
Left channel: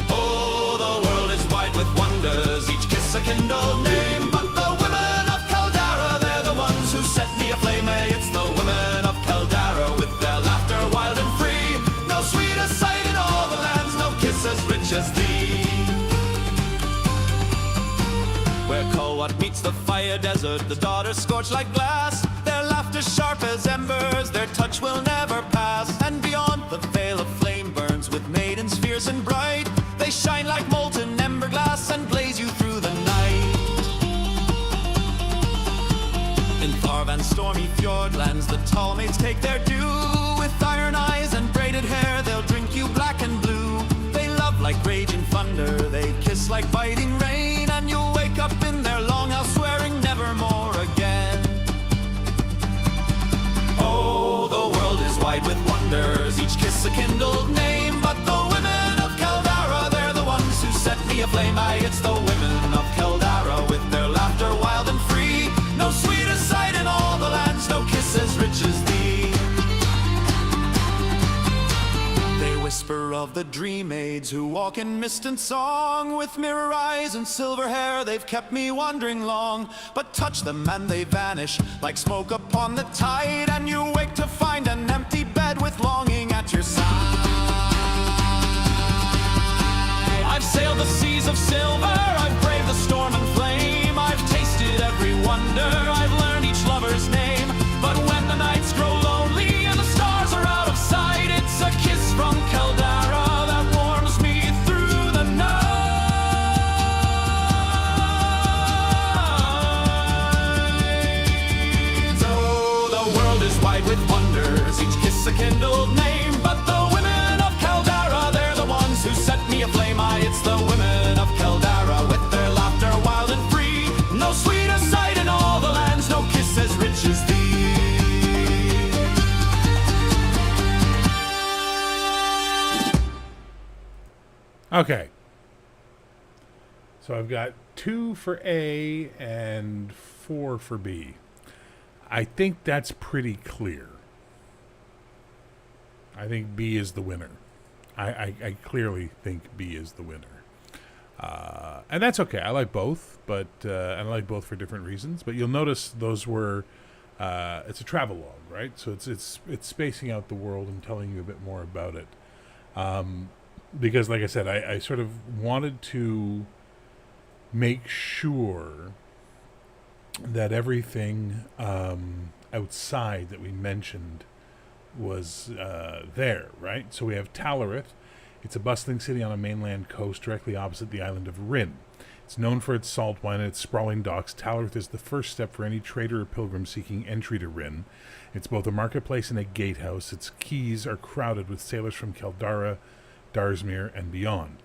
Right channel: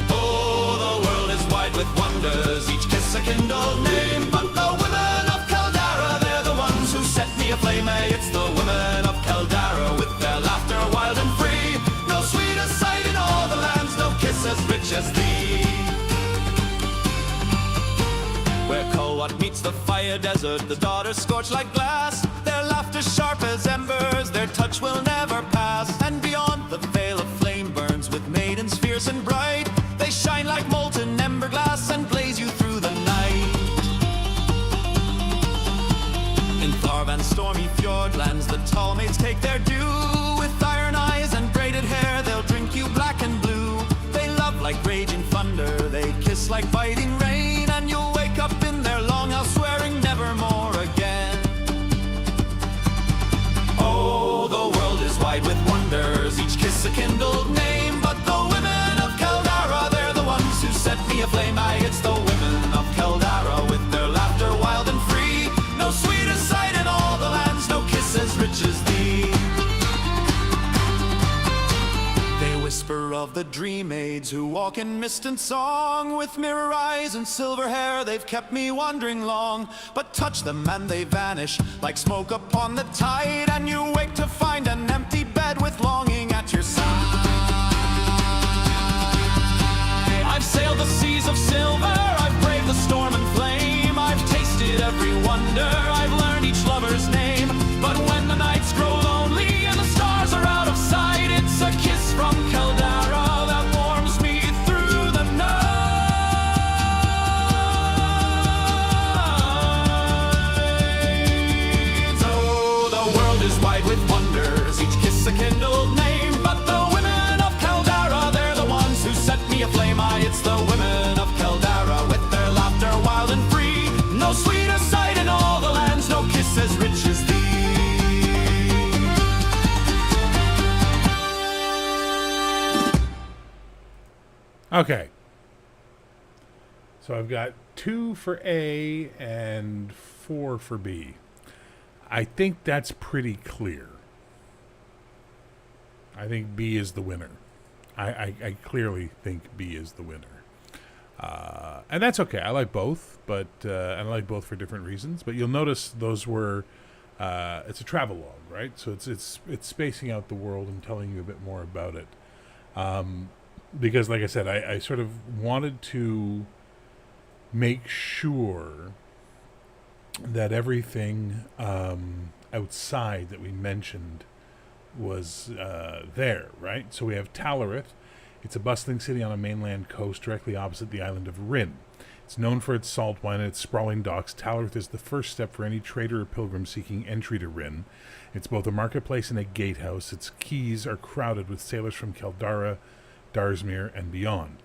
Oh, the world is wide with wonders, each kiss a kindled name. But the women of Kildara, they're the ones who set me aflame. Aye, it's the women of Kildara, with their laughter wild and free. No sweeter sight in all the lands, no kiss as rich as thee. Where Colwat meets the fire desert, the daughters scorch like glass. Their laughter sharp as embers, their touch will never pass. And beyond the veil of flame burns with maidens fierce and bright. They shine like molten ember glass and blaze you through the night. In Tharvan's stormy fjordlands, the tall maids take their due. With iron eyes and braided hair, they'll drink you black and blue. They love like raging thunder, they kiss like biting rain, and you'll wake up in their longhouse swearing never more again. Oh, the world is wide with wonders, each kiss a kindled name. But the women of Kildara, they're the ones who set me aflame. Aye, it's the women of Kildara, with their laughter wild and free. No sweeter sight in all the lands, no kiss as rich as thee. They whisper of the dream maids who walk in mist and song. With mirror eyes and silver hair, they've kept me wandering long. But touch them and they vanish like smoke upon the tide, and you wake to find an empty bed with longing at your side. I've sailed the seas of silver, I've braved the storm and flame. I've tasted every wonder, I've learned each lover's name. But when the nights grow lonely and the stars are out of sight, it's a kiss from Kildara that warms me through the night. Oh, the world is wide with wonders, each kiss a kindled name. But the women of Kildara, they're the ones who set me aflame. Aye, it's the women of Kildara, with their laughter wild and free. No sweeter sight in all the lands, no kiss as rich as thee. Okay. So I've got 2 for A and 4 for B. I think that's pretty clear. I think B is the winner. I clearly think B is the winner. And that's okay. I like both, but and I like both for different reasons. But you'll notice those were it's a travelogue, right? So it's spacing out the world and telling you a bit more about it. Because, like I said, I sort of wanted to make sure that everything outside that we mentioned was there, right? So we have Talarith. It's a bustling city on a mainland coast directly opposite the island of Rin. It's known for its salt wine and its sprawling docks. Talarith is the first step for any trader or pilgrim seeking entry to Rin. It's both a marketplace and a gatehouse. Its quays are crowded with sailors from Keldara, Darsmere, and beyond.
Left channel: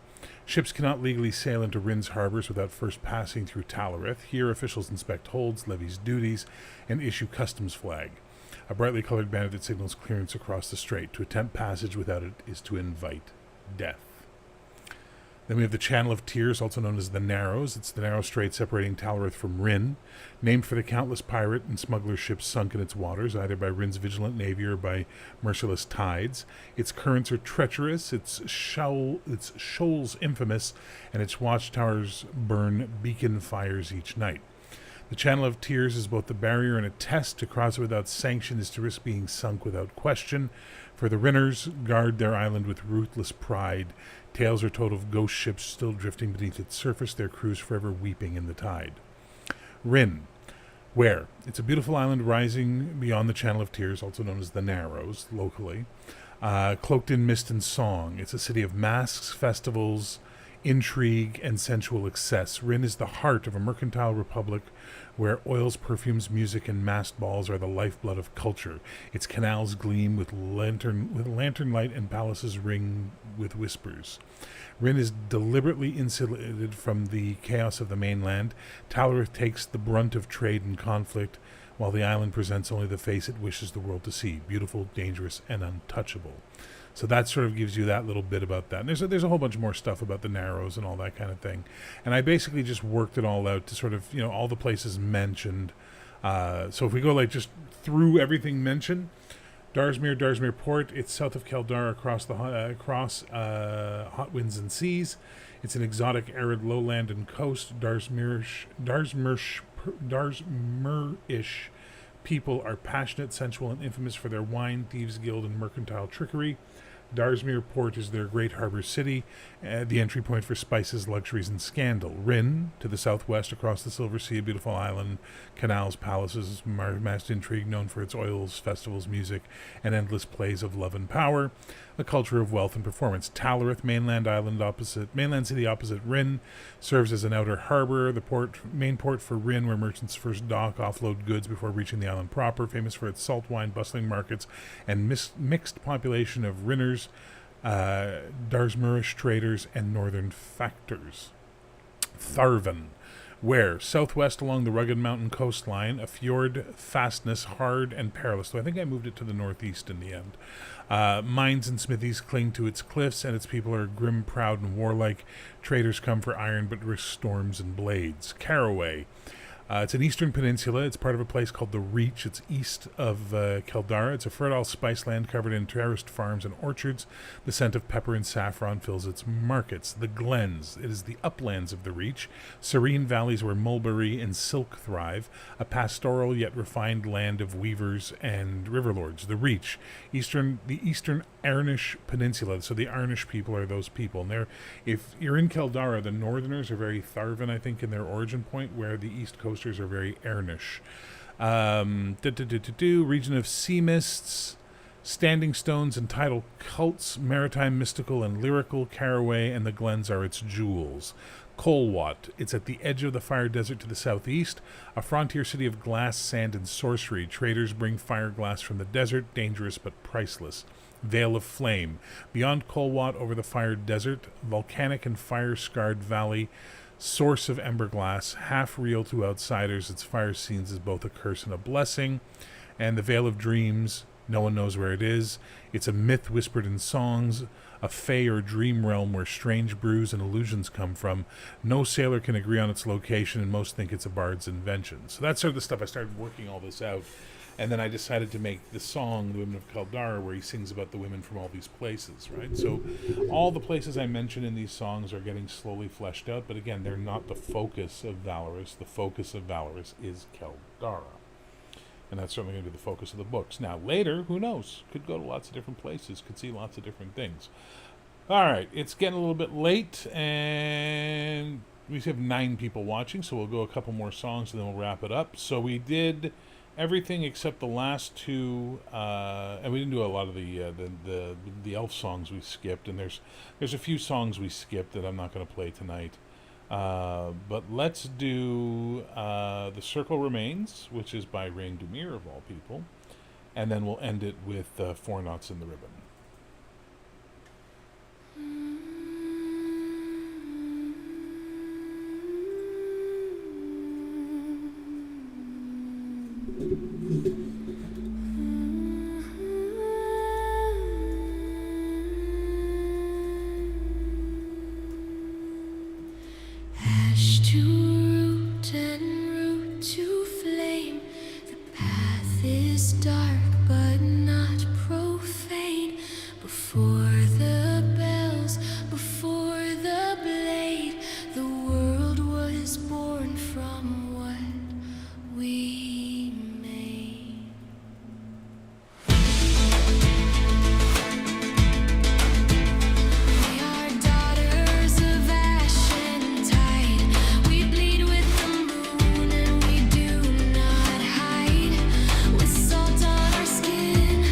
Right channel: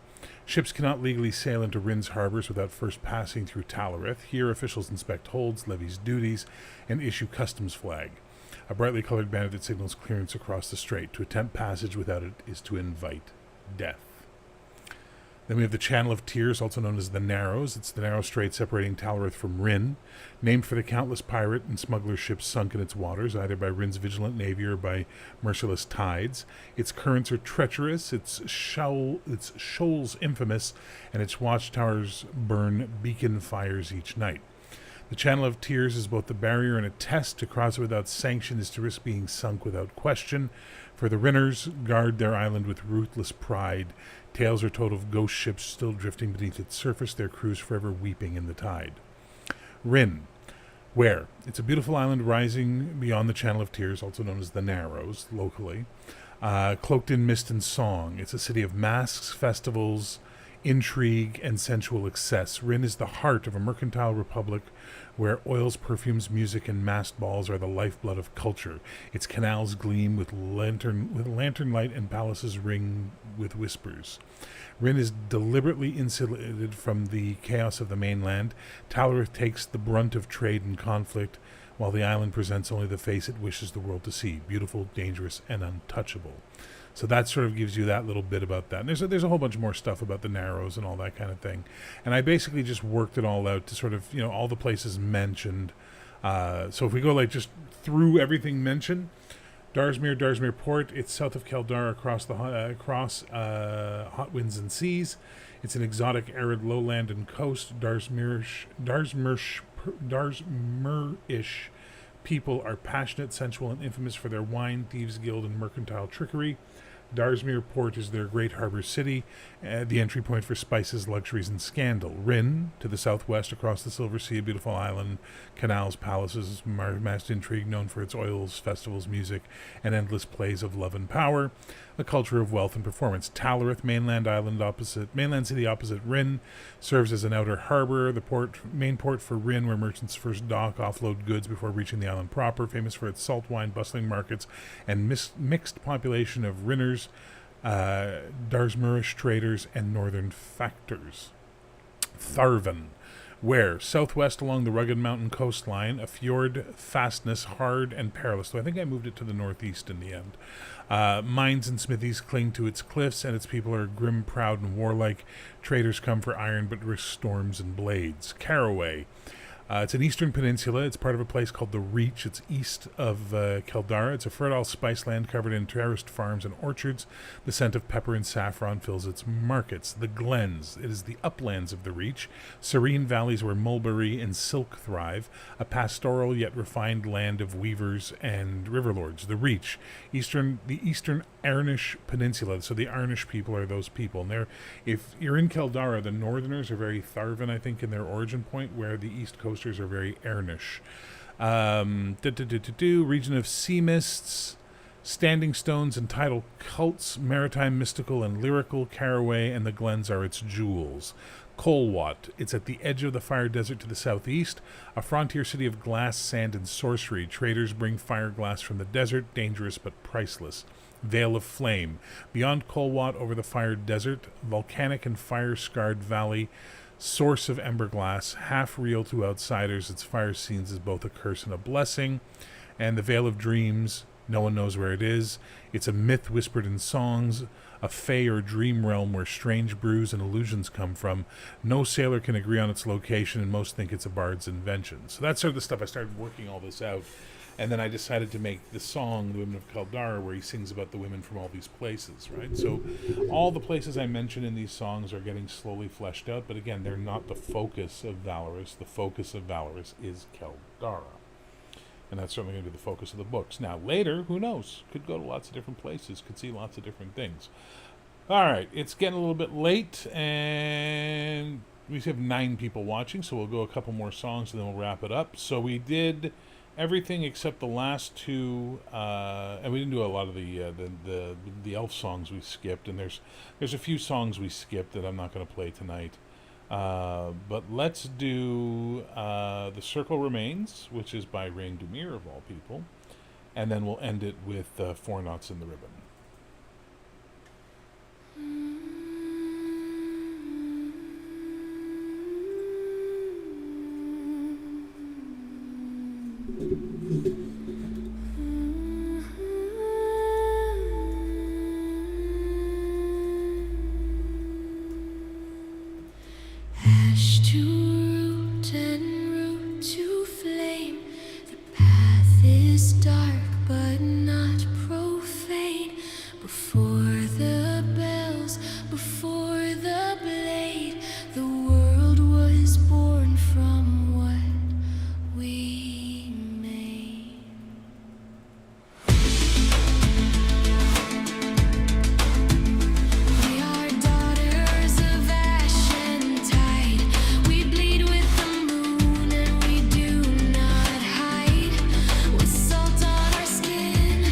Ships cannot legally sail into Rin's harbors without first passing through Talarith. Here, officials inspect holds, levies duties, and issue customs flag. A brightly colored banner that signals clearance across the strait. To attempt passage without it is to invite death. Then we have the Channel of Tears, also known as the Narrows. It's the narrow strait separating Talarith from Rin, named for the countless pirate and smuggler ships sunk in its waters, either by Rin's vigilant navy or by merciless tides. Its currents are treacherous, its shoals infamous, and its watchtowers burn beacon fires each night. The Channel of Tears is both the barrier and a test. To cross it without sanction is to risk being sunk without question. For the Rinners guard their island with ruthless pride. Tales are told of ghost ships still drifting beneath its surface, their crews forever weeping in the tide. Rin. Where? It's a beautiful island rising beyond the Channel of Tears, also known as the Narrows, locally. Cloaked in mist and song. It's a city of masks, festivals, intrigue, and sensual excess. Rin is the heart of a mercantile republic where oils, perfumes, music, and masked balls are the lifeblood of culture. Its canals gleam with lantern light, and palaces ring with whispers. Rin is deliberately insulated from the chaos of the mainland. Talarith takes the brunt of trade and conflict, while the island presents only the face it wishes the world to see, beautiful, dangerous, and untouchable. So that sort of gives you that little bit about that. And there's a whole bunch more stuff about the Narrows and all that kind of thing. And I basically just worked it all out to sort of, all the places mentioned. So if we go just through everything mentioned, Darsmere Port, it's south of Keldar across hot winds and seas. It's an exotic arid lowland and coast. Darsmere-ish people are passionate, sensual, and infamous for their wine, thieves' guild, and mercantile trickery. Darsmere Port is their great harbor city, the entry point for spices, luxuries, and scandal. Rin, to the southwest across the Silver Sea, a beautiful island, canals, palaces, masked intrigue, known for its oils, festivals, music, and endless plays of love and power. A culture of wealth and performance. Talarith, mainland city opposite Rin, serves as an outer harbor, the main port for Rin, where merchants first dock, offload goods before reaching the island proper, famous for its salt wine, bustling markets, and mixed population of Rinners, Darsmerish traders, and northern factors. Tharvan, where southwest along the rugged mountain coastline, a fjord fastness, hard and perilous. So I think I moved it to the northeast in the end. Mines and smithies cling to its cliffs, and its people are grim, proud, and warlike. Traders come for iron, but risk storms and blades. Caraway. It's an eastern peninsula. It's part of a place called the Reach. It's east of Keldara. It's a fertile spice land covered in terraced farms and orchards. The scent of pepper and saffron fills its markets. The Glens. It is the uplands of the Reach. Serene valleys where mulberry and silk thrive. A pastoral yet refined land of weavers and riverlords. The Reach. The eastern Arnish Peninsula. So the Arnish people are those people. And if you're in Keldara, the northerners are very Tharvan, I think, in their origin point, where the east coasters are very Arnish. Region of sea mists, standing stones and tidal cults, maritime, mystical, and lyrical. Caraway and the Glens are its jewels. Kolwat. It's at the edge of the fire desert to the southeast, a frontier city of glass, sand, and sorcery. Traders bring fire glass from the desert, dangerous but priceless. Veil of Flame. Beyond Kolwat, over the fire desert, volcanic and fire-scarred valley, source of ember glass, half real to outsiders. Its fire scenes is both a curse and a blessing. And the Veil of Dreams, No one knows where it is. It's a myth whispered in songs, a fae or dream realm where strange brews and illusions come from. No sailor can agree on its location, and most think it's a bard's invention. So that's sort of the stuff. I started working all this out, and then I decided to make the song, The Women of Kaldara, where he sings about the women from all these places, right? So all the places I mention in these songs are getting slowly fleshed out, but again, they're not the focus of Valorous. The focus of Valorous is Kaldara. And that's certainly going to be the focus of the books. Now, later, who knows? Could go to lots of different places, could see lots of different things. All right, it's getting a little bit late, and we have 9 people watching, so we'll go a couple more songs, and then we'll wrap it up. So we did everything except the last 2, and we didn't do a lot of the elf songs we skipped, and there's a few songs we skipped that I'm not going to play tonight. But let's do The Circle Remains, which is by Rain Dumir, of all people, and then we'll end it with 4 Knots in the Ribbon. Ash to root and root to flame. The path is dark but not profane. Before the bells, before the blade, the world was born from what we made. We are daughters of ash and tide. We bleed with the moon and we do not hide. With salt on our skin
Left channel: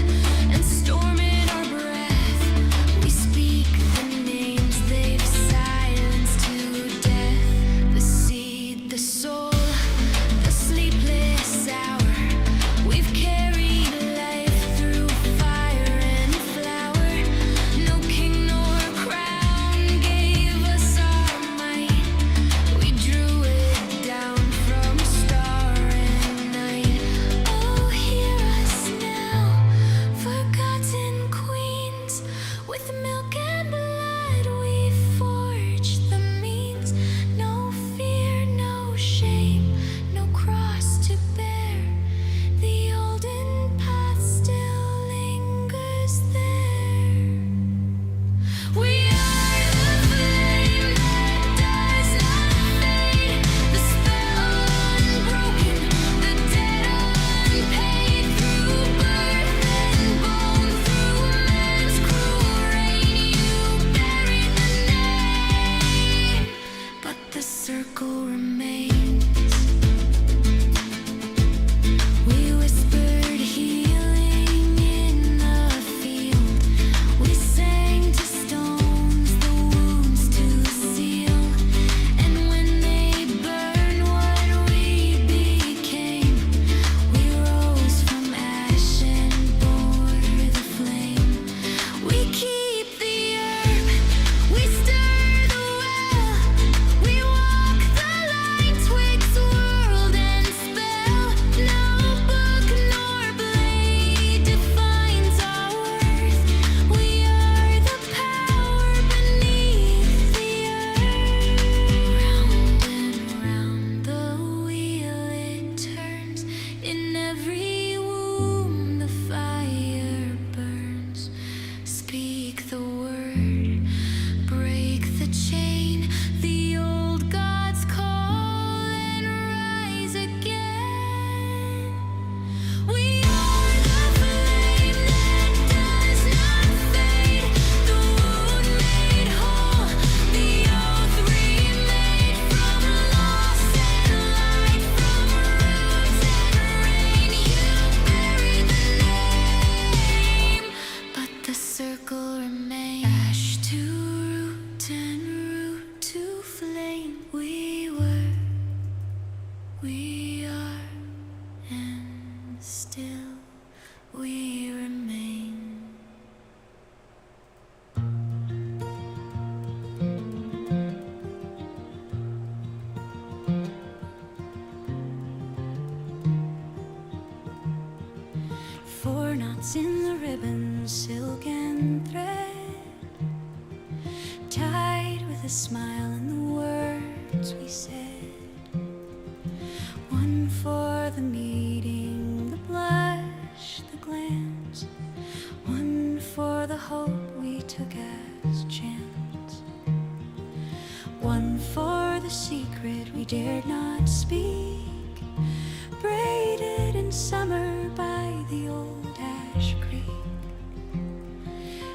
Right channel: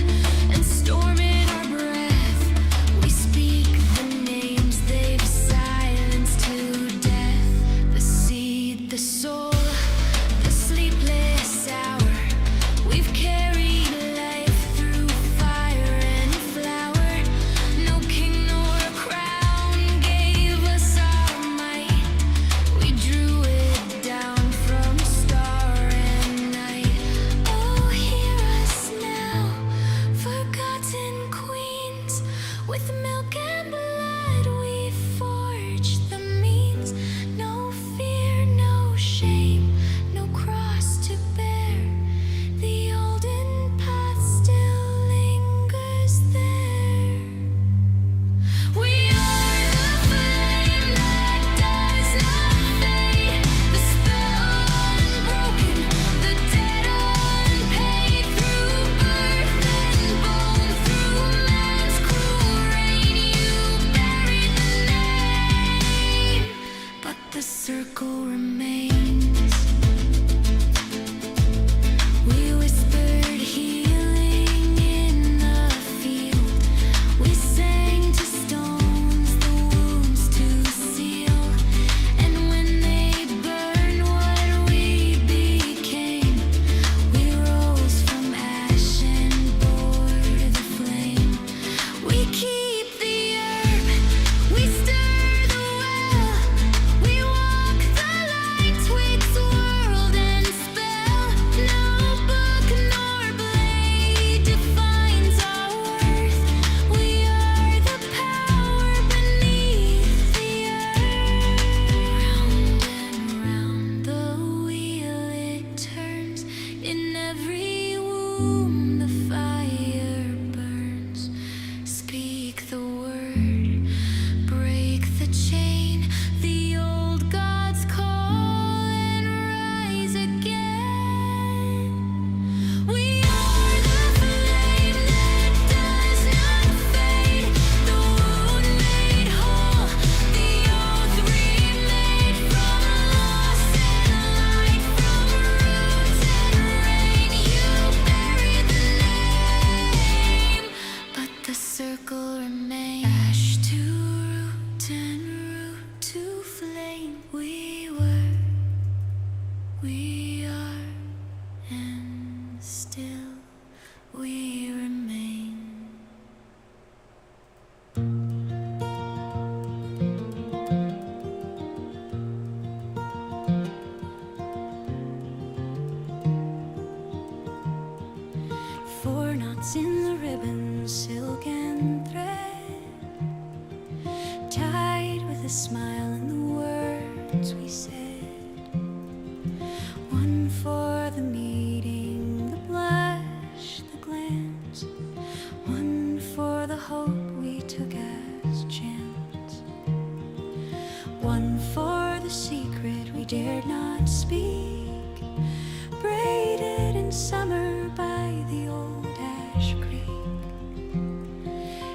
and storm in our breath, we speak the names they've silenced to death. The seed, the soul, the sleepless hour. We've carried life through fire and flower. No king nor crown gave us our might. We drew it down from star and night. Oh, hear us now, forgotten queens. With milk and blood we forge the means. No fear, no shame, no cross to bear. The olden path still lingers there. We are the flame that does not fade. The spell unbroken, the debt unpaid. Through birth and bone, through man's cruel reign, you buried the name, but the circle remains. We whispered healing in the field. We sang to stones the wounds to seal. And when they burned what we became, we rose from ash and bore the flame. We keep the herb, we stir the well. We walk the line twixt world and spell. No book nor blade defines our worth. We are the power beneath the earth. Round and round the wheel it turns. In every womb the fire burns. Speak the word, break the chain. The old gods call and rise again. We are the flame that does not fade. The wound made whole, the oath remade. From loss and light, from roots and rain, you buried the name, but the circle remains. Ash to root and root to flame. We were, we are, and still we remain. Four knots knots in the ribbon, silk and thread, tied with a smile in the words we said. One for the meeting, the blush, the glance. One for the hope we took as chance. One for the secret we dared not speak, braided in summer by the old ash creek.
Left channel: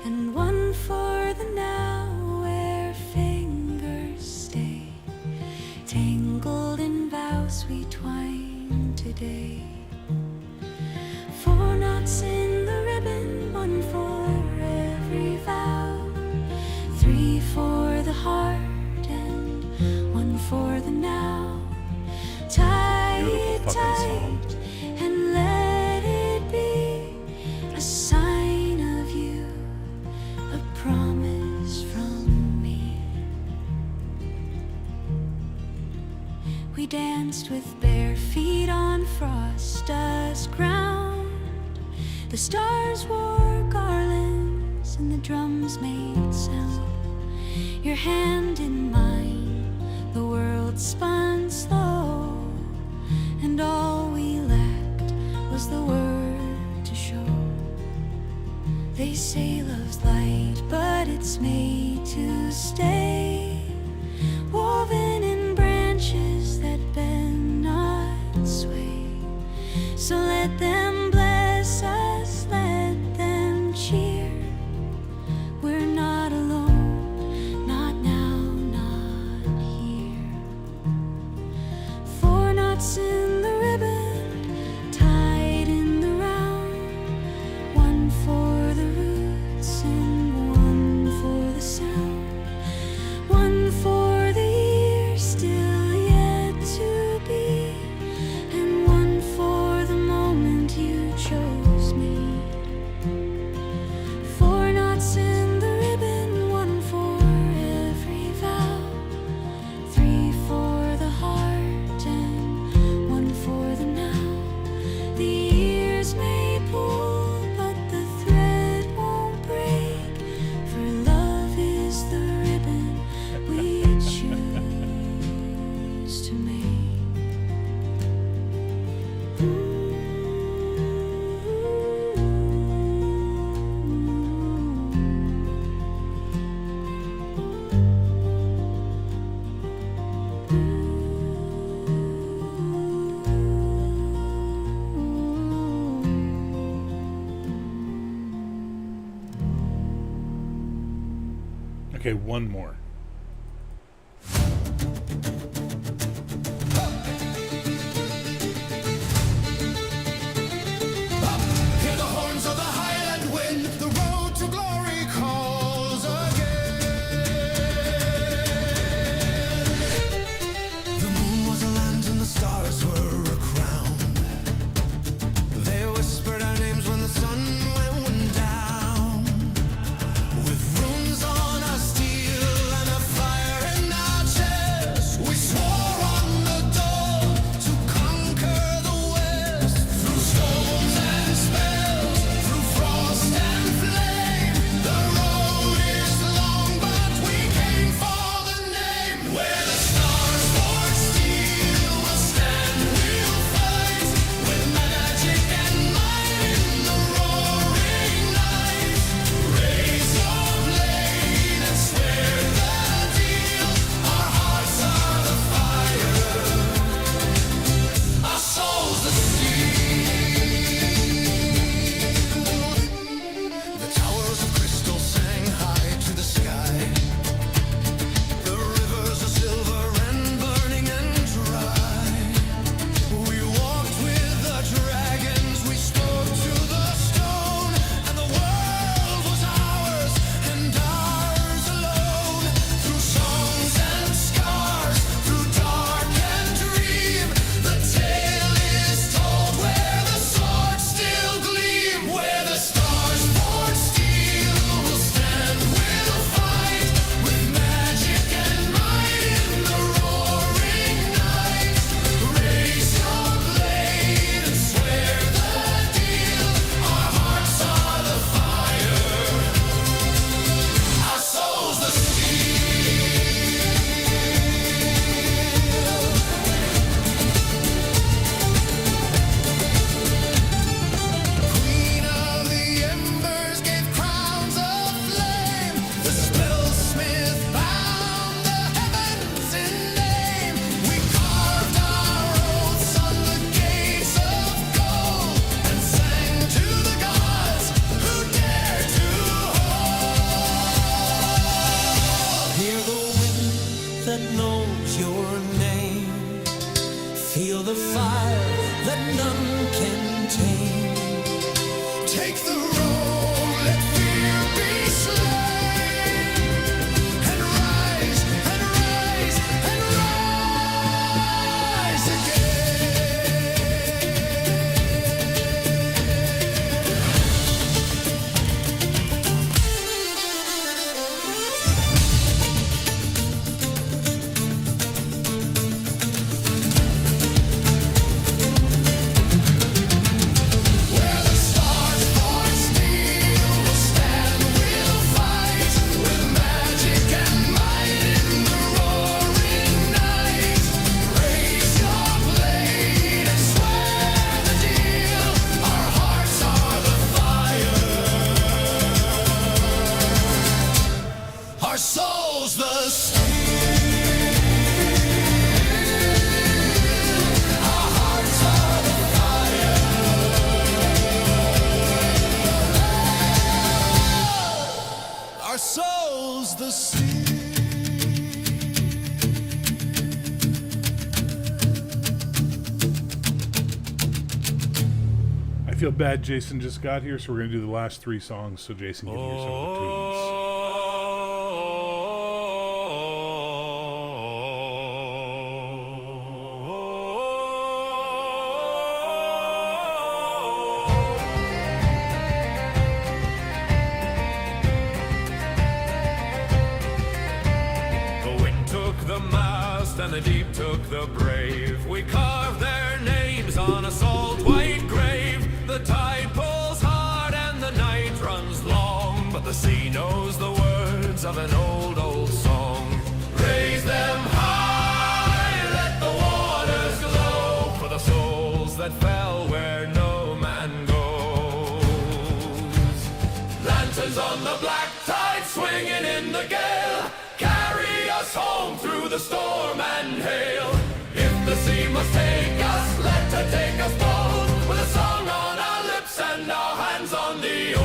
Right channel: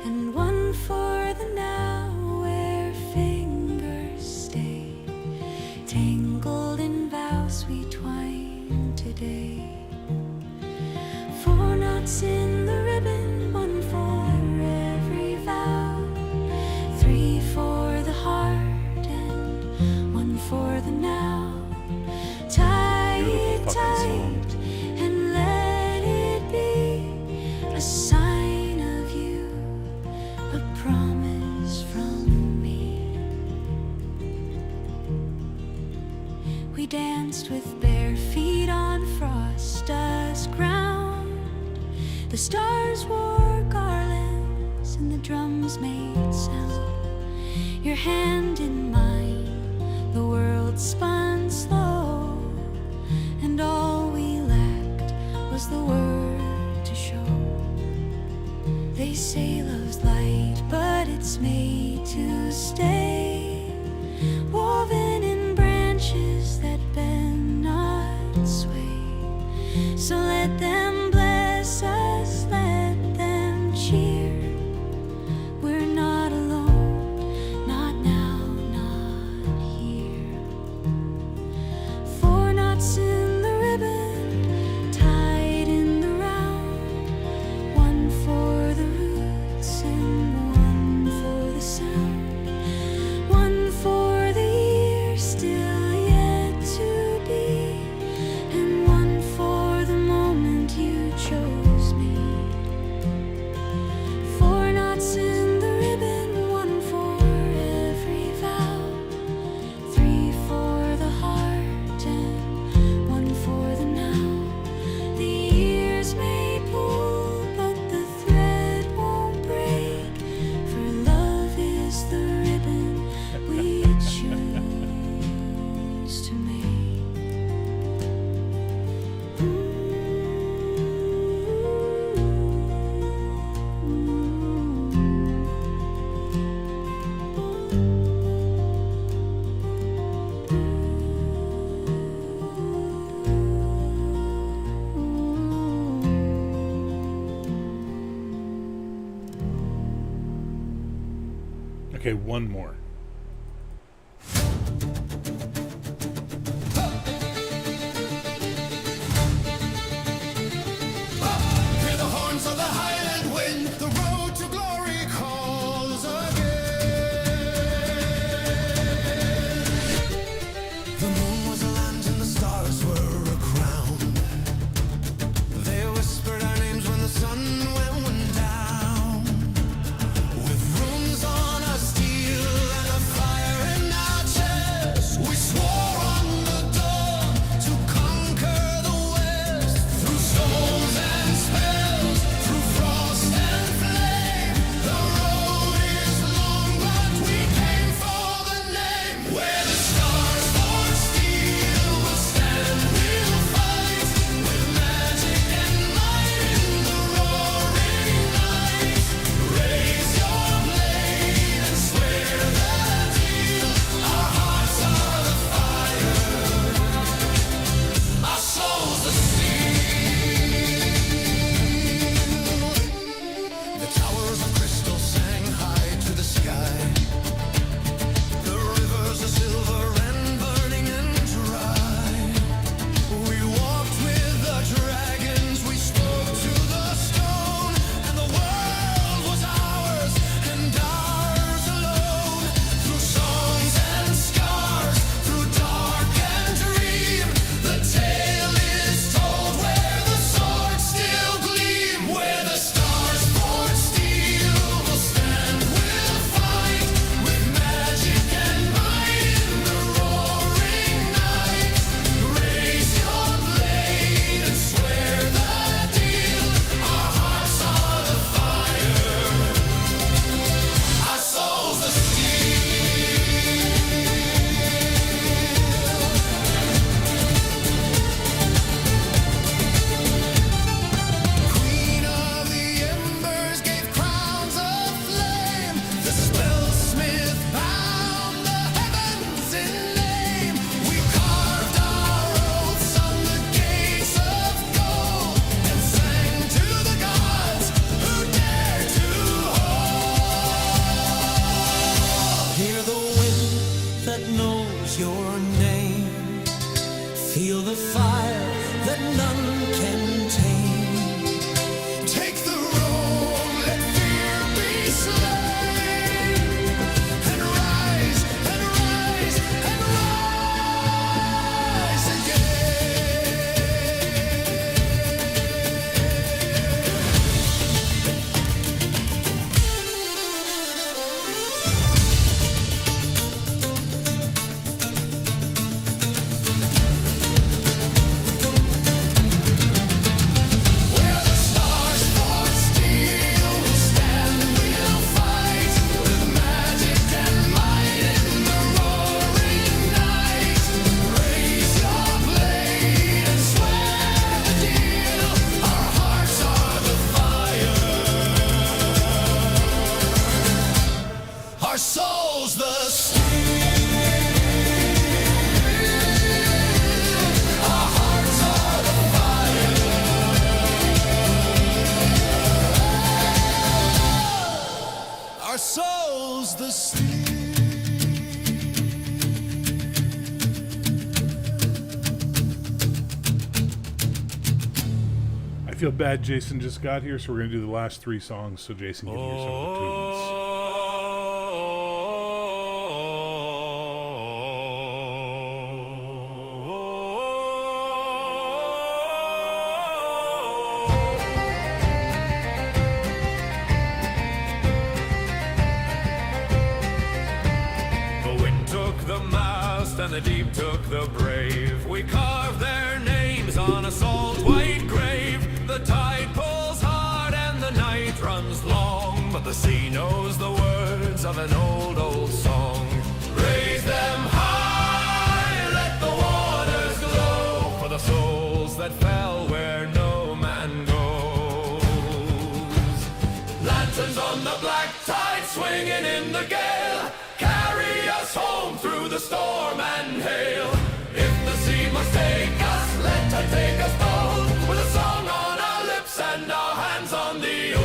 And one for the now where fingers stay, tangled in vows we twine today. 4 knots in the ribbon, 1 for every vow, 3 for the heart and 1 for the now. Tie it tight and let it be a sign of you, a promise from me. We danced with bare feet on frost-dust ground. The stars wore garlands and the drums made sound. Your hand in mine, the world spun slow, and all we lacked was the word to show. They say love's light, but it's made to stay, woven in branches that bend not sway. So let them bless us, let them cheer. We're not alone, not now, not here. 4 knots in the ribbon, tied in the round. 1 for the roots and 1 for the sound. 1 for the year still yet to be, and 1 for the moment you chose me. 4 knots in the ribbon, 1 for every vow, 3 for the heart and 1 for the now. The years may pull, but the thread won't break, for love is the ribbon we choose to make. Okay, one more. Hear the horns of the Highland wind, the road to glory calls again. The moon was a land and the stars were a crown. They whispered our names when the sun went down. With runes on our steel a fire that none can tame. Take the road, let fear be slain, and rise, and rise, and rise again. Where the stars forge steel, we'll stand, we'll fight, with magic and might in the roaring night. Raise your blade and swear the deal. Our hearts are the fire, our souls the steel. Our hearts are the fire, our souls the steel. I feel bad Jason just got here, so we're going to do the last three songs so Jason can hear some of the tunes. The wind took the mast and the deep took the brave. We carved their names on a salt white grave. The tide pulls hard and the night runs long, but the sea knows the words of an old, old song. Raise them high, let the waters glow, for the souls that fell where no man goes. Lanterns on the black tide swinging in the gale, carry us home through the storm and hail. If the sea must take us, let her take us both, with a song on our lips and our hands on the oars.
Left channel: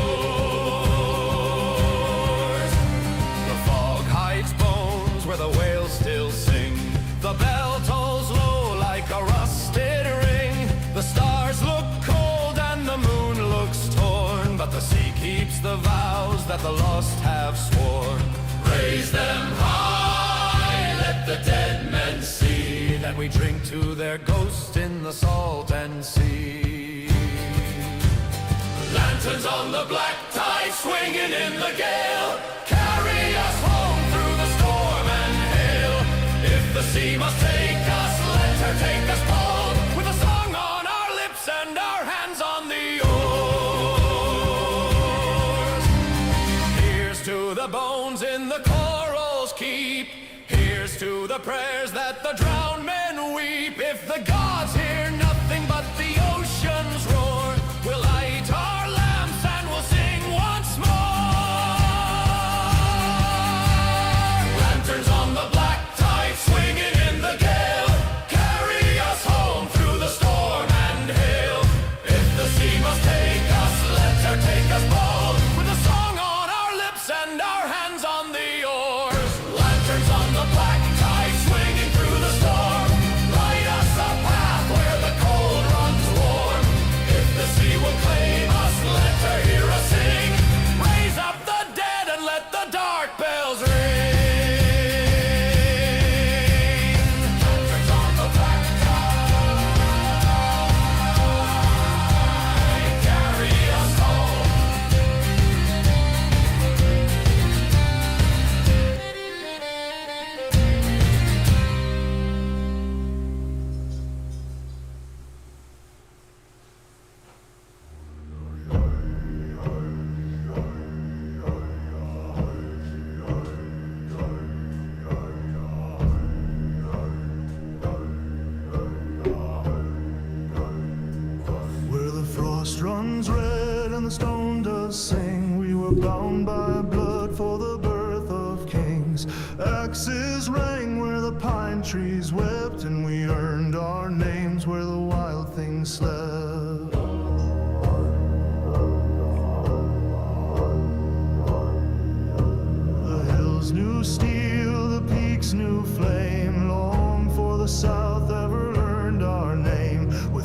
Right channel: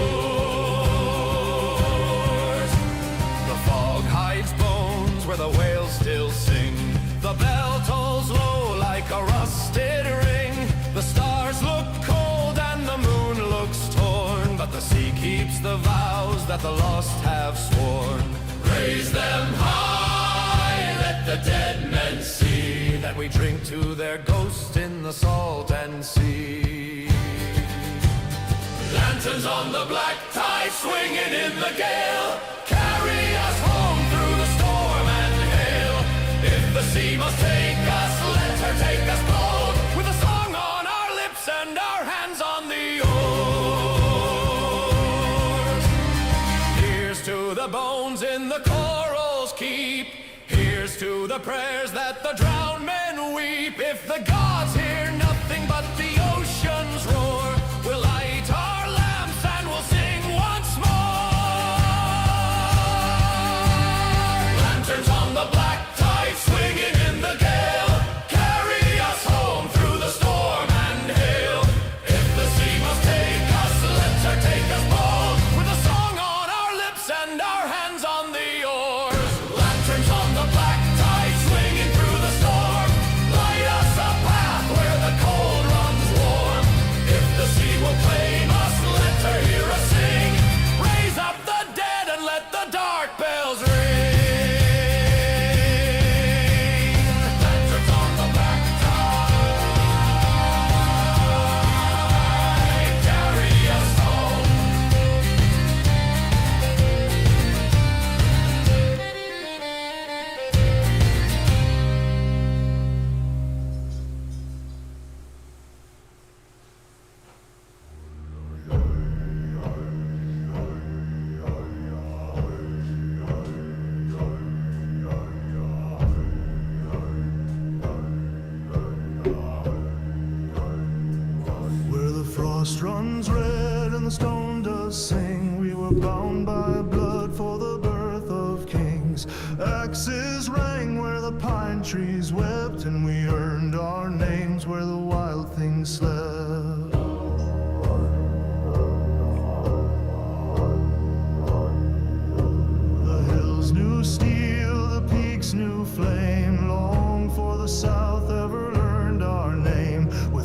The fog hides bones where the whales still sing. The bell tolls low like a rusted ring. The stars look cold and the moon looks torn, but the sea keeps the vows that the lost have sworn. Raise them high, let the dead men see that we drink to their ghosts in the salt and sea. Lanterns on the black tide swinging in the gale, carry us home through the storm and hail. If the sea must take us, let her take us both, with a song on our lips and our hands on the oars. Here's to the bones in the corals keep. Here's to the prayers that the drowned men weep. If the gods hear nothing but the ocean's roar, we'll light our lamps and we'll sing once more. Lanterns on the black tide swinging in the gale, carry us home through the storm and hail. If the sea must take us, let her take us both, with a song on our lips and our hands on the oars. Lanterns on the black tide swinging through the storm, light us a path where the cold runs warm. If the sea will claim us, let her hear us sing. Raise up the dead and let the dark bells ring. Lanterns on the black tide, carry us home. Where the frost runs red and the stone does sing, we were bound by blood for the birth of kings. Axes rang where the pine trees wept, and we earned our names where the wild things slept. The hills knew steel, the peaks knew flame, long for the south ever learned our name.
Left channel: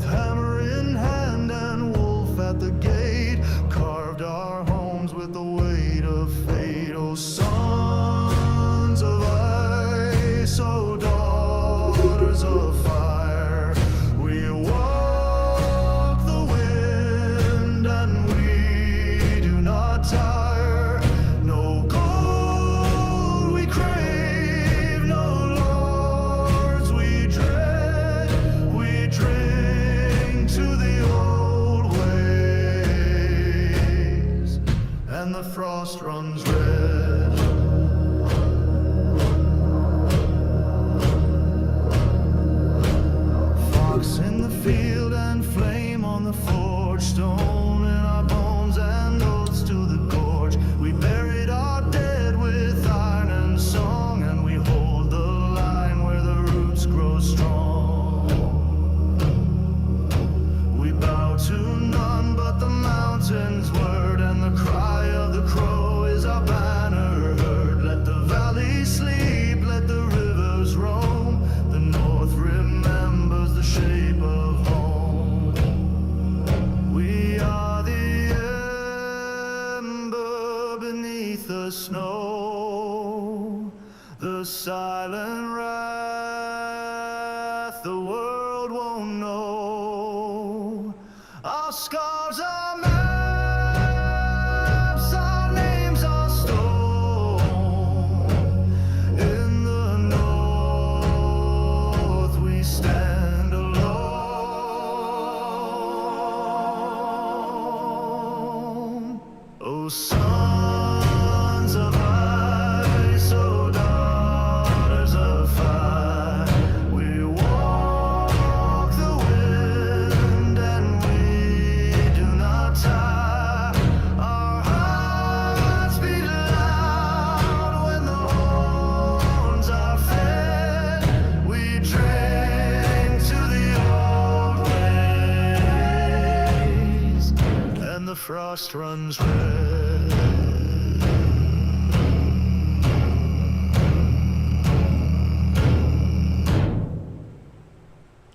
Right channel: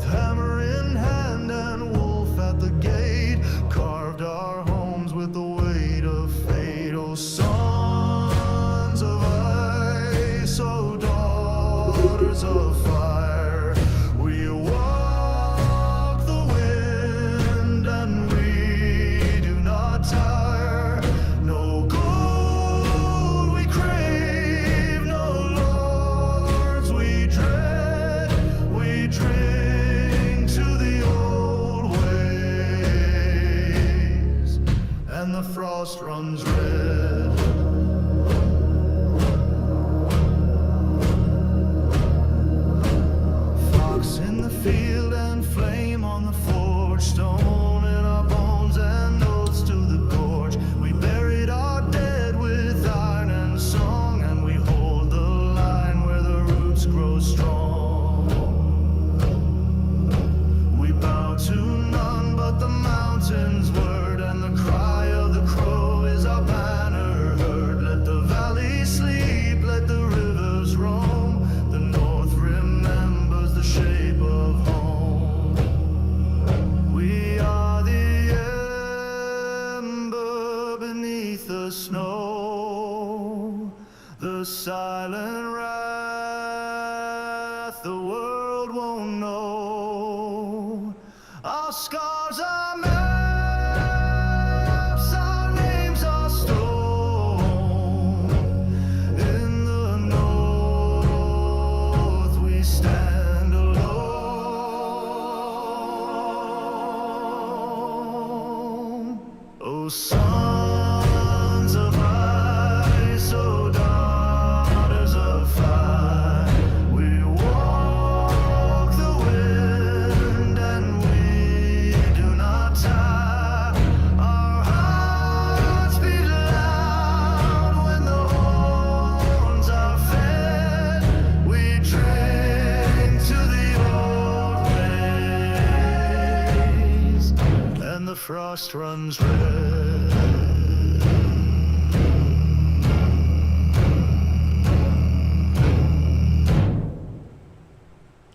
hammer in hand and wolf at the gate, carved our homes with the weight of fate. Oh, sons of ice, oh, daughters of fire, we walk the wind and we do not tire. No gold we crave, no lords we dread, we drink to the old ways, and the frost runs red. Fox in the field and flame on the forge, stone in our bones and oaths to the gorge. We buried our dead with iron and song, and we hold the line where the roots grow strong. We bow to none but the mountain's word, and the cry of the crow is our banner heard. Let the valleys sleep, let the rivers roam, the north remembers the shape of home. We are the ember beneath the snow, the silent wrath the world won't know. Our scars are maps, our names are stone. In the north we stand alone. Oh, sons of ice, oh, daughters of fire, we walk the wind and we do not tire. Our hearts beat loud when the horns are fed. We drink to the old ways, and the frost runs red.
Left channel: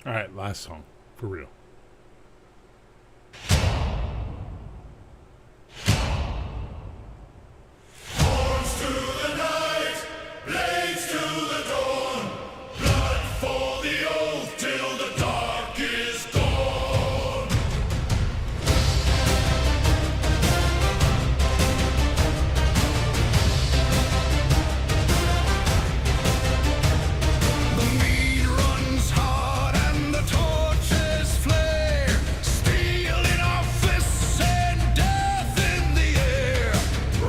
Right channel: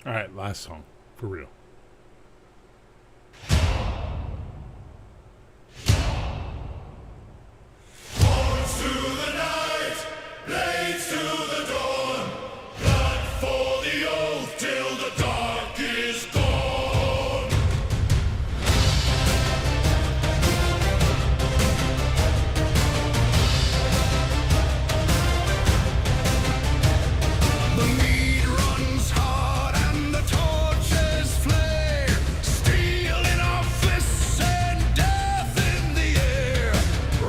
All right, last song, for real. Horns to the night, blades to the dawn, blood for the oath till the dark is gone. The mead runs hard and the torches flare, steel in our fists and death in the air.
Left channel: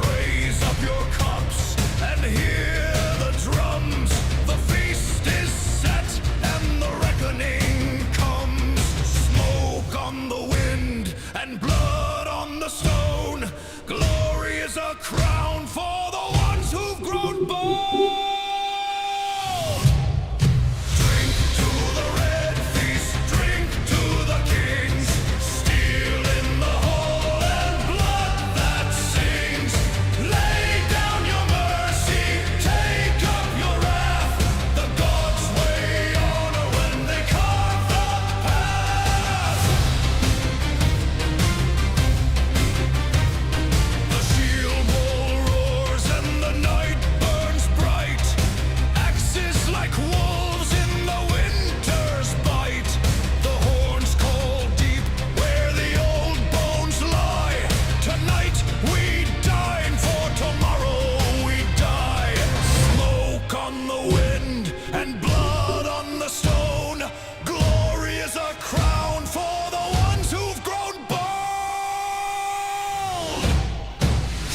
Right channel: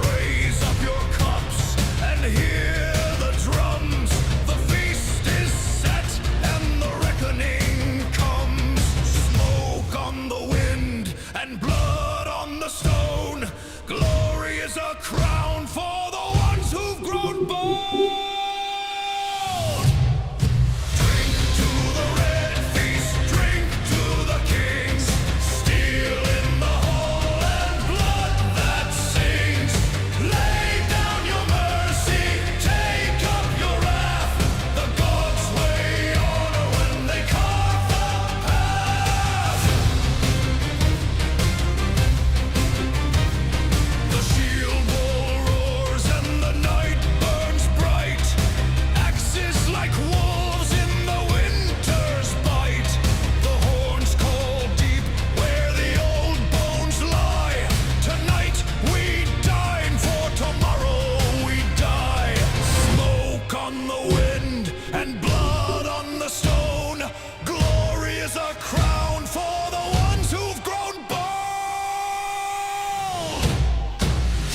Raise up your cups and hear the drums. The feast is set and the reckoning comes. Smoke on the wind and blood on the stone. Glory is a crown for the ones who've grown bold. Drink to the red feast, drink to the kings. Steel in the hall and blood that sings. Lay down your mercy, take up your wrath. The gods weigh honor when they carve the path. The shield wall roars and the night burns bright. Axes like wolves in the winter's bite. The horns call deep where the old bones lie. Tonight we dine, for tomorrow we die. Smoke on the wind and blood on the stone. Glory is a crown for the ones who've grown bold.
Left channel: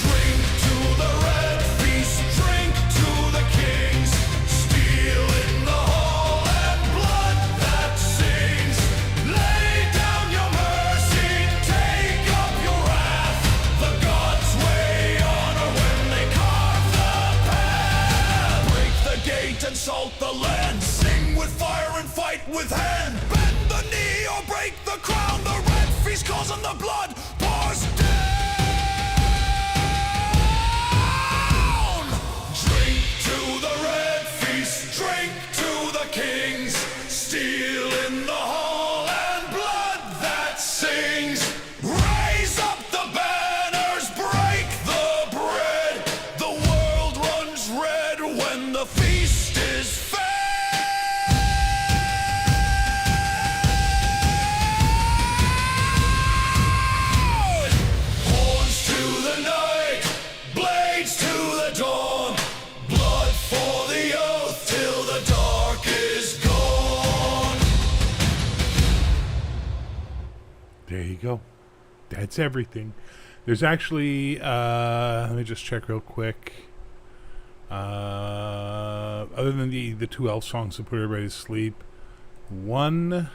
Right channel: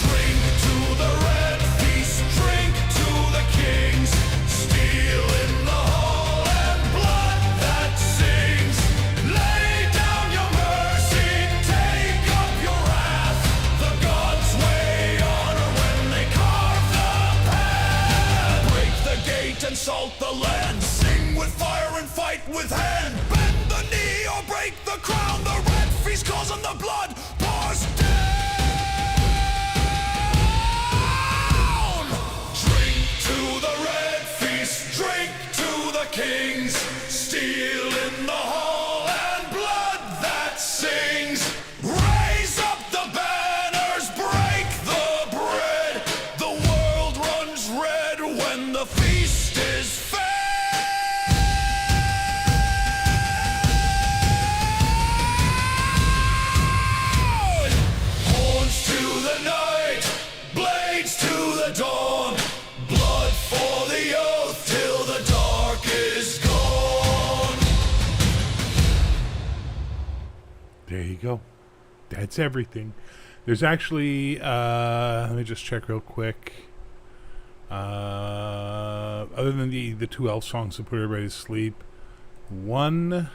Drink to the red feast, drink to the kings. Steel in the hall and blood that sings. Lay down your mercy, take up your wrath. The gods weigh honor when they carve the path. Break the gate and salt the land. Sing with fire and fight with hand. Bend the knee or break the crown. The red feast calls and the blood pours down. Drink to the red feast, drink to the kings. Steel in the hall and blood feast is fair. Horns to the night, blades to the dawn, blood for the oath till the dark is gone. There you go. That's everything. There's actually, let me just check real quick. Other than the two elf songs to put everybody to sleep, 1,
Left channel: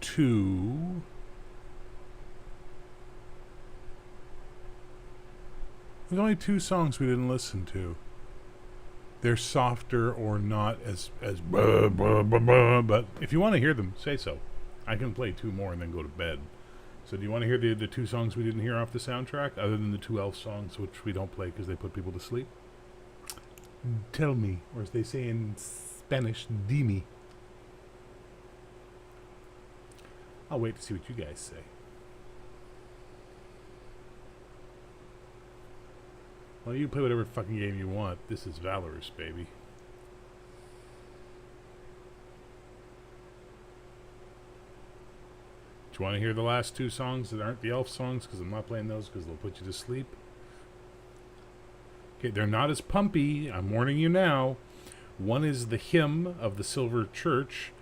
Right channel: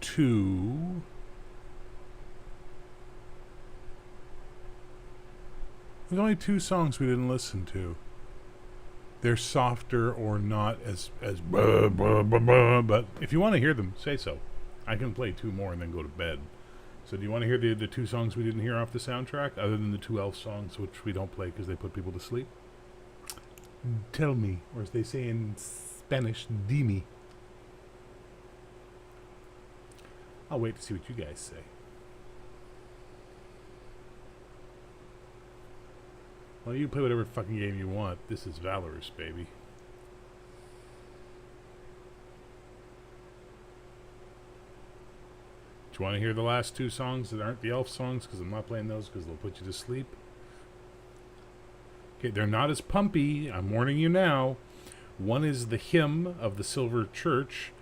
2. There's only 2 songs we didn't listen to. They're softer or not as blah, blah, blah, blah, but if you want to hear them, say so. I can play 2 more and then go to bed. So do you want to hear the 2 songs we didn't hear off the soundtrack, other than the 2 elf songs, which we don't play because they put people to sleep? Tell me, or as they say in Spanish, dime. I'll wait to see what you guys say. Well, you play whatever fucking game you want. This is Valorous, baby. Do you want to hear the last 2 songs that aren't the elf songs? Because I'm not playing those because they'll put you to sleep. Okay, they're not as pumpy. I'm warning you now. One is the hymn of the Silver Church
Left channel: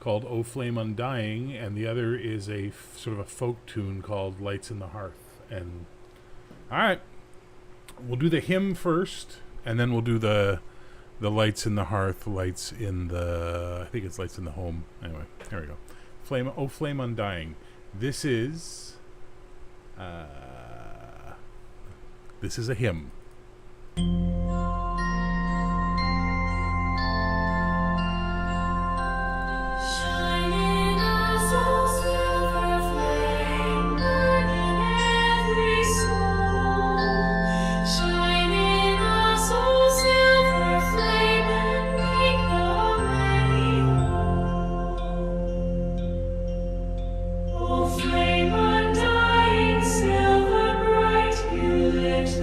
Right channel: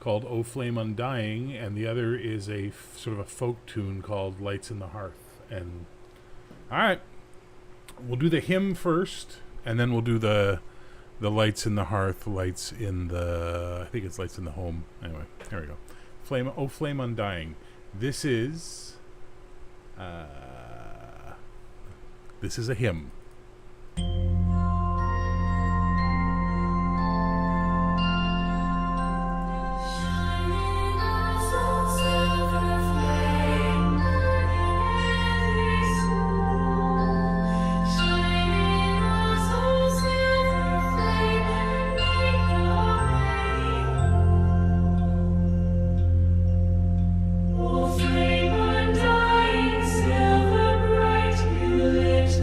called O Flame Undying, and the other is a sort of a folk tune called Lights in the Hearth. And all right, we'll do the hymn first, and then we'll do the Lights in the Hearth, Lights in the, I think it's Lights in the Home. Anyway, there we go. Flame, O Flame Undying. This is a hymn.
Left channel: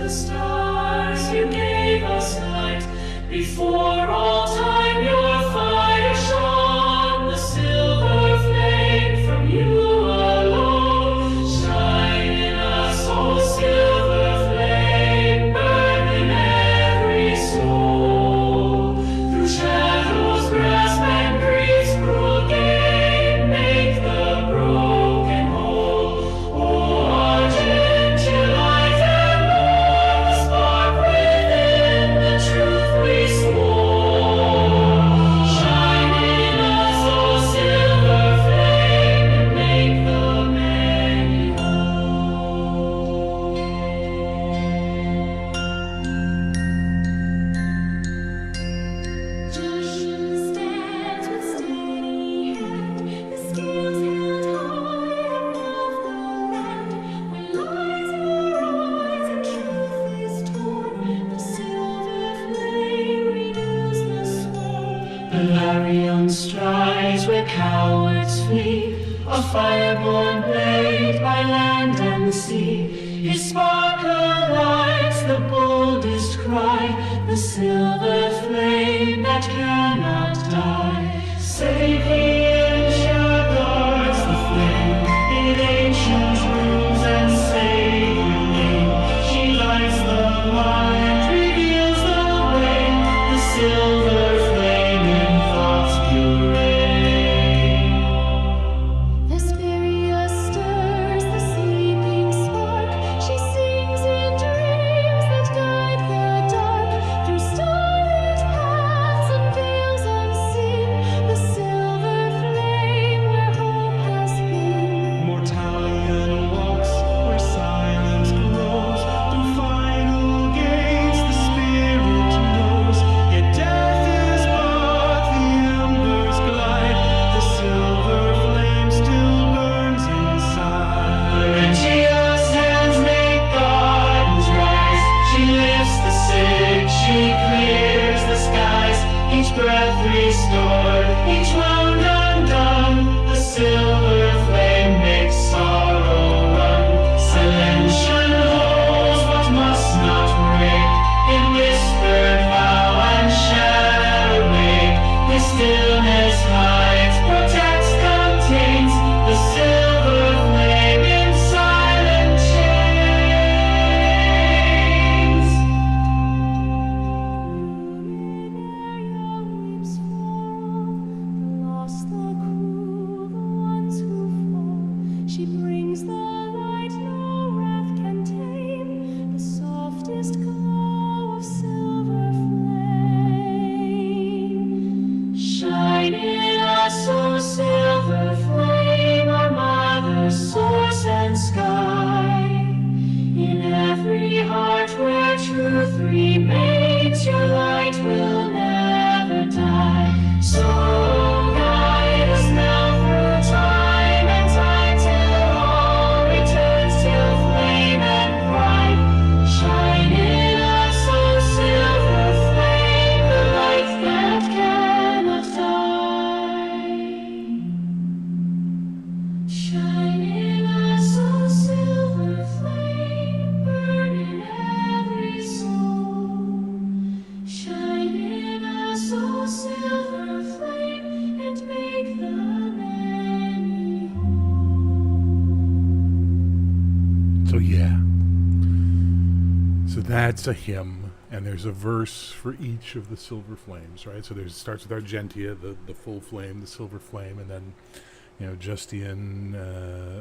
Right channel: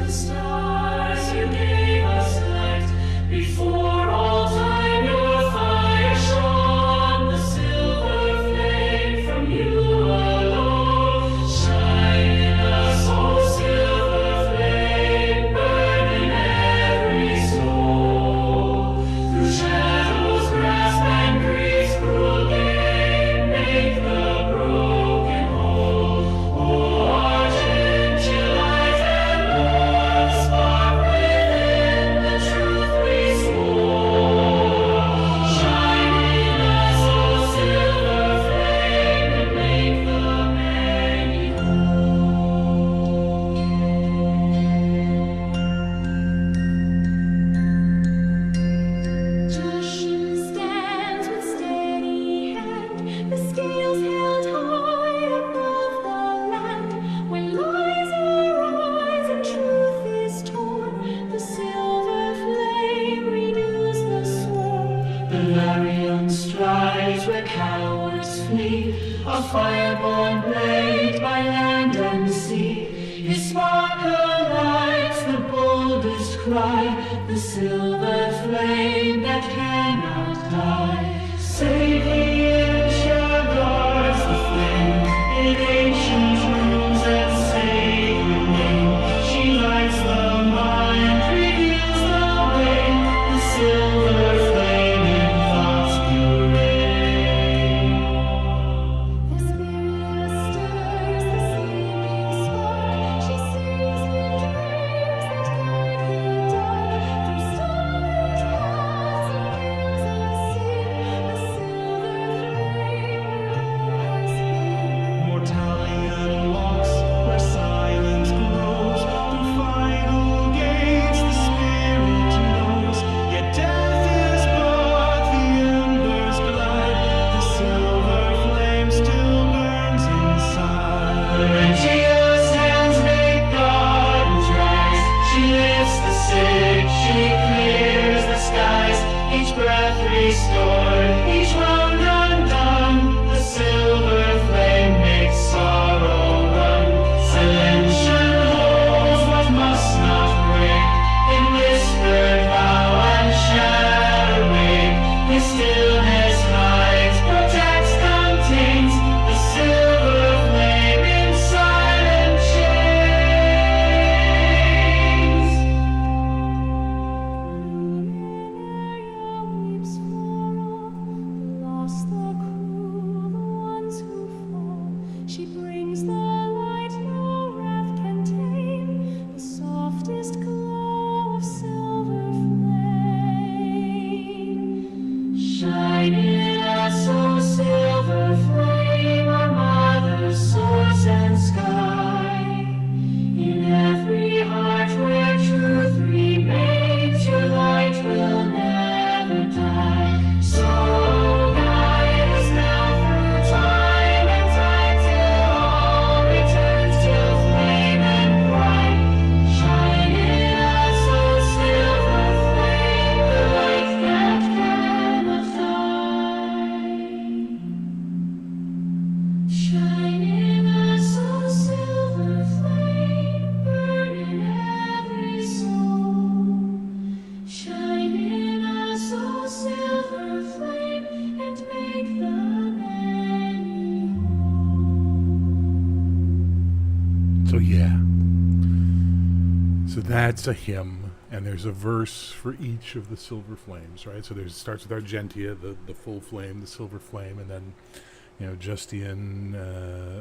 Stars you gave us light. Before all time your fire shone. The silver flame from you alone. Shine in us, oh silver flame. Burn in every soul. Through shadows grasp and grief's cruel game. Make the broken whole. Oh, ardent your light. With steady hand, the scales held high above the land. When lies arise and truth is torn, the silver flame renews the sworn. Valarion strives where cowards flee, a fireborn blade by land and sea. His sparkle lights the boldest cry, the silver flame that cannot die. Save Asia guards the flame in ancient runes and sacred name. She lights the mind, reveals the way, the silver flame in thoughts pure. Vesperia stirs the sleeping spark. She sings in dreams that guide the dark through starlit paths and veils unseen. The silver flame where hope has been. Mortalion walks where silence grows. Through final gates the spirit knows. Yet death is but the embers glide. The silver flame still burns inside. Laurentia's hands make gardens rise. She lifts the sick, she clears the skies. Each breath restored, each wound undone. The silver flame makes sorrow run. Silentian holds what must not break. In whispered vow and shadow yeah. So that's a hymn, and there's a verse for each of the silver flames, right? So it starts with Argentia, the full flame, the silver flame, and then, Justian,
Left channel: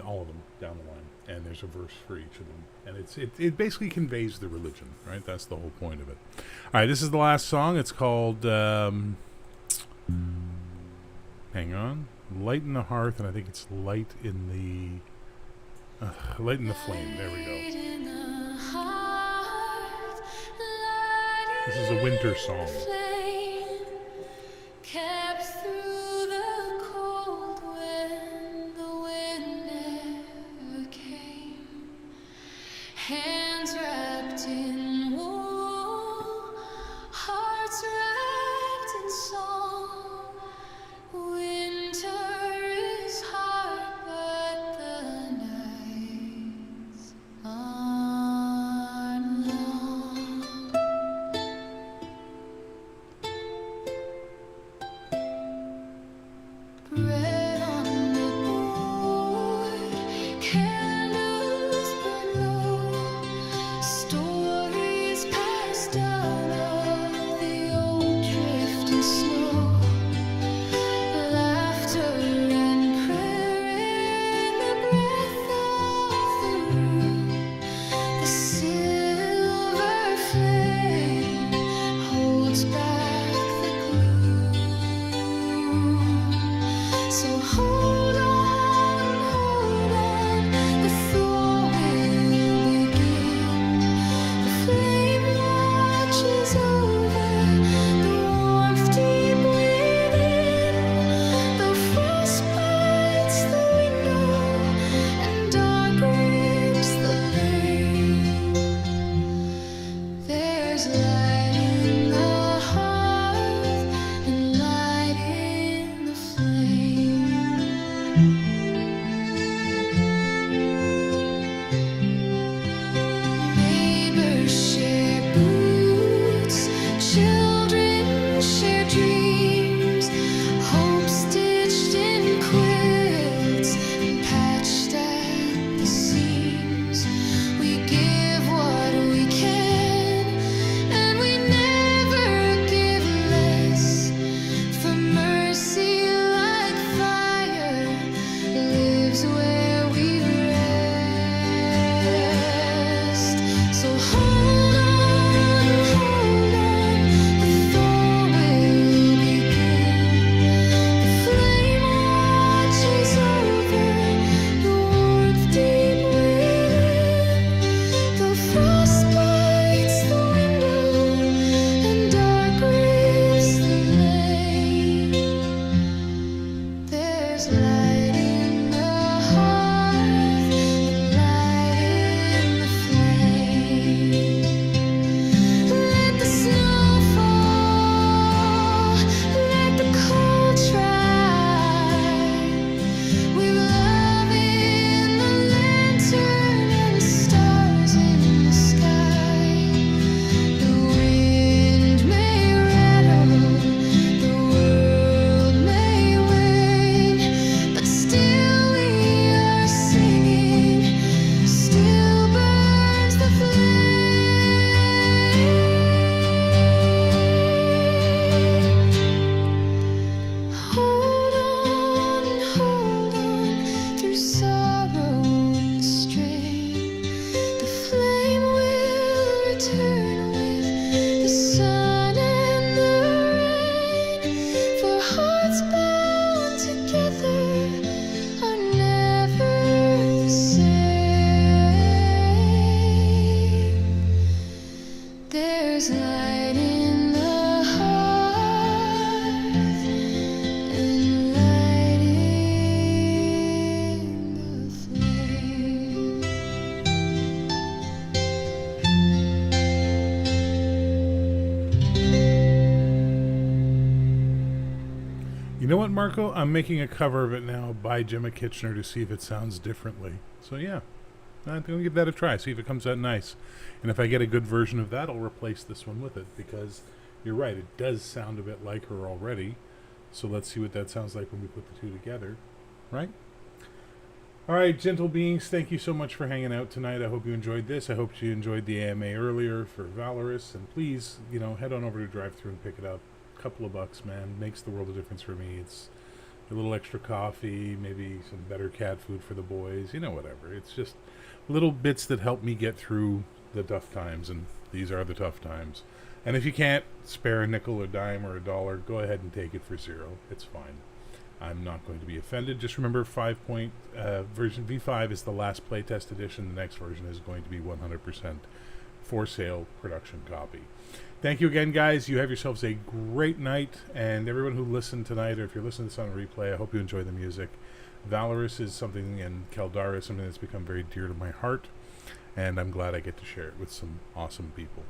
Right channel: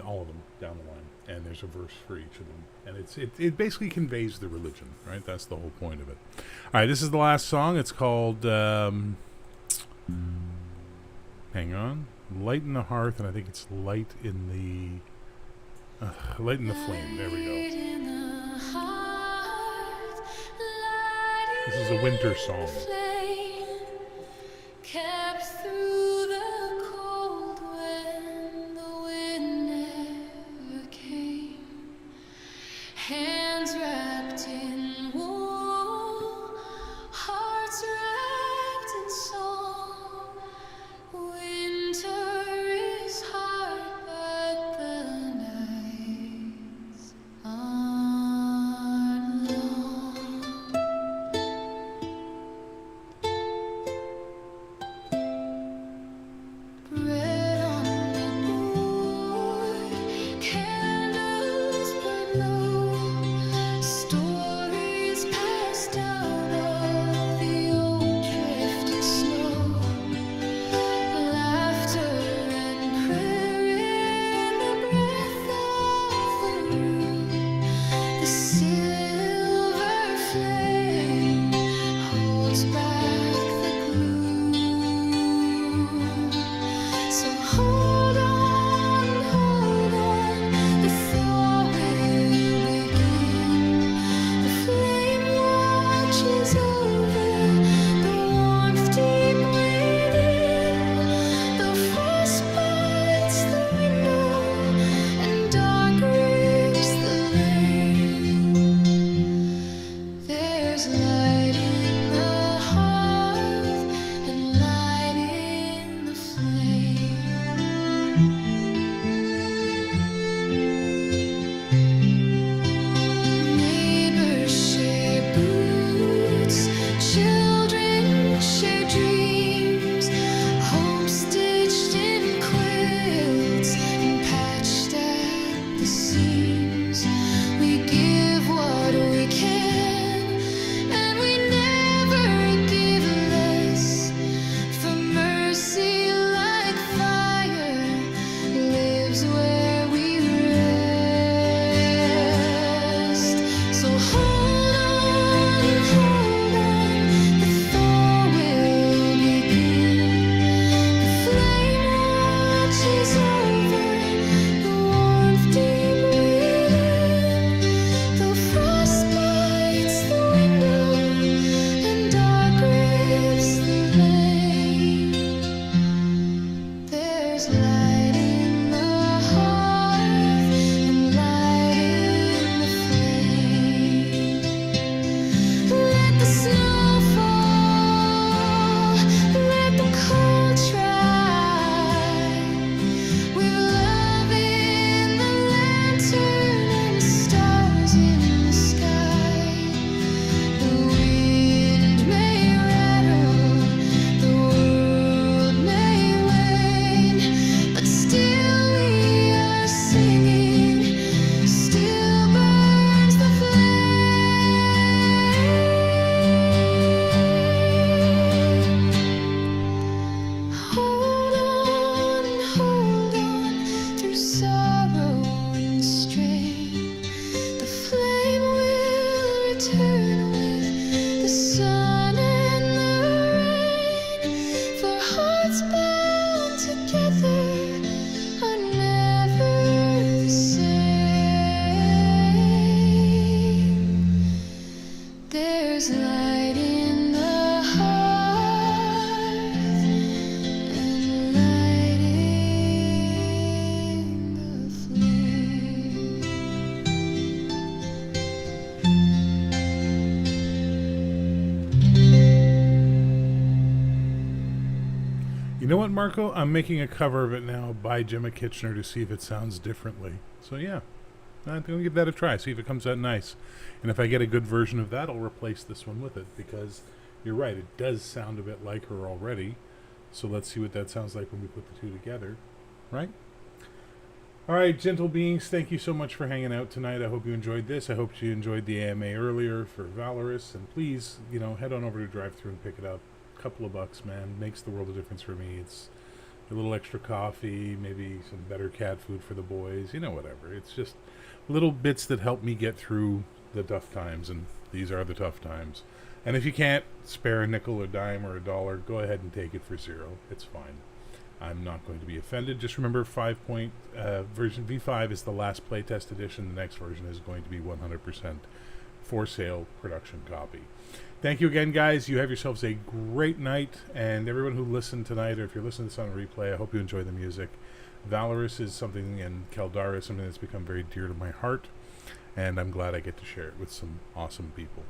all of them down the line. And there's a verse for each of them. And it basically conveys the religion, right? That's the whole point of it. All right, this is the last song. It's called, hang on, Light in the Hearth, and I think it's Light in the Flame. There we go. This is a winter song. Kept through the cold when the wind never came. Hands wrapped in wool, hearts wrapped in song. Winter is hard, but the nights aren't long. Bread on the board, candles burn low, stories passed down of the old drifting snow, laughter and prayer in the breath of the room. The silver flame holds back the gloom. So hold on, the thaw will begin. The flame watches over the warmth deep within. The frost bites the window and dark grips the lane. There's light in the hearth and light in the flame. Neighbors share boots, children share dreams, hope stitched in quilts and patched at the seams. We give what we can, and we never give less. For mercy like fire lives where we rest. So hold on, the thaw will begin. The flame watches over the warmth deep within. The frost bites the window and dark grips the lane. There's light in the hearth and light in the flame. Let the snow fall, let the cold try. With love in the lantern and stars in the sky. The wind may rattle, the world may wane, but still we are singing, still burns the flame. Hold on, through sorrow and strain. The flame will return with the sun and the rain. For hearts bound together are never the same. There's light in the hearth and light in the flame. You know what, Marco? I'm making a cover of it now by Gemma Kitchener to see if it sounds differently. So yeah, I'm going to give that a try, see if it comes out nice. And if I get a good version of that, I'll replace this one with it, because you're right, it does sound a bit like her already. So let's see what that sounds like when we put the two together, right? All right, gentle beings, thank you so much for hanging out tonight. I hope you enjoyed this. I hope you enjoyed the AMA earlier for Valorous. And please, head on over to Drive-Thru and pick it up. A couple of bucks, man. Makes the world of difference for me. It's a little extra coffee, maybe some better cat food for the boys, whatever. It's just little bits that help me get through the tough times, and these are the tough times. And if you can't spare a nickel, a dime, or a dollar, go ahead and take it for $0. It's fine. I'm not going to be offended. Just remember, version V5 is the last playtest edition. The next version is going to be 100% for sale production copy. Thank you again, guys. You have yourselves a great night. And everyone who listened tonight, or if you're listening to this on replay, I hope you enjoy the music. Valorous is something, and Caldara is something that's become very dear to my heart. And I'm glad I get to share it with some awesome people.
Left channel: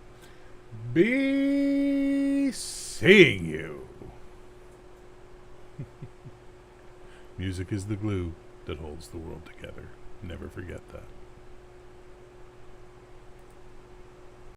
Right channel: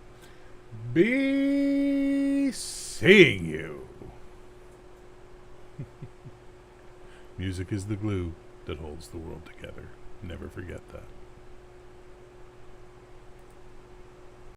Be seeing you. Music is the glue that holds the world together. Never forget that.